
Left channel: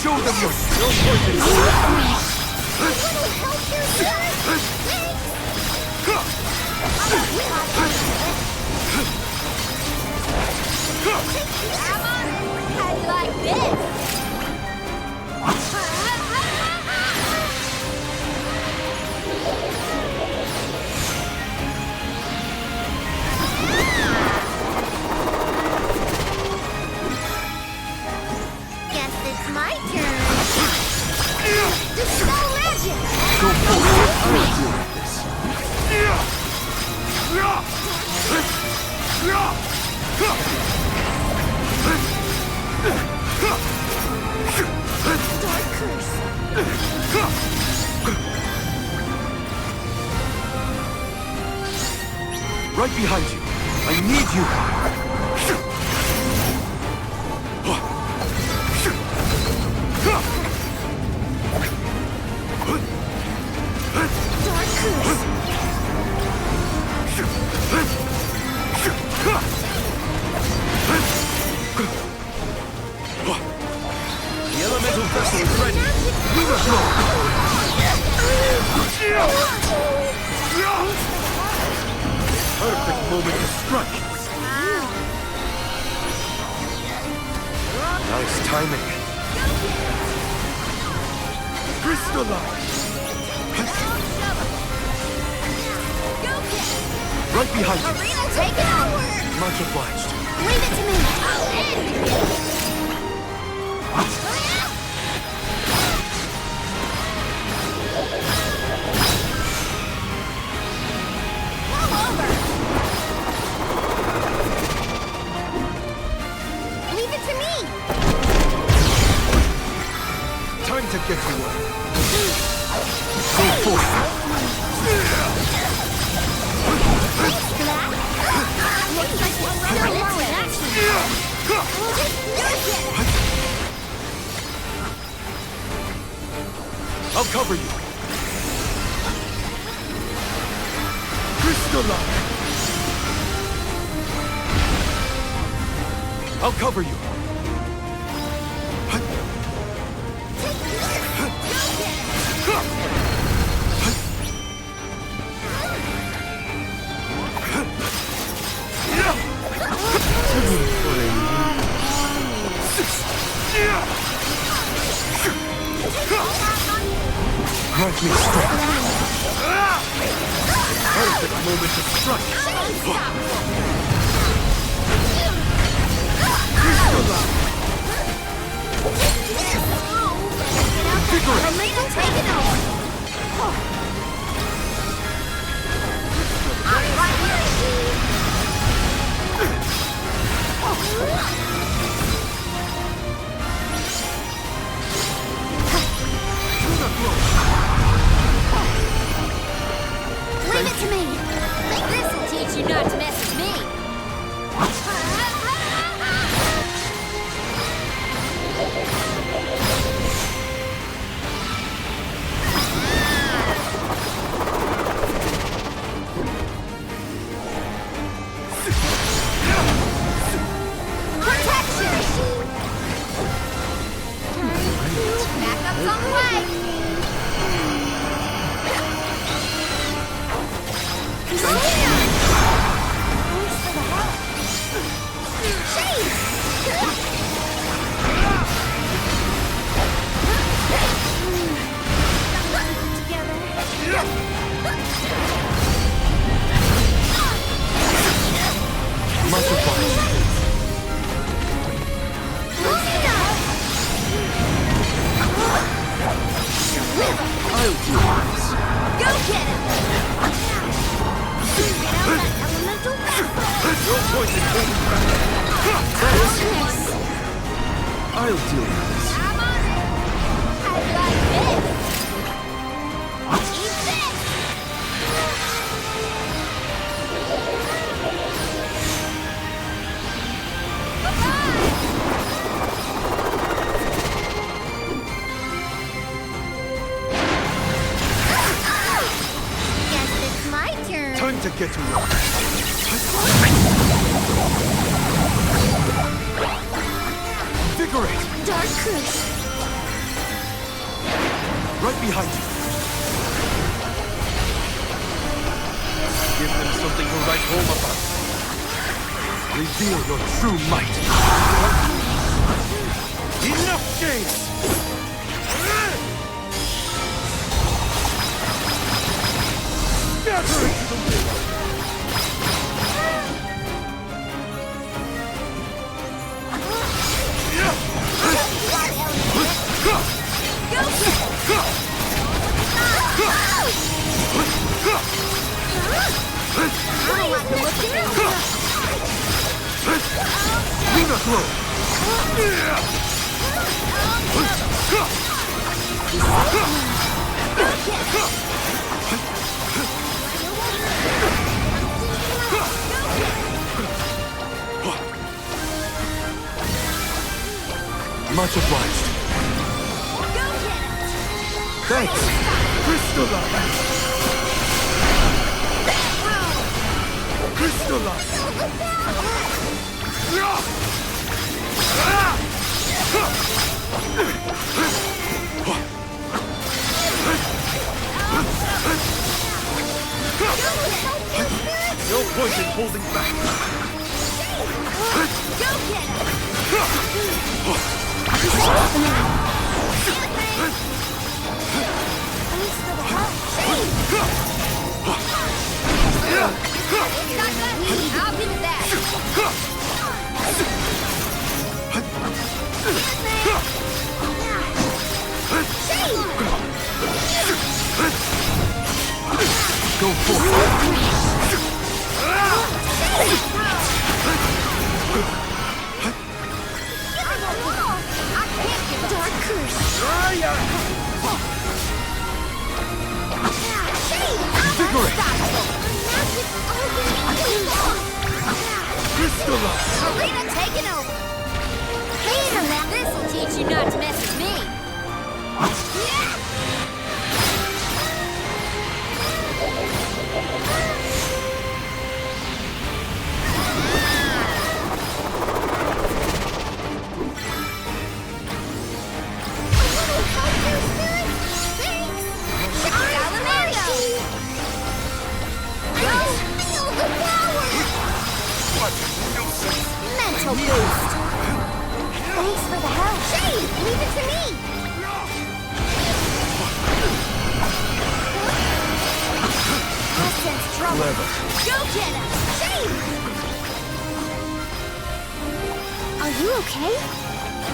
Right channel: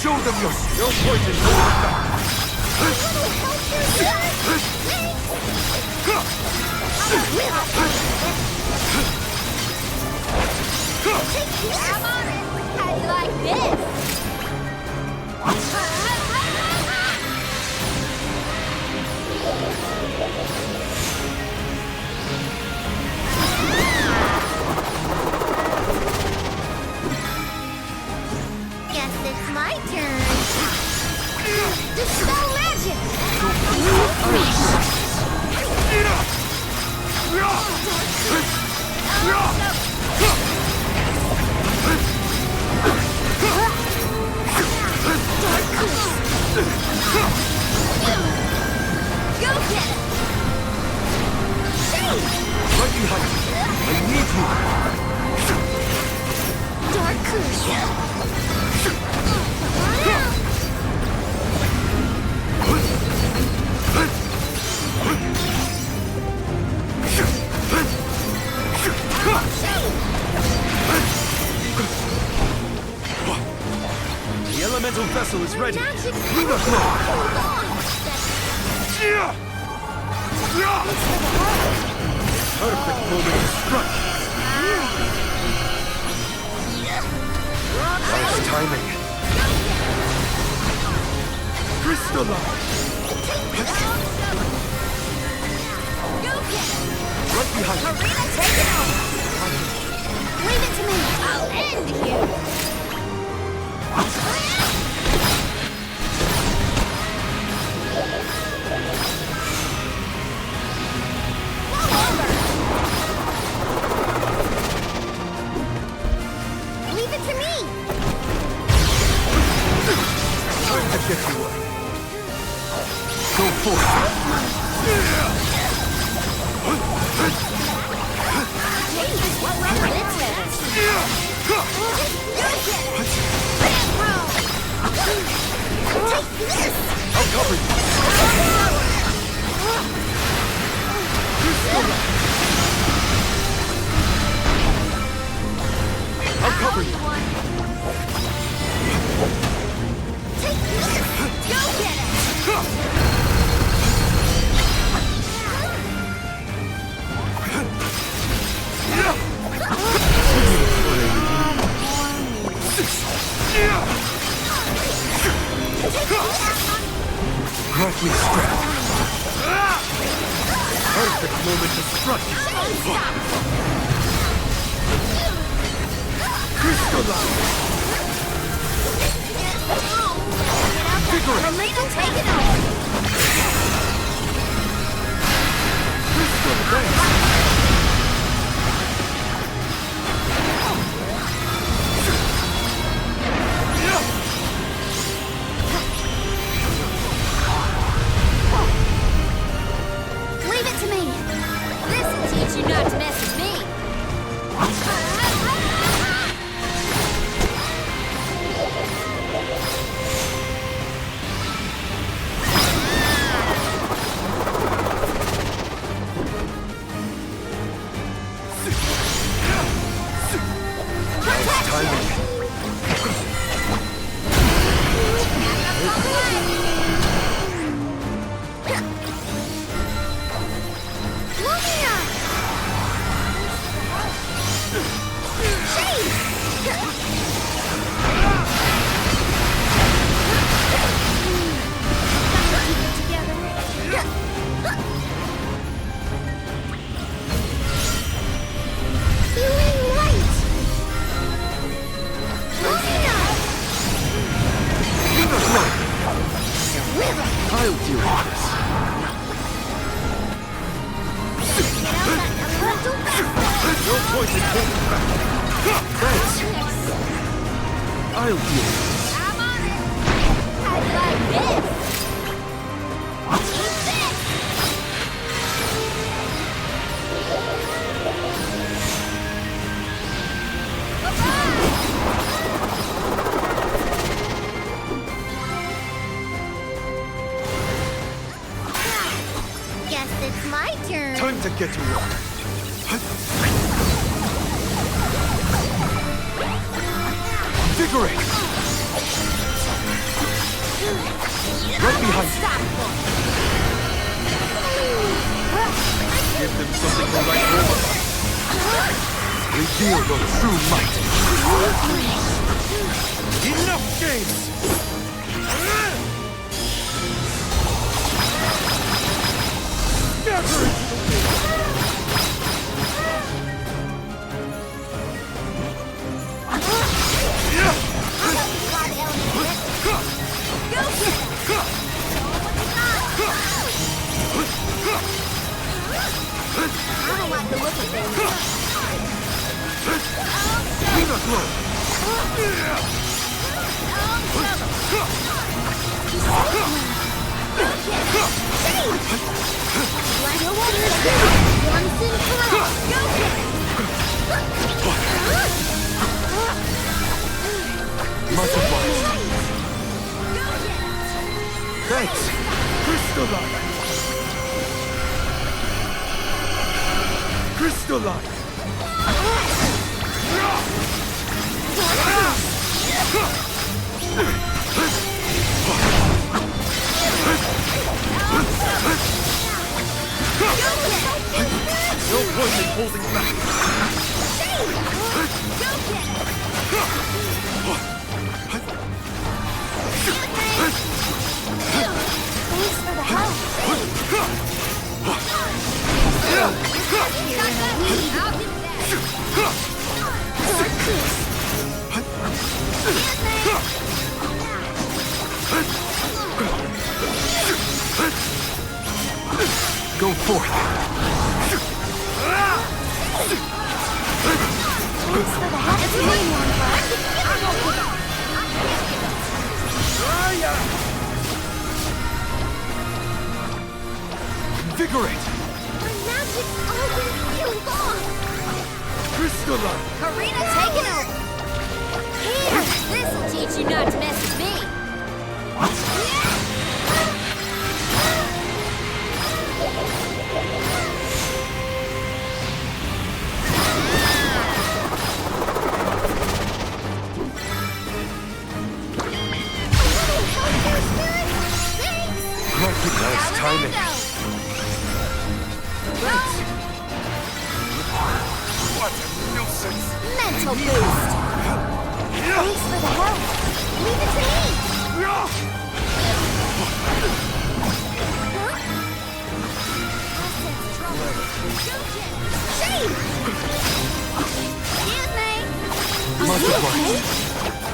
Show them your skill point and hold it back. I'm on it! How do you like this? Guess it's my turn. Dispel magic! Go Dark curse! Right behind you. I need you. Dark curse! The elemental vessel is ready. Lunar flow. Perfect moment to strike. Nice timing. Crystallize. Right behind you. Arena taken over! Much obliged. Leave it to me! I'll end you! Leave it to me! Time to get to work. Go forth. I'll cover you. Crystallize. I'll cover you. Go get it! Grant me strength. Perfect moment to strike. Crystallize. Vigorous. Take it over! to me. This'll teach you not to mess with me. I'll deal with this. Go get him! Get out that elemental bastard! No point in holding back. Thanks. I'll deal with this. I'm on it! How do you like this? Eat this! Bye-bye! Guess it's my turn. Time to get to work. Invigorate! Right behind you. Give them something to write home about. Reveal your true might. Enough games! Scatter into the wind! I don't like the look of things. Luna glow! Much obliged. Thanks. Crystalline. Crystalline. No point in holding back. Thanks for the help. I'll give it that. Go forth. Invigorate! Crystalline! Karina taking over. Here, this'll teach you not to mess with me. What a nuisance! Mental boost. Thanks for the help. Leave it to me. I sense trouble. Clever. Go get him. Shame. Excuse me. Are you okay?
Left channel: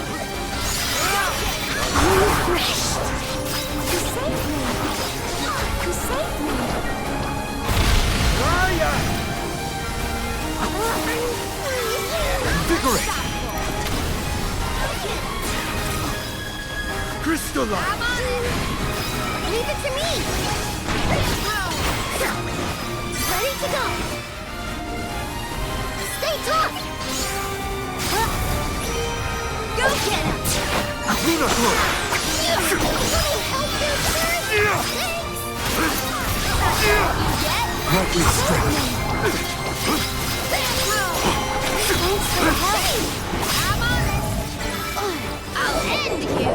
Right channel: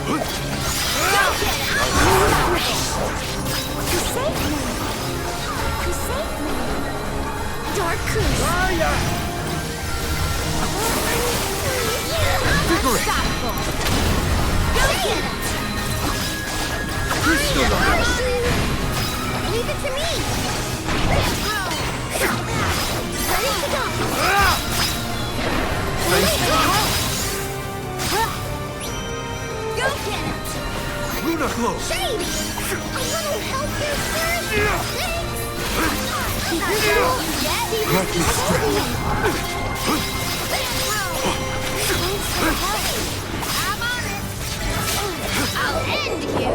Go get him. Refreshed. You saved me. You saved me. Raya! Invigorate! Go get it! Crystalline! Leave it to me! not glow! Grant me strength! I'm on it. I'll end you.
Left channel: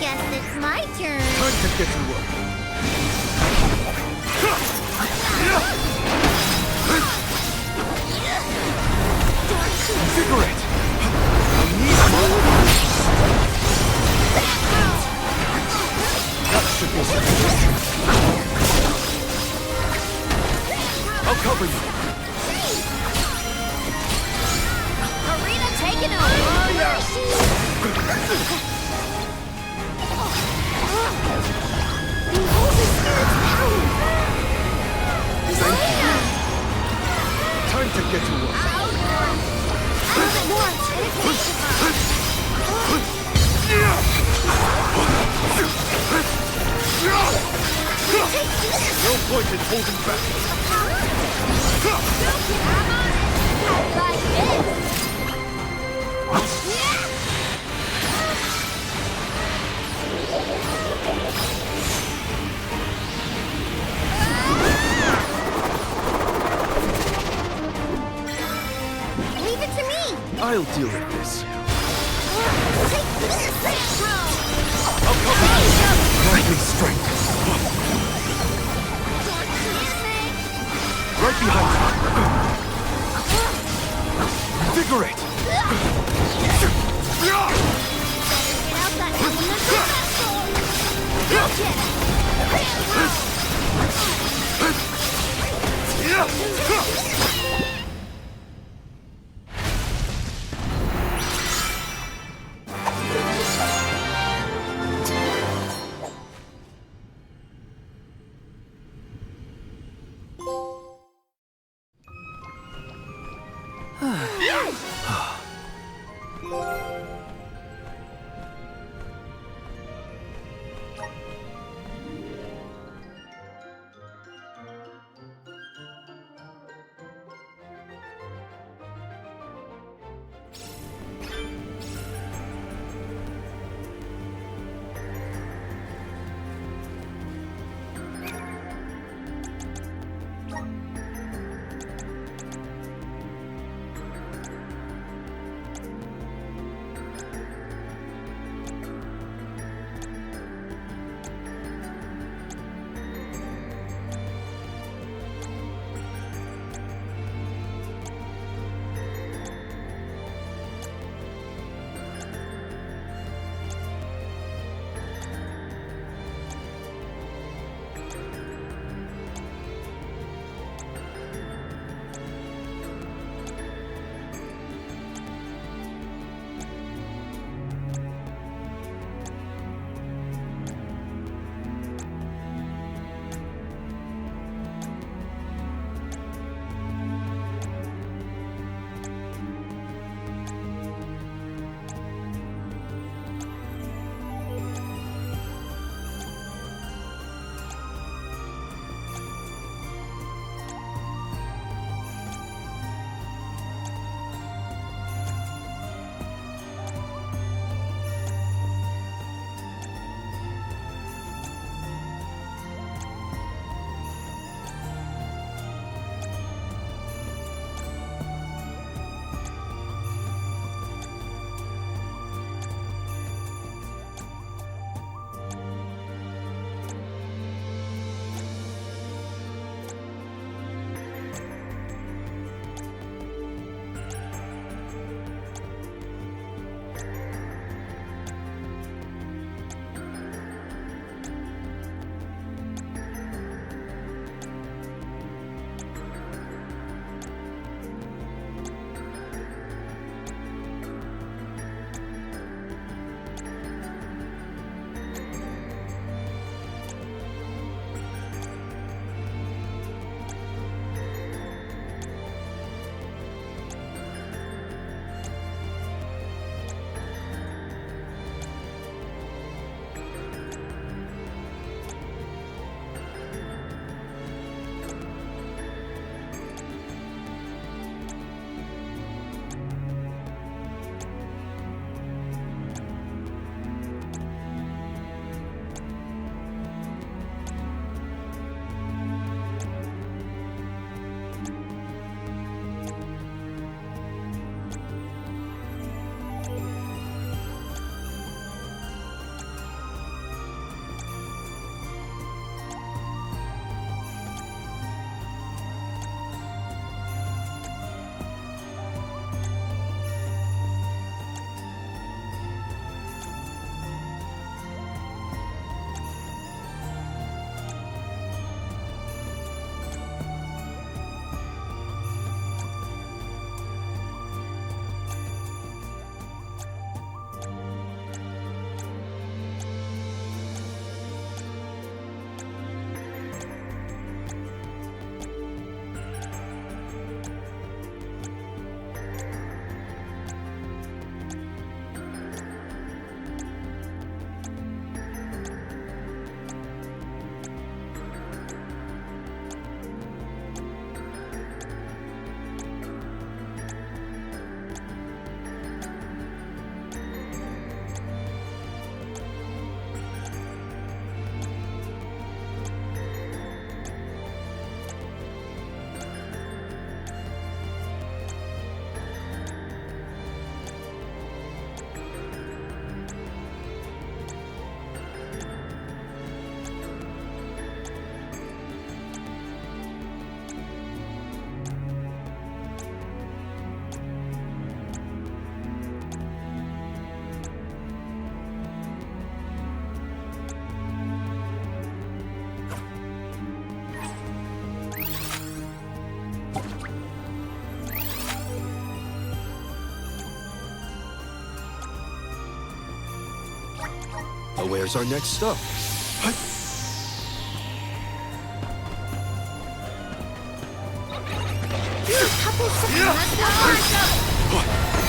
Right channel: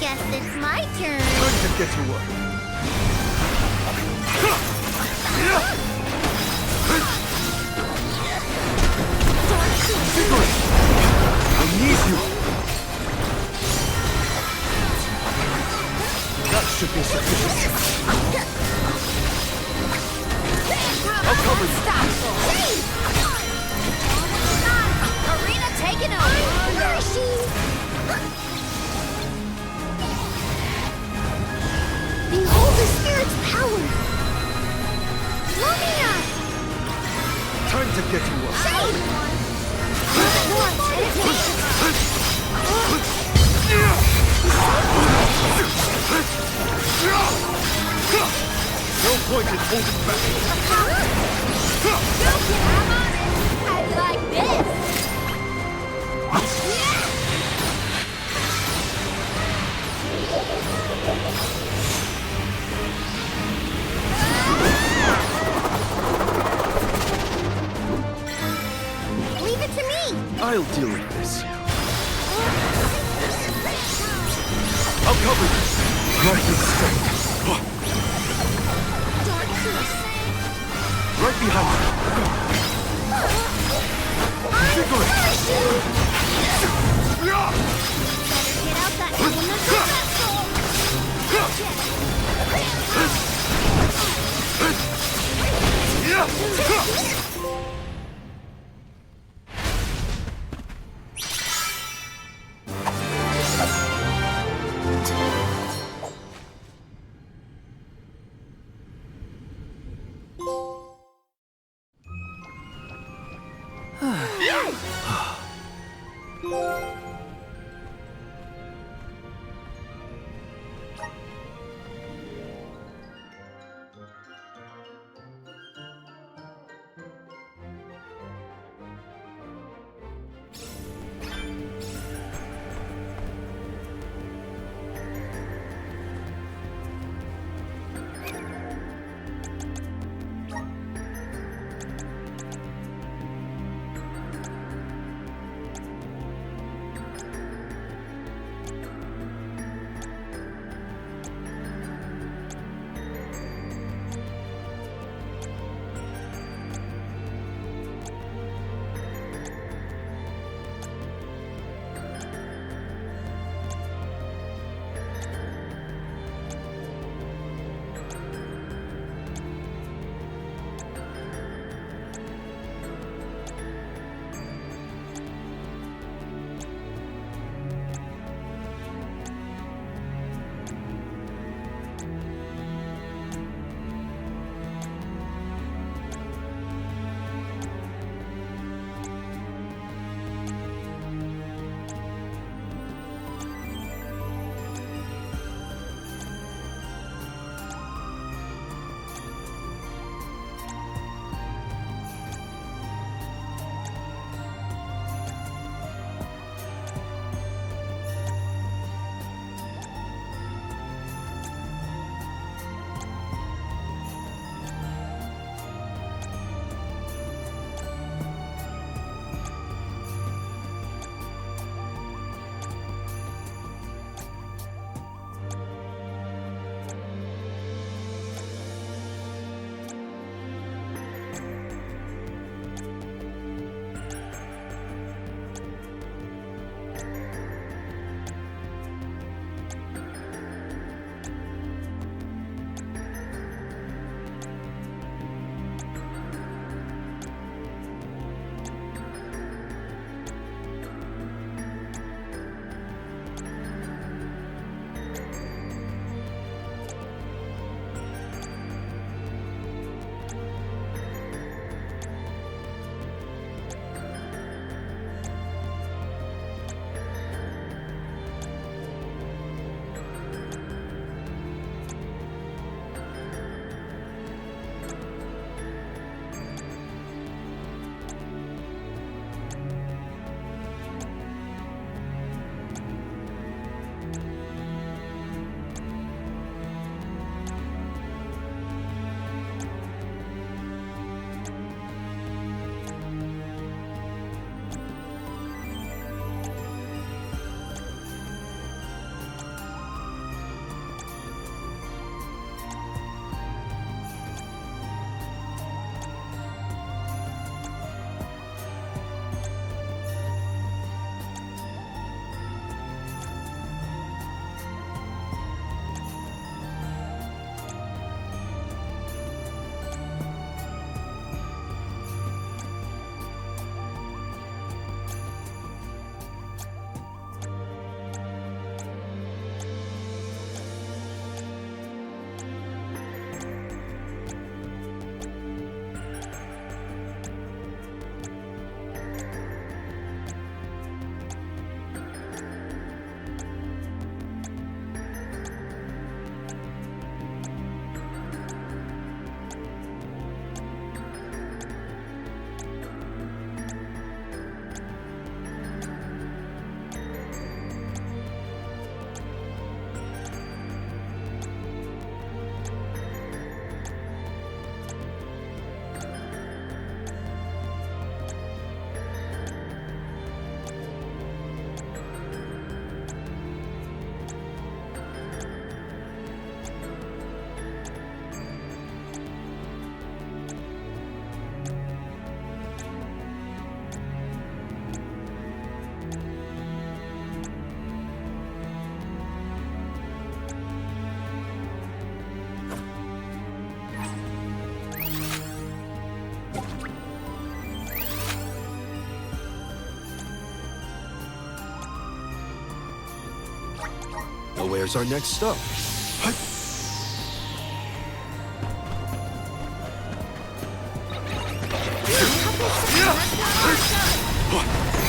Guess it's my turn. Time to get to work. Invigorate! I need more! That should be sufficient. I'll cover you. Arena taken over. Where is she? Behold the spirit's power! Arena! Time to get to work. No point in holding back. I'm on it. How do you like this? Leave it to me! I'll deal with this. I'll cover you. Grant me strength. Right behind you. Invigorate. Better get out that elemental where's our next stop?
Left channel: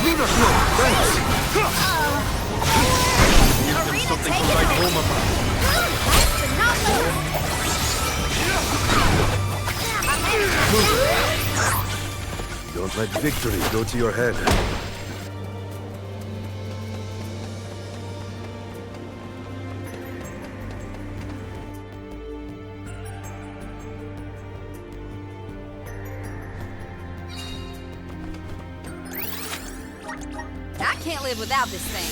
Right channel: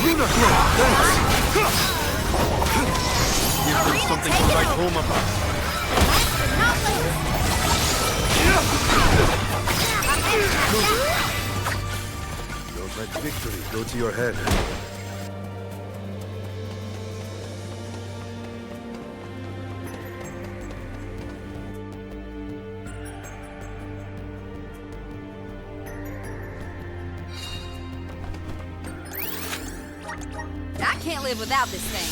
Lunar Glow, thanks! Here's been something to write home about. Don't let victory go to your head. I can't live without this thing.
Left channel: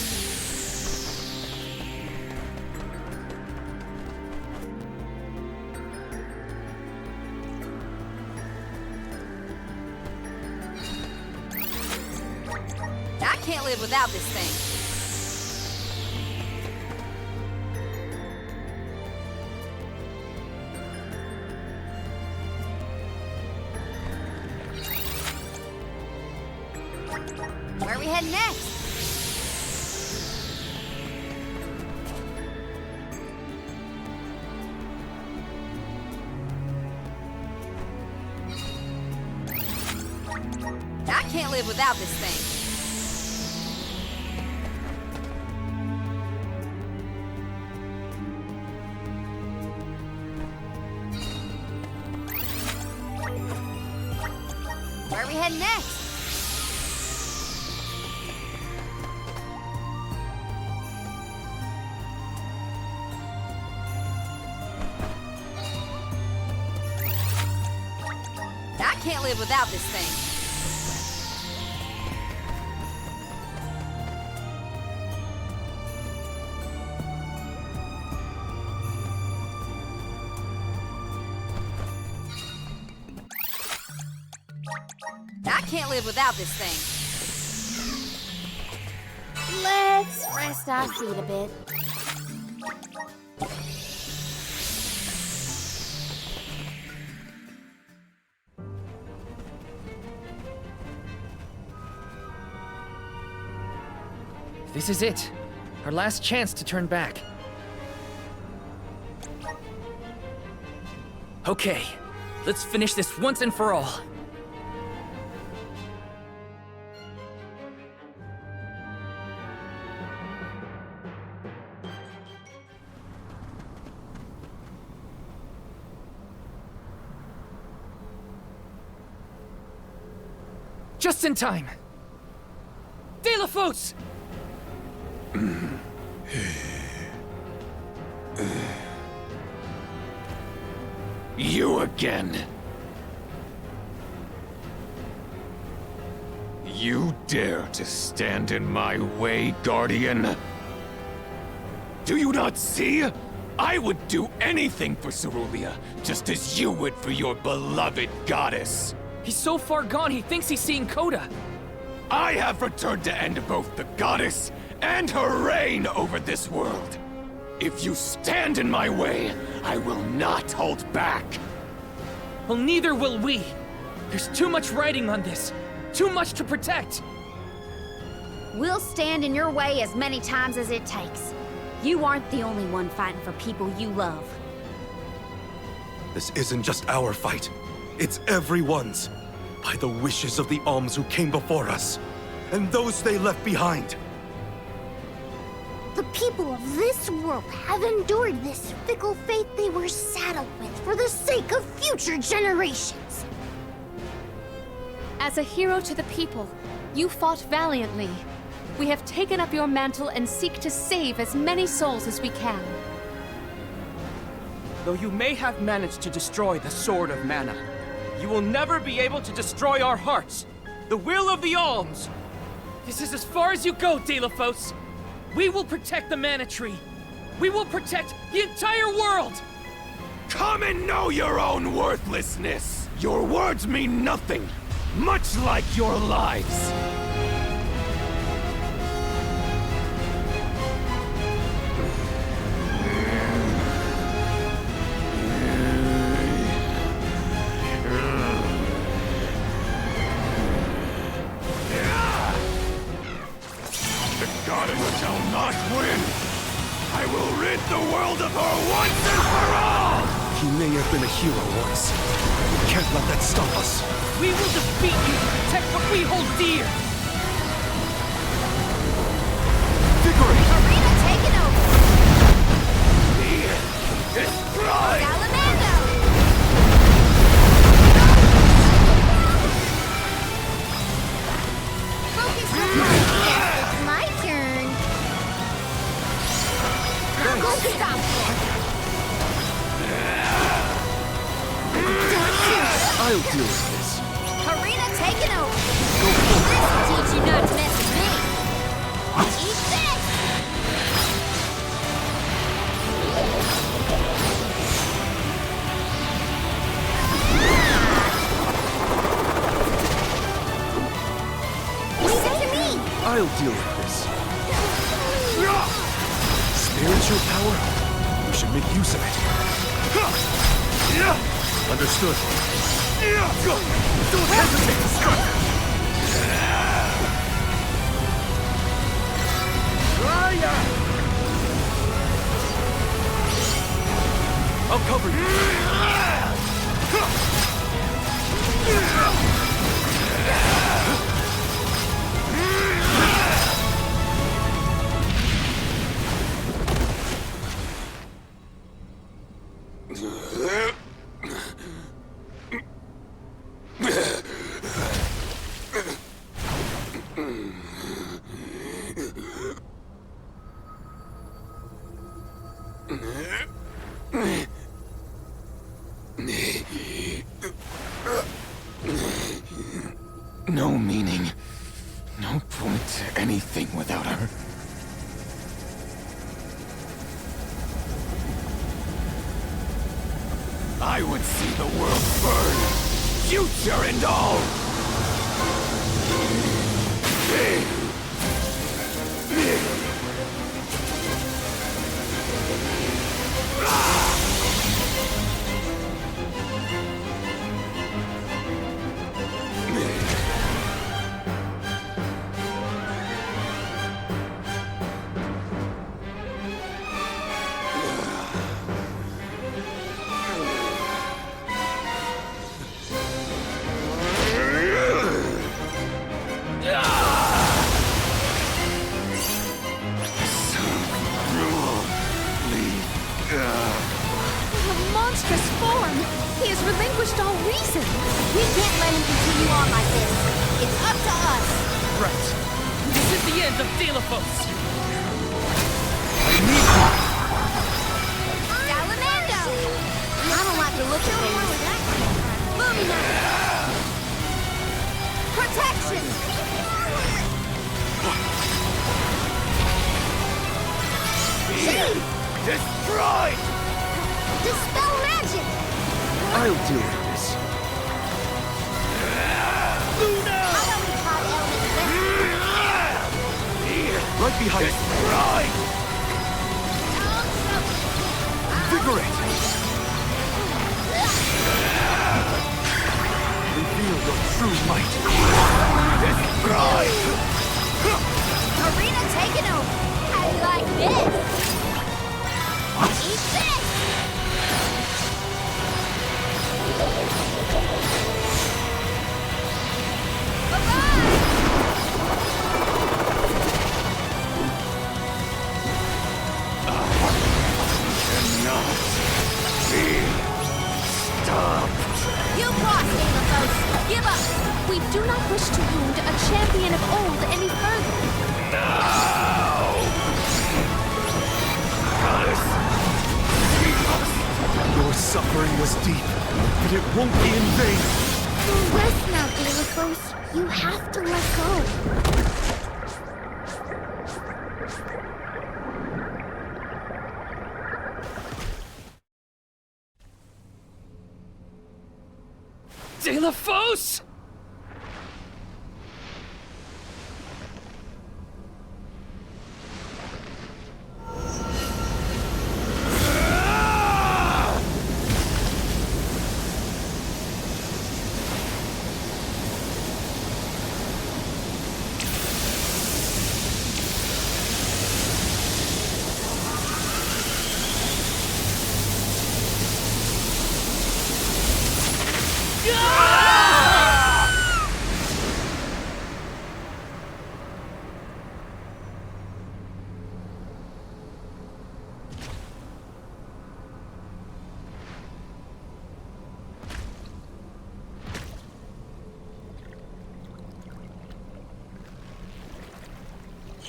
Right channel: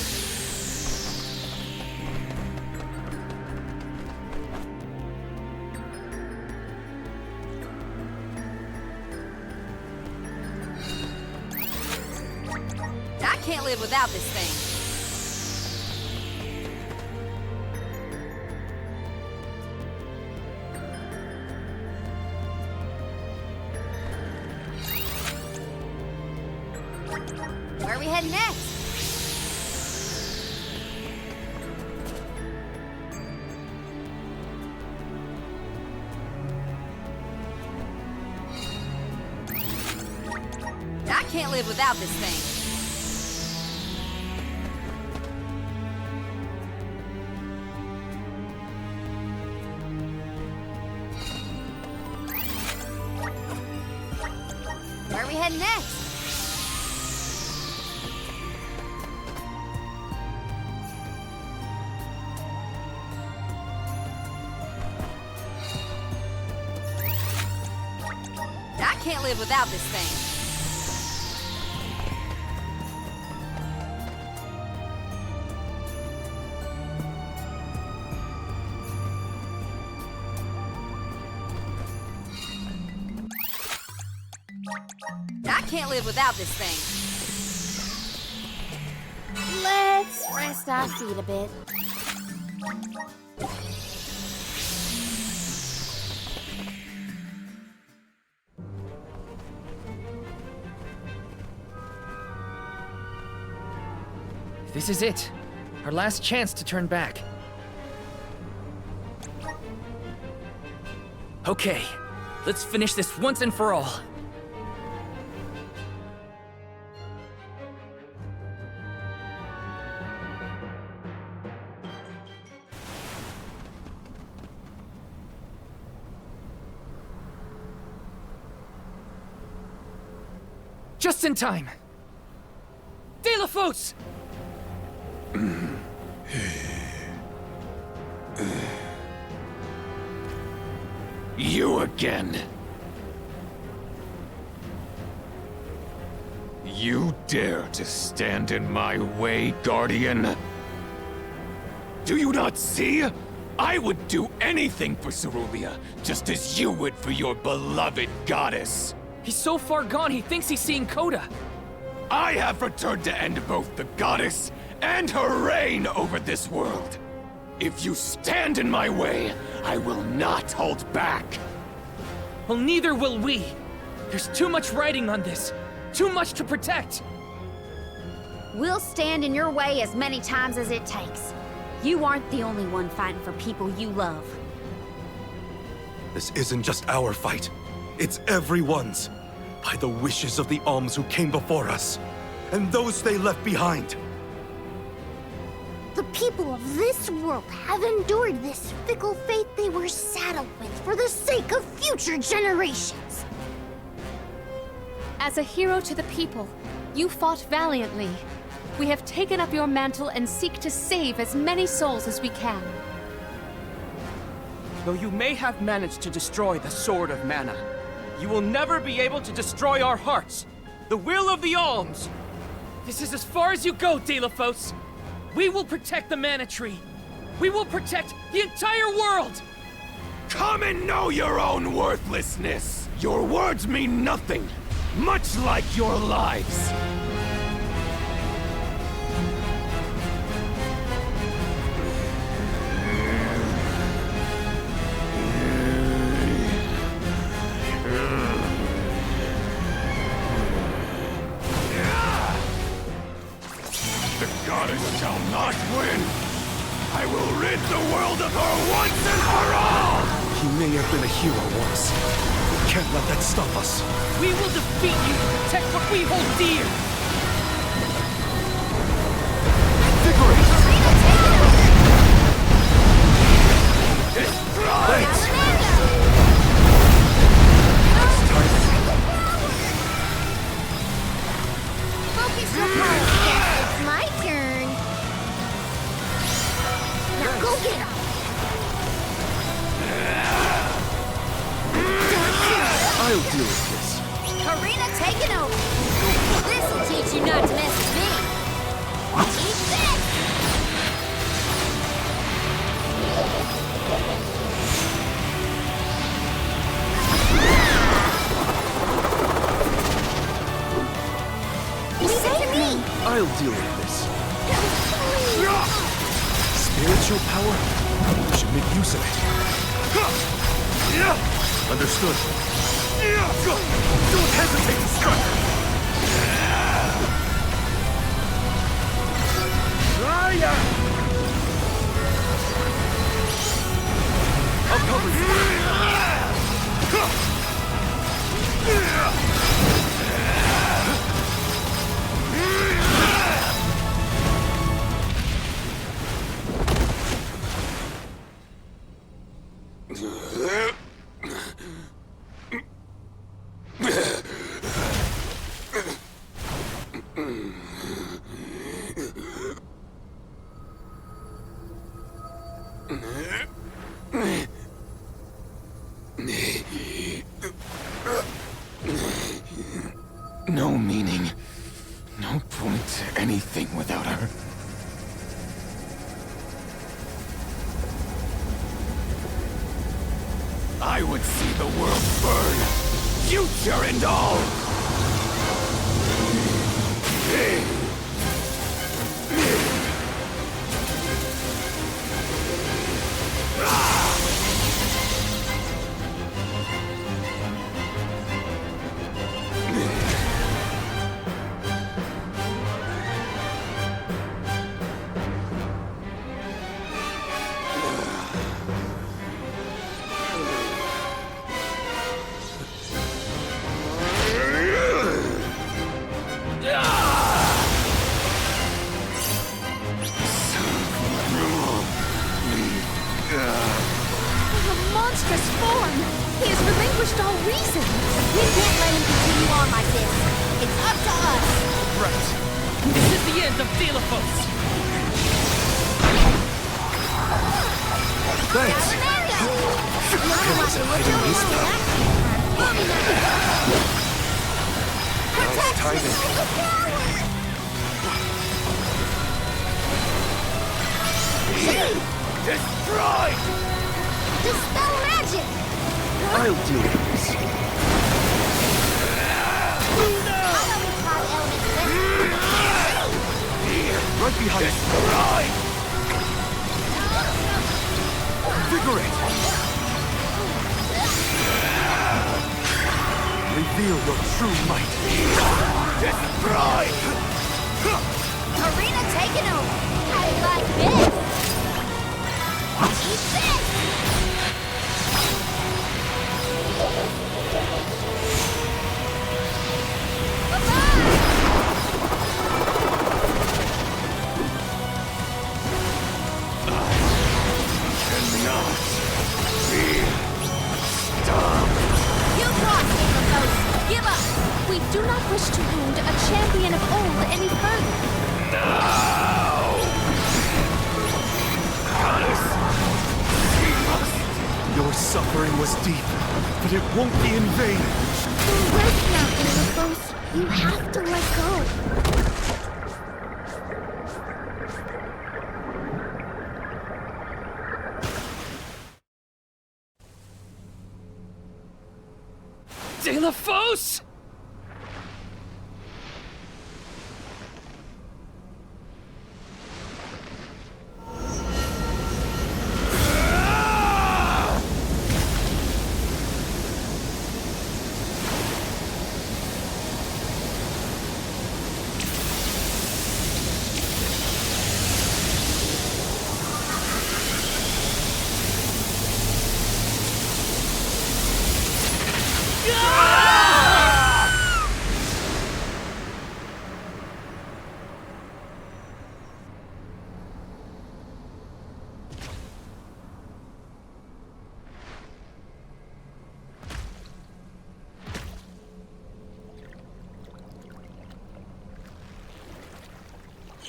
I can't live without this thing. Where are we heading next? I can't live without this thing. Where are we heading next? I can't live without this thing. I can't live without this thing. Let's rest our feet a bit. This is it. Our last chance to turn back. Okay, let's finish this once and for all. Just in time. Delafos! You again. You dare to stand in my way, Guardian? Do you not see? I would do anything for Cerulean, just as you would for your beloved goddess. He's so far gone, he thinks he's seeing Coda. I have returned to end both the goddess and her reign over this world. If you stand in my way, I will not hold back. Well, neither will we. There's too much writing on this. Too much to protect. We'll stand in your way as many times as it takes. You aren't the only one fighting for people you love. This isn't just our fight. It's everyone's. By the wishes of the Alms who came before us, and those they left behind. The people of this world have endured this fickle fate they were saddled with for the sake of future generations. As a hero to the people, you fought valiantly. We have taken up your mantle and seek to save as many souls as we can. Though you may have managed to destroy the Sword of Mana, you will never be able to destroy our hearts. The will of the Alms. This is as far as you go, Delafos. We will protect the Mana Tree. We will protect the entire world! Come and know your own worthlessness! Your words mean nothing, much like your lives. The goddess shall not win! I will rid the world of her once and for all! He may have been a hero once. We can't let that stop us. We will defeat you to protect what we hold dear! Vigorate! Arena taken over! Destroy! Salamando! Focus your power. Yes, it's my turn. Now go get up. I'll deal with this. Karina taken over! This'll teach you not to mess with me! Eat this! Leave it to me. I'll deal with this. Spiritual power? We should make use of it. Understood. Don't hesitate to strike! I'll cover you. No meaning. No point to anything without her. I would see the world burn, future and all! Monstrous form! He has relinquished all reason! We can't let him continue on like this. It's up to us. Right. This is the end of Delafos! Salamando! I don't like the look of this. Protection! Destroyed! Dispel magic! I'll deal with this. How about we call Element Right behind you. Destroyed! Invigorate! Reveal your true might. Destroyed! Arena taken over. How do you like this? Eat this! Cannot be stopped. You lost, Delafos. Give up. We do not wish to wound a champion of old any further. Now! Goddess! She must... Your suffering was deep, but it won't be in vain. Rest now, Delafos. You have to let go. Delafos!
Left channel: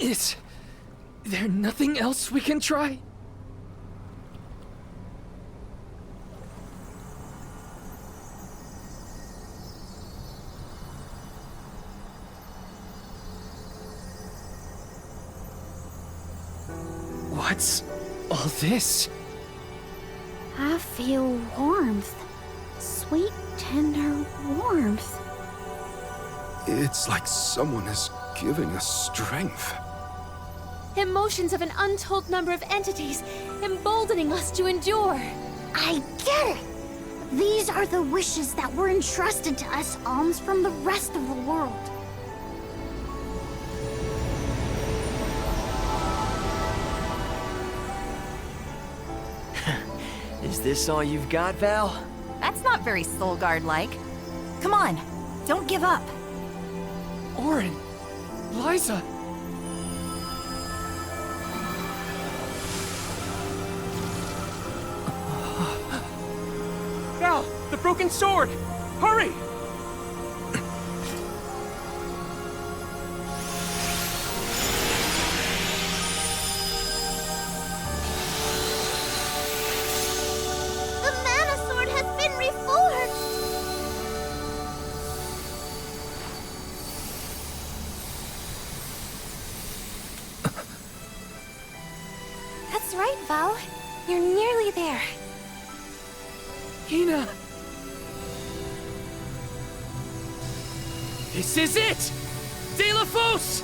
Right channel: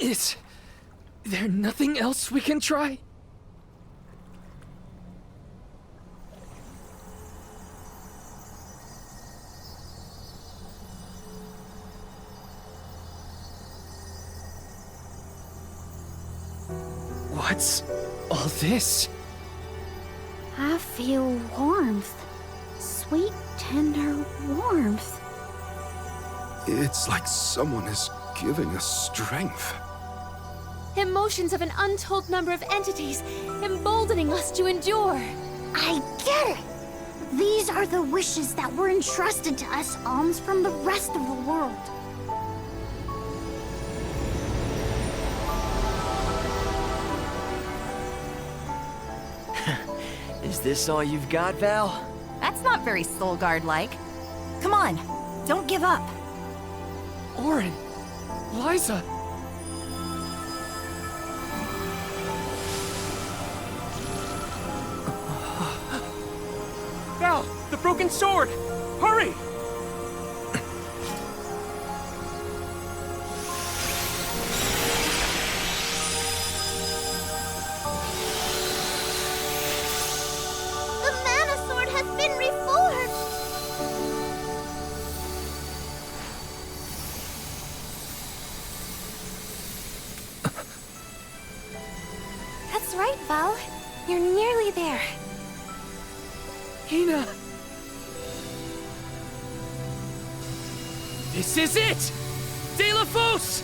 Is there nothing else we can try? What's all this? I feel warmth. Sweet, tender warmth. It's like someone is giving us strength. Emotions of an untold number of entities, emboldening us to endure. I get it! These are the wishes that were entrusted to us alms from the rest of the world. Is this all you've got, Val? That's not very Soulguard-like. Come on, don't give up. Orin, Liza. Val, the broken sword! Hurry! The Mana Sword has been reforged! That's right, Val. You're nearly there. Hina! This is it! De La Fosse!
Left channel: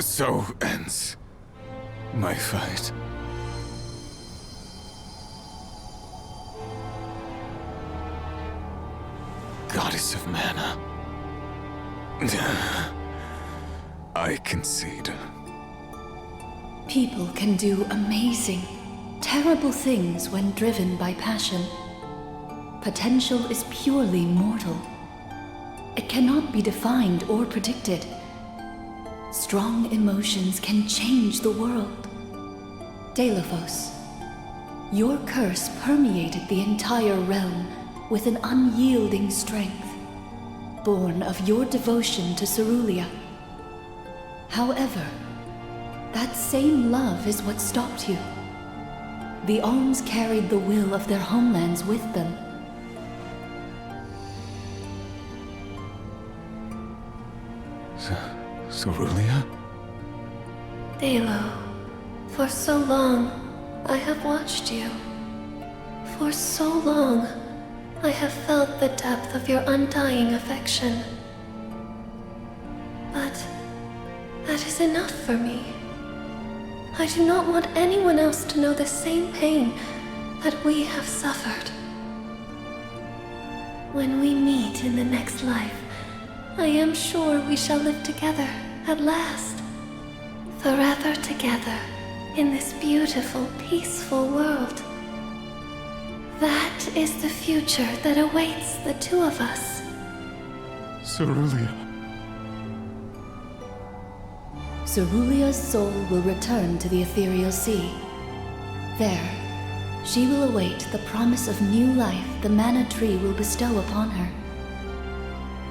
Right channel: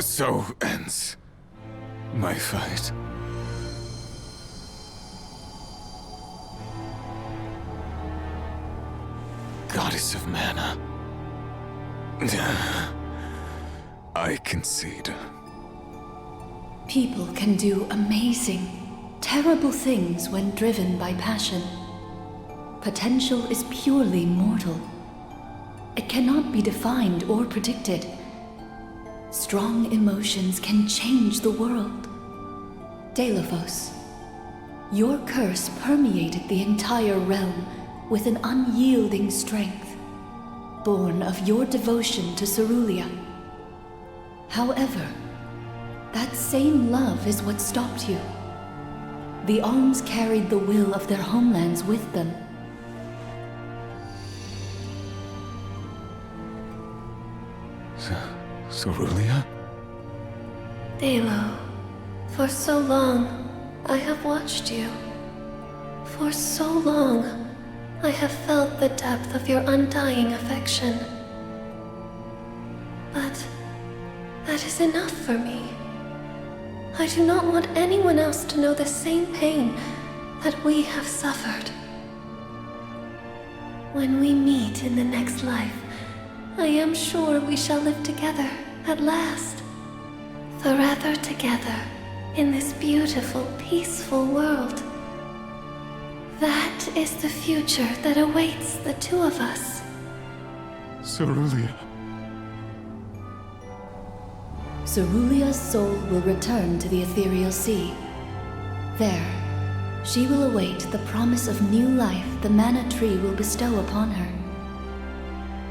So ends my fight. Goddess of Mana. I concede. People can do amazing, terrible things when driven by passion. Potential is purely mortal. It cannot be defined or predicted. Strong emotions can change the world. De La Fosse, your curse permeated the entire realm with an unyielding strength, born of your devotion to Cerulia. However, that same love is what stopped you. The alms carried the will of their homelands with them. Cerulia? Aello, for so long, I have watched you. For so long, I have felt the depth of your undying affection. But that is enough for me. I do not want anyone else to know the same pain that we have suffered. When we meet in the next life, I am sure we shall live together at last. Forever together in this beautiful, peaceful world. That is the future that awaits the two of us. Cerulia. Cerulia's soul will return to the ethereal sea. There, she will await the promise of new life the mana tree will bestow upon her.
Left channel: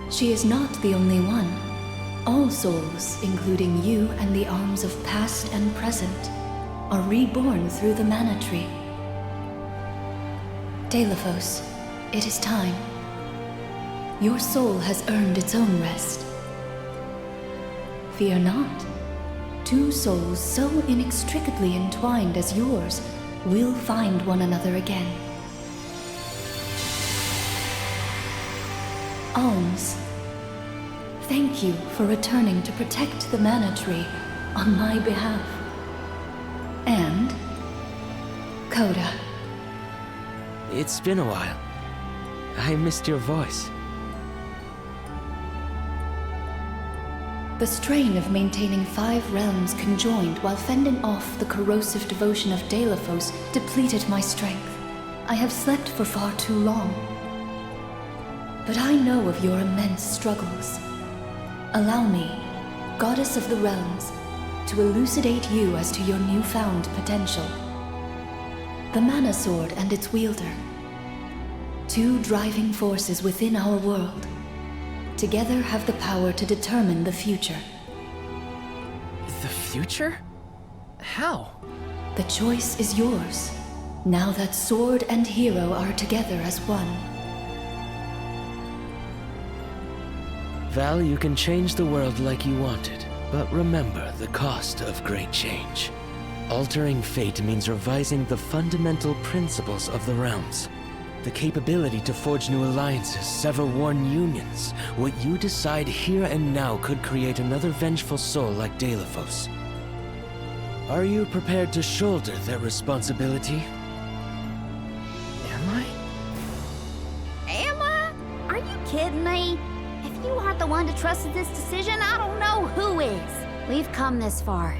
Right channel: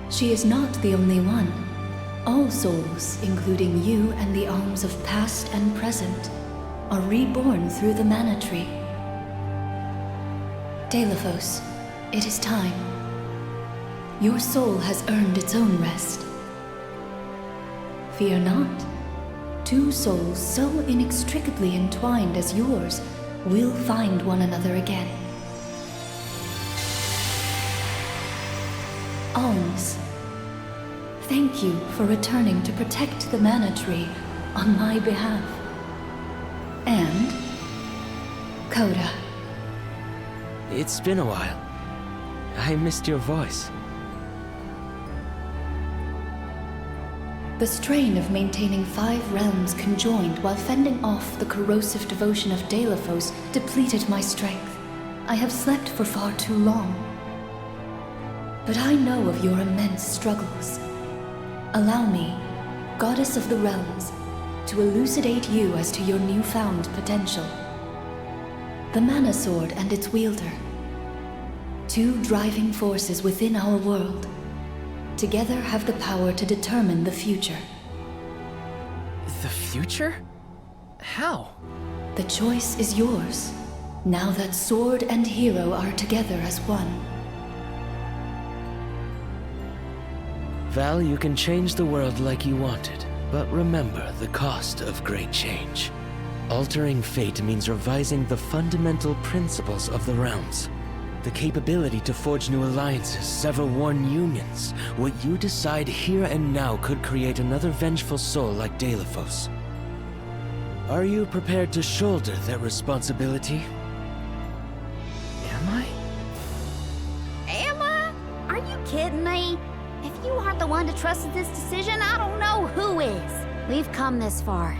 She is not the only one. All souls, including you and the alms of past and present, are reborn through the mana tree. De La Fosse, it is time. Your soul has earned its own rest. Fear not. Two souls so inextricably entwined as yours we'll find one another again. Alms, thank you for returning to protect the mana tree on my behalf. And Coda. It's been a while. I missed your voice. The strain of maintaining 5 realms conjoined while fending off the corrosive devotion of Deilephos depleted my strength. I have slept for far too long. But I know of your immense struggles. Allow me, Goddess of the Realms, to elucidate you as to your newfound potential. The Mana Sword and its wielder. 2 driving forces within our world. Together have the power to determine the future. The future? How? The choice is yours, now that sword and hero are together as one. Val, you can change the world like you wanted, but remember the cost of great change. Altering fate means revising the fundamental principles of the realms. The capability to forge new alliances, sever worn unions. What you decide here and now could create another vengeful soul like Deilephos. Are you prepared to shoulder that responsibility? Am I? Am I? Are you kidding me? If you aren't the one to trust in this decision, I don't know who is. We've come this far.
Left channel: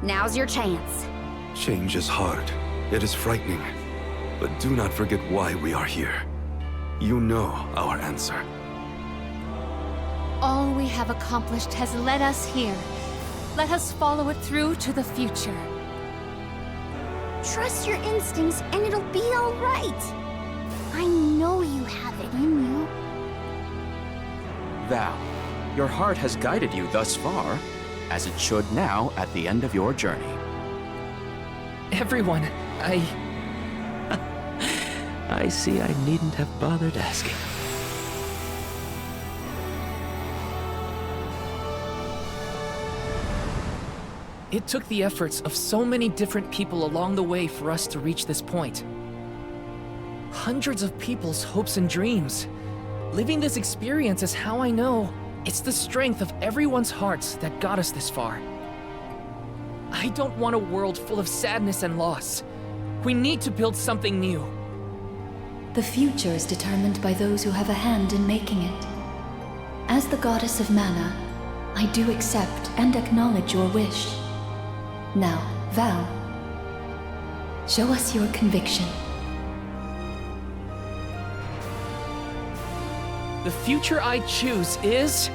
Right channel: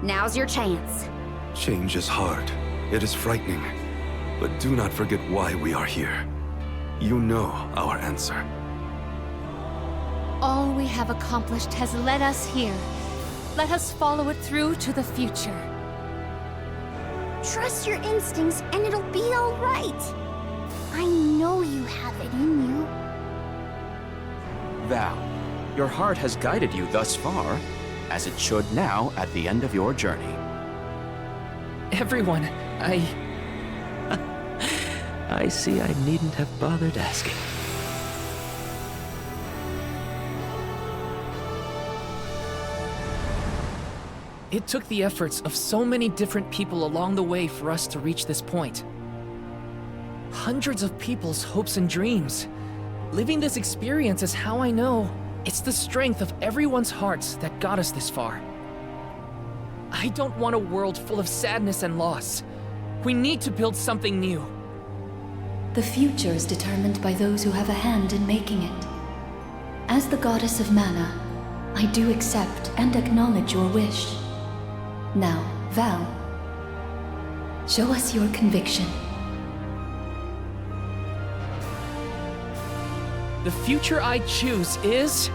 Now's your chance. Change is hard. It is frightening. But do not forget why we are here. You know our answer. All we have accomplished has led us here. Let us follow it through to the future. Trust your instincts and it'll be all right. I know you have it in you. Val, your heart has guided you thus far, as it should now at the end of your journey. Everyone, I see I needn't have bothered asking. It took the efforts of so many different people along the way for us to reach this point. Hundreds of people's hopes and dreams. Living this experience is how I know it's the strength of everyone's hearts that got us this far. I don't want a world full of sadness and loss. We need to build something new. The future is determined by those who have a hand in making it. As the Goddess of Mana, I do accept and acknowledge your wish. Now, Val, show us your conviction. The future I choose is...